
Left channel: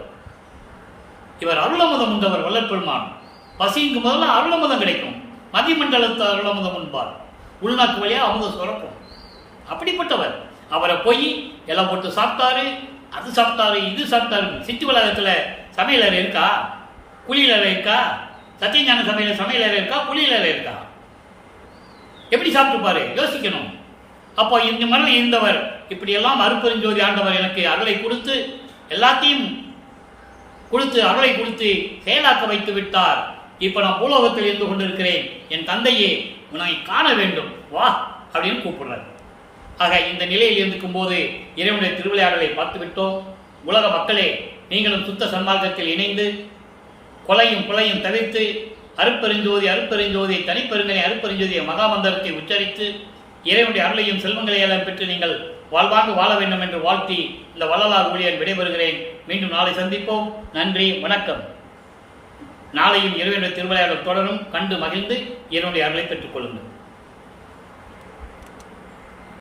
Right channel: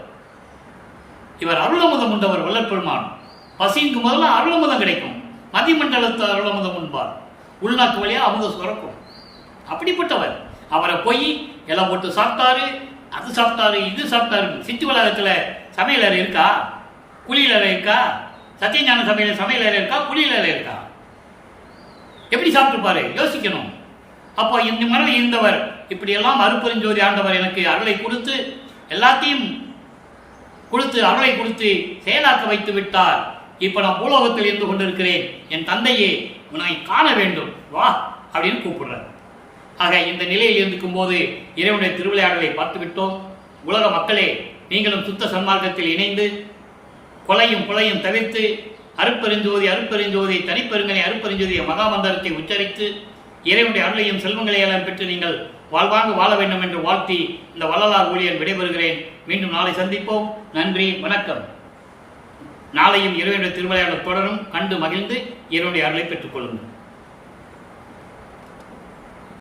இவர் அருளமுதம் உண்டவர் வல்லற்பெருமான். பசிக்கு முதல்ல அருளமுதம் கிடைக்கும், மதிமண்டலத்தை அருளமுதம் உண்பார், உள்நாக்கு வழியா அமுதம் சுரக்கும். அப்படிப்பட்டவர். அவரை போய் எல்லாம் போட்டு சாப்பிட்டாரு, அது சாப்பிட்டாரு, இது சாப்பிட்டாரு. சிட்டி வளாகத்தில் சமையலறை இருக்கா? குளியலறை இருக்கா? சத்தியஞான சபையில் சமையல் அறை இருக்கா, குளியல் அறை இருக்கா? எப்படி சாப்பிட்டுப்பாரு? யோசிக்கணும். அப்போ இந்த மனம் இருந்தவர் இப்படியெல்லாம் அருட்பெருஞ்சோதி ஆண்டவர் எனக்கு அருளை கொடுத்து எல்லாத்தையும் கொடுத்து அருளை கொடுத்து செயலாக்க வைத்து விட்டார். இப்போ நான் பூலோகத்தில் இருந்து கொண்டிருக்கிறேன். என் தந்தையே உன்னை காண வேண்டும் வா அப்படின்னு கூப்பிடுறார். ஆக இந்த நிலையில் இருக்கும் போது இறைவனுடைய திருவிளையாடலை பார்த்து விட்டோம். உலக மக்களே, நீங்களும் சுத்த சன்மார்க்கத்தில் இணைந்து கொலையும் தவிர்த்து அருட்பெருஞ்சோதி தனிப்பெருங்கனை அருட்பெருஞ்சோதிய மகாமந்திரத்தை உச்சரித்து இறைவனுடைய அருளையும் செல்வங்களையெல்லாம் பெற்று நீங்கள் வாழ்வாங்கு வாழ வேண்டும் என்று வாழ்த்தி இந்த வள்ளலார் ஊழியன் விடைபெறுகிறேன். மீண்டும் நாளை சந்திப்போம். நன்றி, வணக்கம். நாளையும் இறைவனுடைய திருவிளையாடல் தொடரும். கண்டு மகிழ்ந்து இறைவனுடைய அருளை பெற்றுக் கொள்ளுங்கள்.